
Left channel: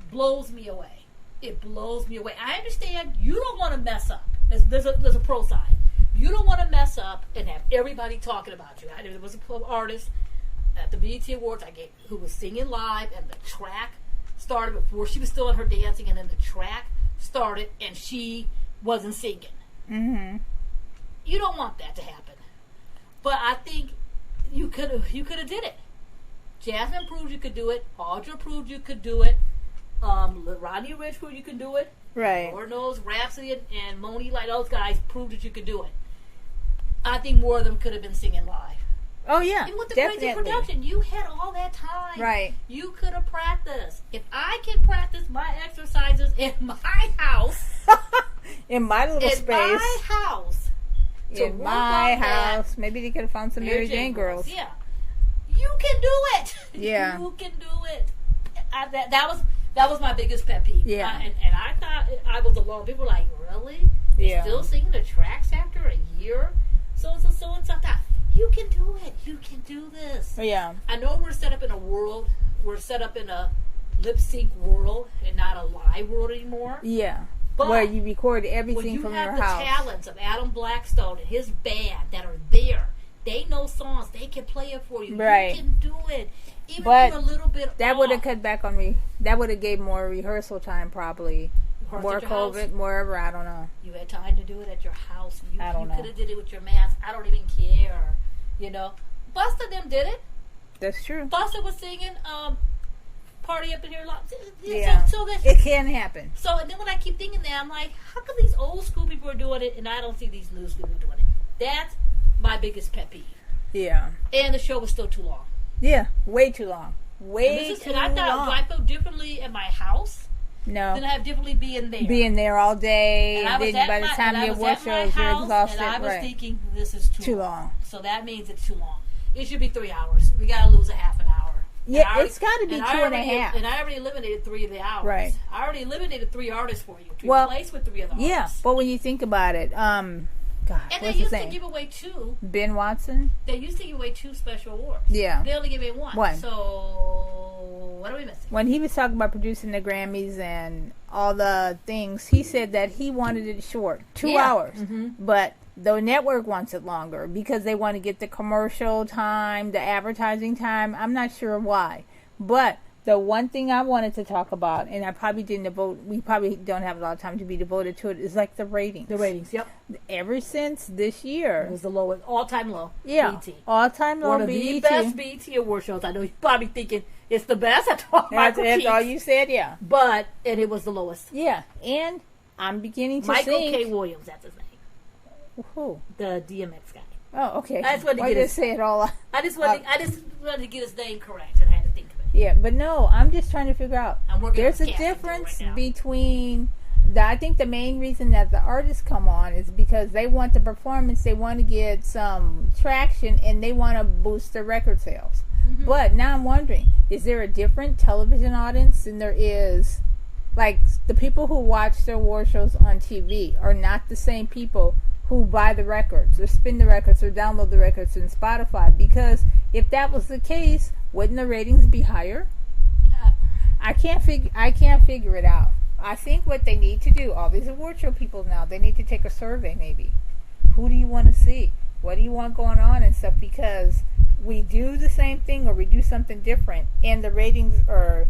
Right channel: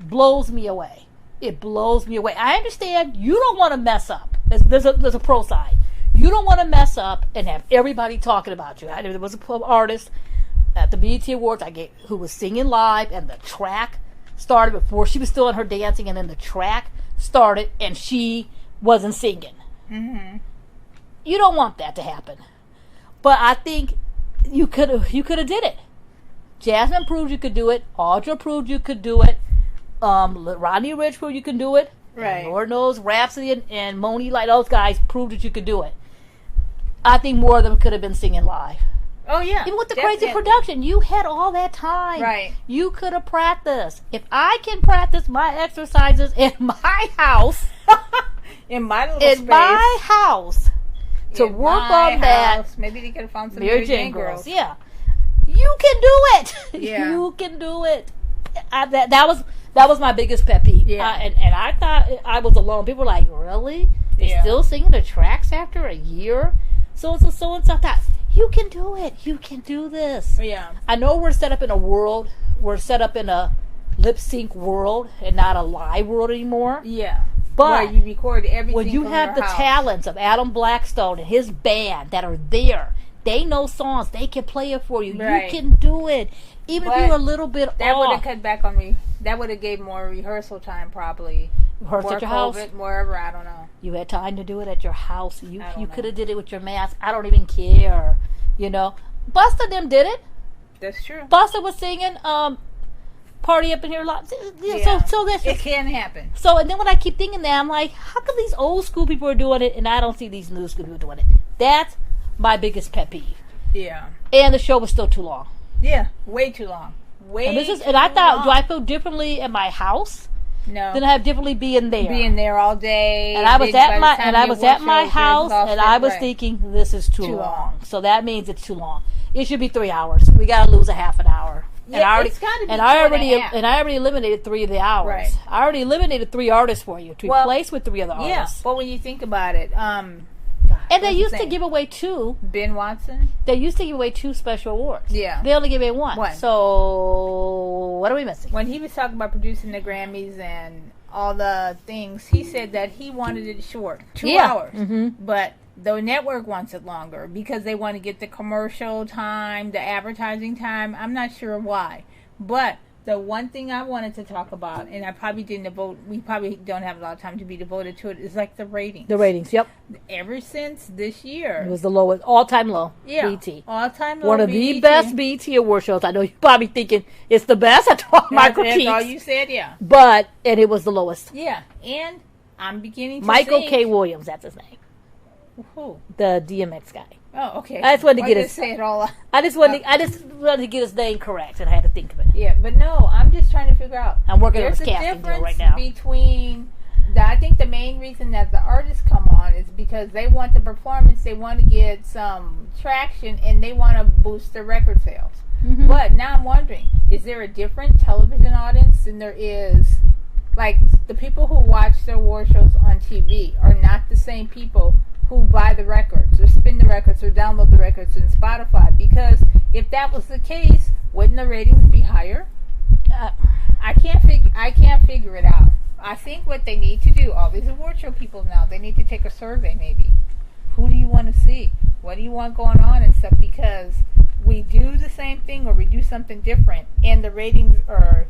blows me away. It blows me away. I understand you don't want to mess up. There's a pro side. You don't want to mess up and have everybody talking about you. There was an artist at the BET Awards who was singing live, and the track started before she was still in her dancing, and then the track started and she wasn't singing. Mm-hmm. You don't want that to happen, but I think you could have did it. Jasmine proved you could do it. Audra proved you could do it. Rodney Rich proved you can do it. Right. And Lord knows Rhapsody and Moni, like those guys, proved that you could do it. I think more of them could have been singing live. Oh, yeah. Even with the crazy production, you had all that time. Right. You could have practiced. If I can practice my exercises in my house, in my little space, my house, to work on that. Maybe they could have found some Mary Jane girls. Yeah. You can do it. Yeah. You can do it. That was my biggest pet peeve. Yeah. And I thought I was alone. People were like, really? They're still singing the tracks after a year? So and so. I thought, you can do it. You can do this. Yeah. I know we're set up in a lip sync world and not a live world anymore. Yeah. But where you record everything when you from have your the house. talents of Adam Blackstone and his band that are there, they know songs. They can play it for you. Right. You can do it. Even if you're a little bit that off. would have cut back on me. That would have gave more rehearsal time, probably. Rehearse at your house, house. Wherever, I don't know. You had time to do it at your house. You could have did it with your mask. I don't even care. You know, Busta them did it. That's true. Busta was singing "Party Up in Here." Yeah. So that's it can happen. So and then when I keep thinking that, I'm like, how come these old school people are doing it and I don't see these new school people doing it? That's my biggest pet peeve. Yeah. And the show was still too long. Yeah, way too long. And I thought, do I feel differently at my house? No. Than I have differently being there. Being there all day. And I was at my house, and I was thinking, this is too long. So that means it's too long. It should be 3 hours. We got to lose a half an hour. Yeah, it's got to be 2.5. And I already eliminated 3 of the hours. Right. I already eliminated 3 artists for you to replace with 3 of the artists. Yeah, but when you think about it, God, and they used to give away 2. Ben Watson? They used to give away 2 special awards. Yeah. They only give away 1. So, what are we missing? When he was talking about producing the Grammys and all the things, he said that he wanted it short. 2 hours. Mm-hmm. But the network wants it longer because they want to get the commercial time, the advertising time. I'm not sure why. But The one thing I wanted to talk about, and I probably didn't devote, we probably don't have a lot of time to be devoted to it, is like the ratings. The ratings, yep. Ever since this year. It was the lowest, all-time low. Yeah. BET. All-time low. One of the best BET award shows. I know you're probably thinking it's the best. That's all my critiques. That's all you said, yeah. And it was the lowest. Yeah. And I'm beginning to Michael think... K. Williams, that's his name. Who? The DMX guy. Oh, okay. I just wanted to get his... say it all. I just wanted to get his name correct, and I had to think of it. Yeah, but no, I'm just trying to figure out. I'm working There's on a casting difference right now. between... I think the main reason that the artists come on is because they want the performance, they want to get some traction, and they want to boost their record sales. Mm-hmm. But now I'm wondering, is there a different television audience than there is... Like, the people who watch their award shows on TV are not the same people who buy the records or spin the records or download the records in Spotify. Because if that was the case, wouldn't the ratings be higher? I can't figure it out. I think what they need to do, all these award show people now, they need to take a survey maybe. Who do you want to see? What do you want going on and stuff? Because we do the same thing or we do something different, and the ratings are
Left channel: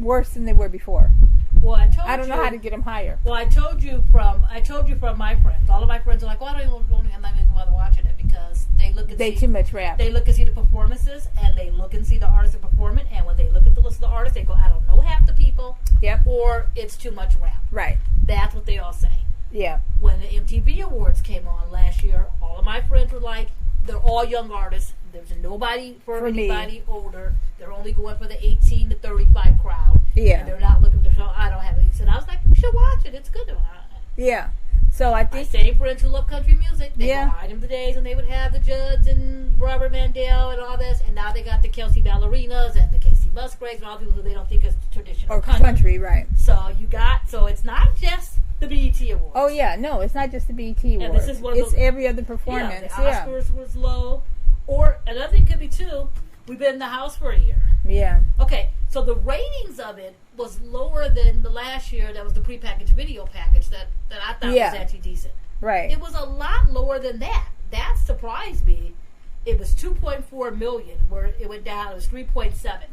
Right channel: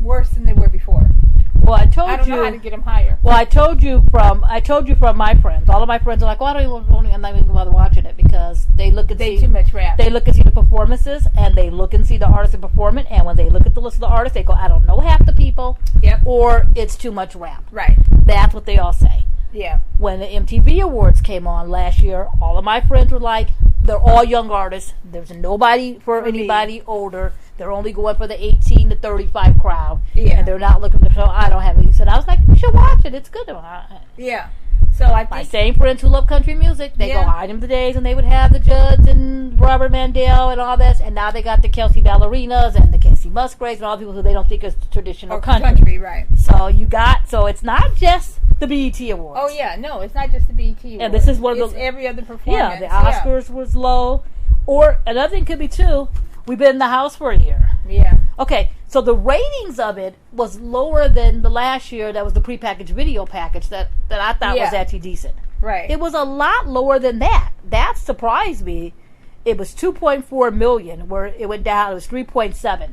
worse than they were before. Well, I don't know how to get them higher. Well, I told you from my friends. All of my friends are like, "Well, I'm not even bother watching it because they look and see too much rap. They look and see the performances, and they look and see the artists and perform it. And when they look at the list of the artists, they go, "I don't know half the people." Yep. Or it's too much rap. Right. That's what they all say. Yeah. When the MTV Awards came on last year, all of my friends were like, "They're all young artists. There's nobody for anybody older. They're only going for the 18 to 35 crowd. Yeah. And they're not looking for the show. I don't have it." He said, I was like, "You should watch it. It's good." Yeah. So I think... My same friends who love country music, they go item the days, and they would have the Judds and Robert Mandel and all this, and now they got the Kelsey Ballerinas and the Kelsey Musgraves and all the people who they don't think is traditional country. Right. So it's not just the BET Awards. Oh, yeah. No, it's not just the BET Awards. And this is one of it's every other performance. Yeah, the Oscars was low. Or another thing could be, too, we've been in the house for a year. Yeah. Okay, so the ratings of it was lower than the last year. That was the prepackaged video package that I thought was actually decent. Right. It was a lot lower than that. That surprised me. It was 2.4 million, where it went down. It was 3.7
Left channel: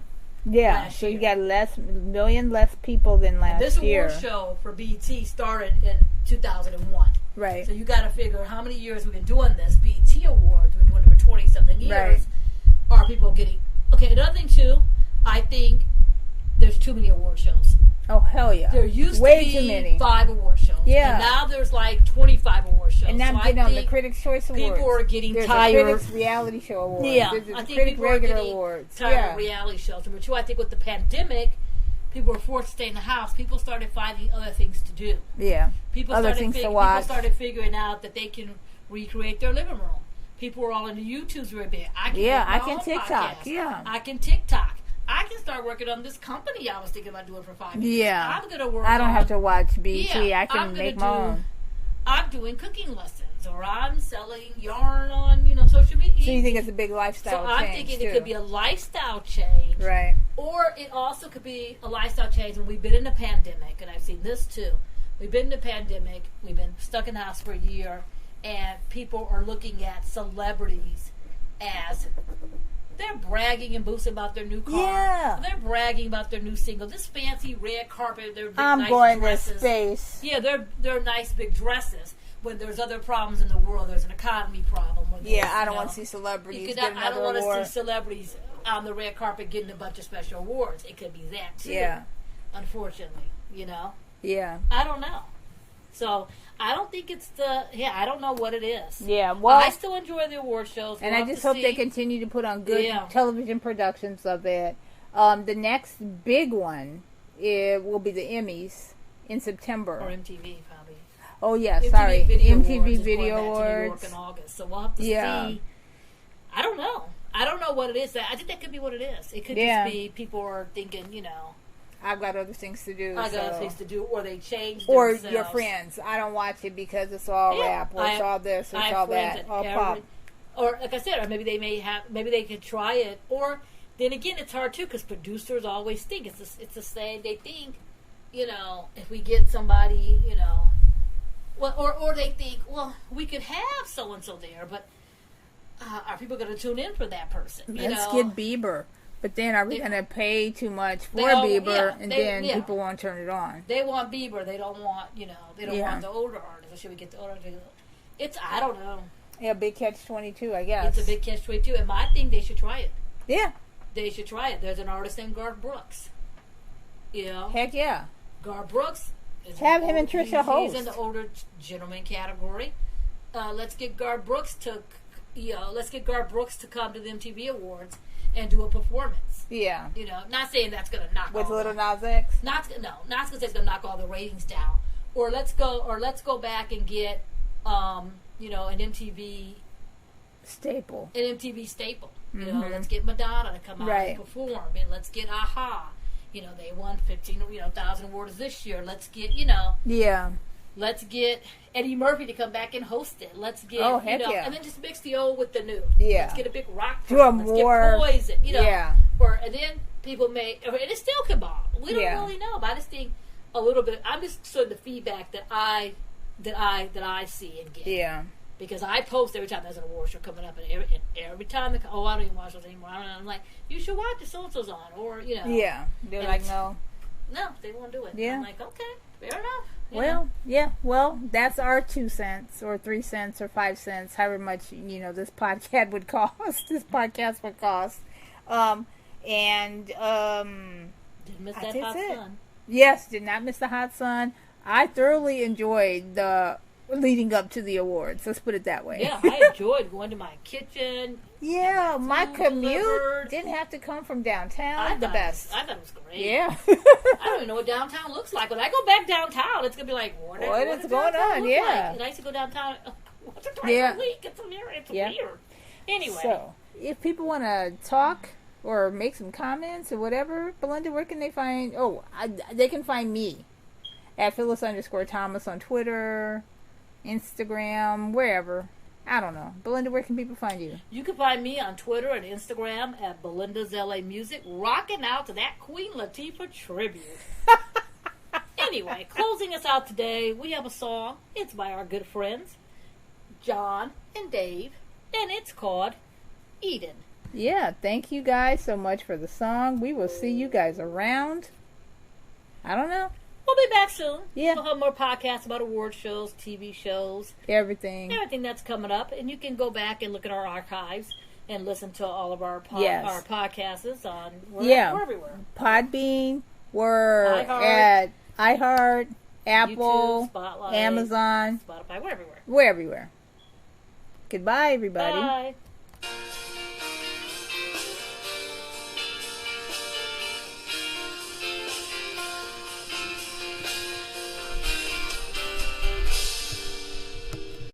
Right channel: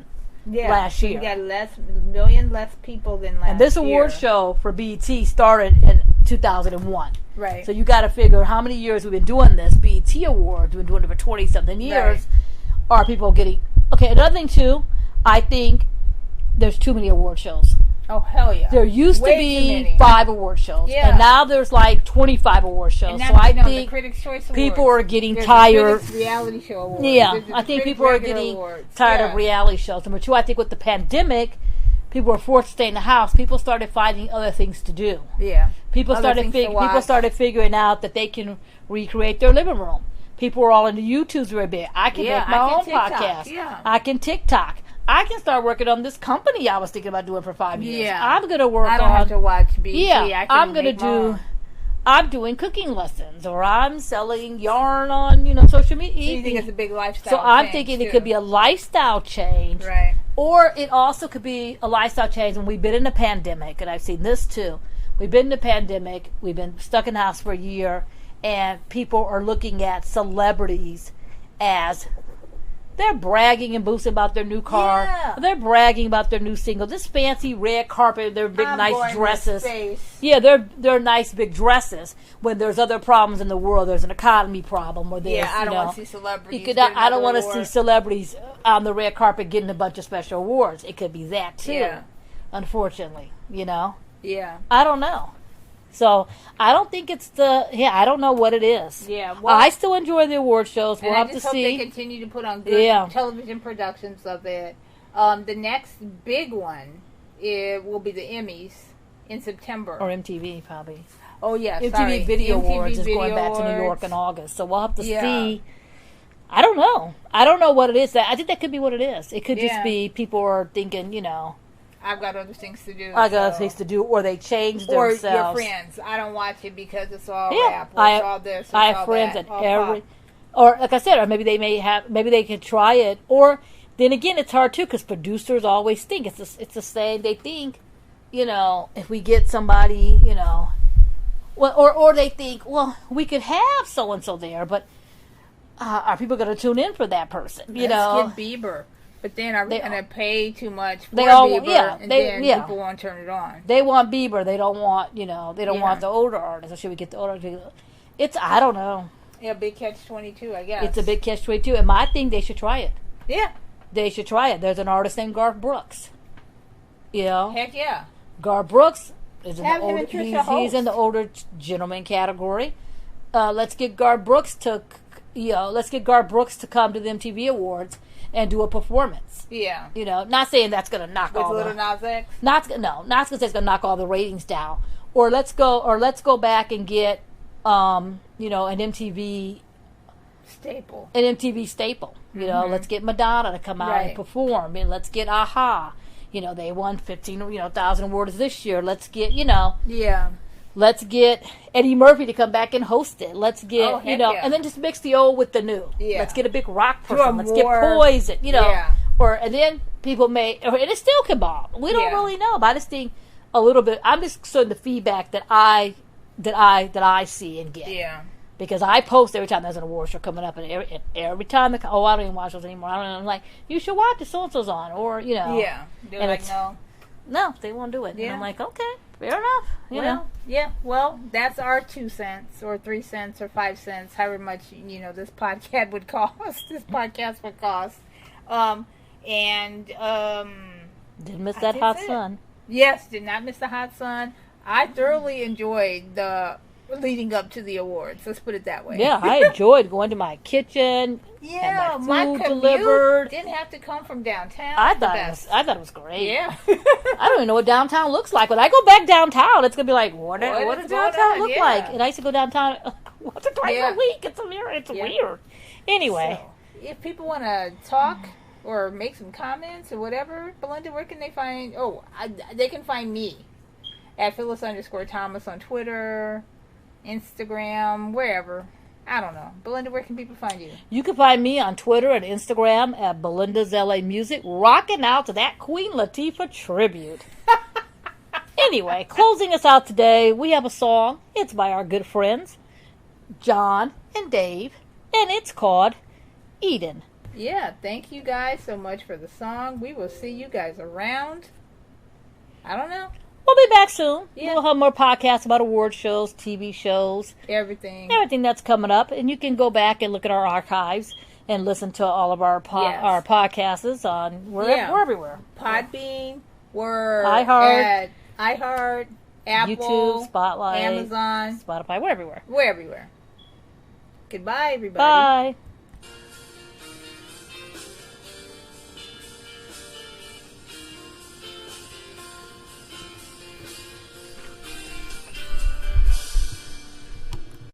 last year. You got million less people than last year. And this award show for BET started in 2001. Right. So you got to figure how many years we've been doing this. BET Awards, we've been doing it for 20-something years. Right. Are people getting... Okay, another thing, too, I think there's too many award shows. Oh, hell yeah. There used to be 5 award shows. Yeah. And now there's like 25 award shows. And now so I think the Critics' Choice Awards. People are getting there's tired. The Critics' Reality Show Awards. Yeah, I think people are getting awards. tired of reality shows. Number 2, I think with the pandemic, people were forced to stay in the house. People started finding other things to do. Yeah. People started figuring out that they can recreate their living room. People were all into YouTube's very big. I can make my own podcast. Yeah. I can TikTok. I can start working on this company I was thinking about doing for 5 years. Yeah. I'm going to work on... I don't have to watch BET. Yeah. I'm going to do... I'm doing cooking lessons, or I'm selling yarn on, social media. So you think it's a big lifestyle change? So I'm thinking it could be a lifestyle change. Right. Or it also could be a lifestyle change when we've been in a pandemic, and I've seen this too. We've been in a pandemic, we've been stuck in the house for a year, and people are looking at celebrities as... They're bragging and boasting about their new car. Yeah. They're bragging about their new single. This fancy red carpet, their big nice dresses. Space. Yeah, they're nice big dresses. When there's other problems in the world, there's an economy problem. Or I don't want to see celebrities. I don't want to see celebrities on the red carpet getting a bunch of special awards. It could be that too. Yeah. Unfortunately, Yeah. I don't know. So, I don't think it's I don't know what it is. Yeah, well... I still enjoy the award shows. And I just hope they continue to put on good television productions of it. The next big one will be the Emmys in September. Or MTV, probably. Oh, yeah, MTV Video MTV Awards is going back to New York in August. So, we'll have to see. I don't know. I don't know what it is. I think that could be what it is. It could just be people are thinking, I've got other things to do. Other things to do, or they change themselves. Or your friends. I don't watch it because it's all rap, or it's all this, or I it's all have friends that. at or like I said, or maybe they could try it. Or then again, it's hard too because producers always think it's the same. They think, if we get somebody, or they think, well, we could have so and so there, but are people going to tune in for that person? Let's get Bieber. But then are we going to pay too much for Bieber, people won't turn it on? They want Bieber. They don't want, they don't want the older artists. Or should we get the older artists? I don't know. Yeah, big catch-22, I guess. It's a big catch-22. And I think they should try it. Yeah. They should try it. There's an artist named Garth Brooks. Heck yeah. Garth Brooks is him and Trisha host. He's in the older gentleman category. Let's get Garth Brooks to come to the MTV Awards and do a performance. Yeah. Not saying that's going to knock with Little Nas X. Not going to say it's going to knock all the ratings down. Or let's go back and get an MTV staple. Let's get Madonna to come out and perform, and let's get Aha. They won 15,000 awards this year. Let's get Let's get Eddie Murphy to come back and host it. Let's get and then just mix the old with the new. Yeah. Let's get a big rock person. Let's get Poison. And then people may, and it still can bomb. We don't really know. But I just think a little bit. I'm just showing the feedback that I see and get. Yeah. Because I post every time there's an award show coming up, and every time I don't even watch those anymore. I don't know. I'm like, you should watch it. So and so's on, or Yeah. They're like, no, they won't do it. Yeah. And I'm like, okay, fair enough. Well, that's our 2 cents, or 3 cents, or 5 cents, however much this podcast would cost. Didn't miss that hot sun. Yes, did not miss the hot sun. I thoroughly enjoyed the leading up to the awards. Let's put it that way. Yeah, I enjoyed going to my kitchen. Yeah, my commute didn't have to come from downtown. I thought it was great. Yeah. I don't even know what downtown looks like. When I go back downtown, it's going to be like, what does downtown look like? And I used to go downtown once or twice a week. It's weird. Anyway. So, if people want to talk or make some comments or whatever, Belinda, where can they find... they can find me at Phyllis_Thomas on Twitter, Instagram, wherever. I don't know. Belinda, where can people find you? You can find me on Twitter and Instagram at Belinda's LA Music, rocking out to that Queen Latifah tribute. Anyway, closing us out today, we have a song. It's by our good friends, John and Dave, and it's called Eden. Yeah, thank you guys so much for the song. We will see you guys around. I don't know. We'll be back soon. Yeah. We'll have more podcasts about award shows, TV shows. Everything that's coming up. And you can go back and look at our archives and listen to all of our podcasts on... We're everywhere. Podbean. We're at iHeart, Apple, YouTube, Spotlight, Amazon, Spotify. We're everywhere. We're everywhere. Goodbye, everybody. Bye.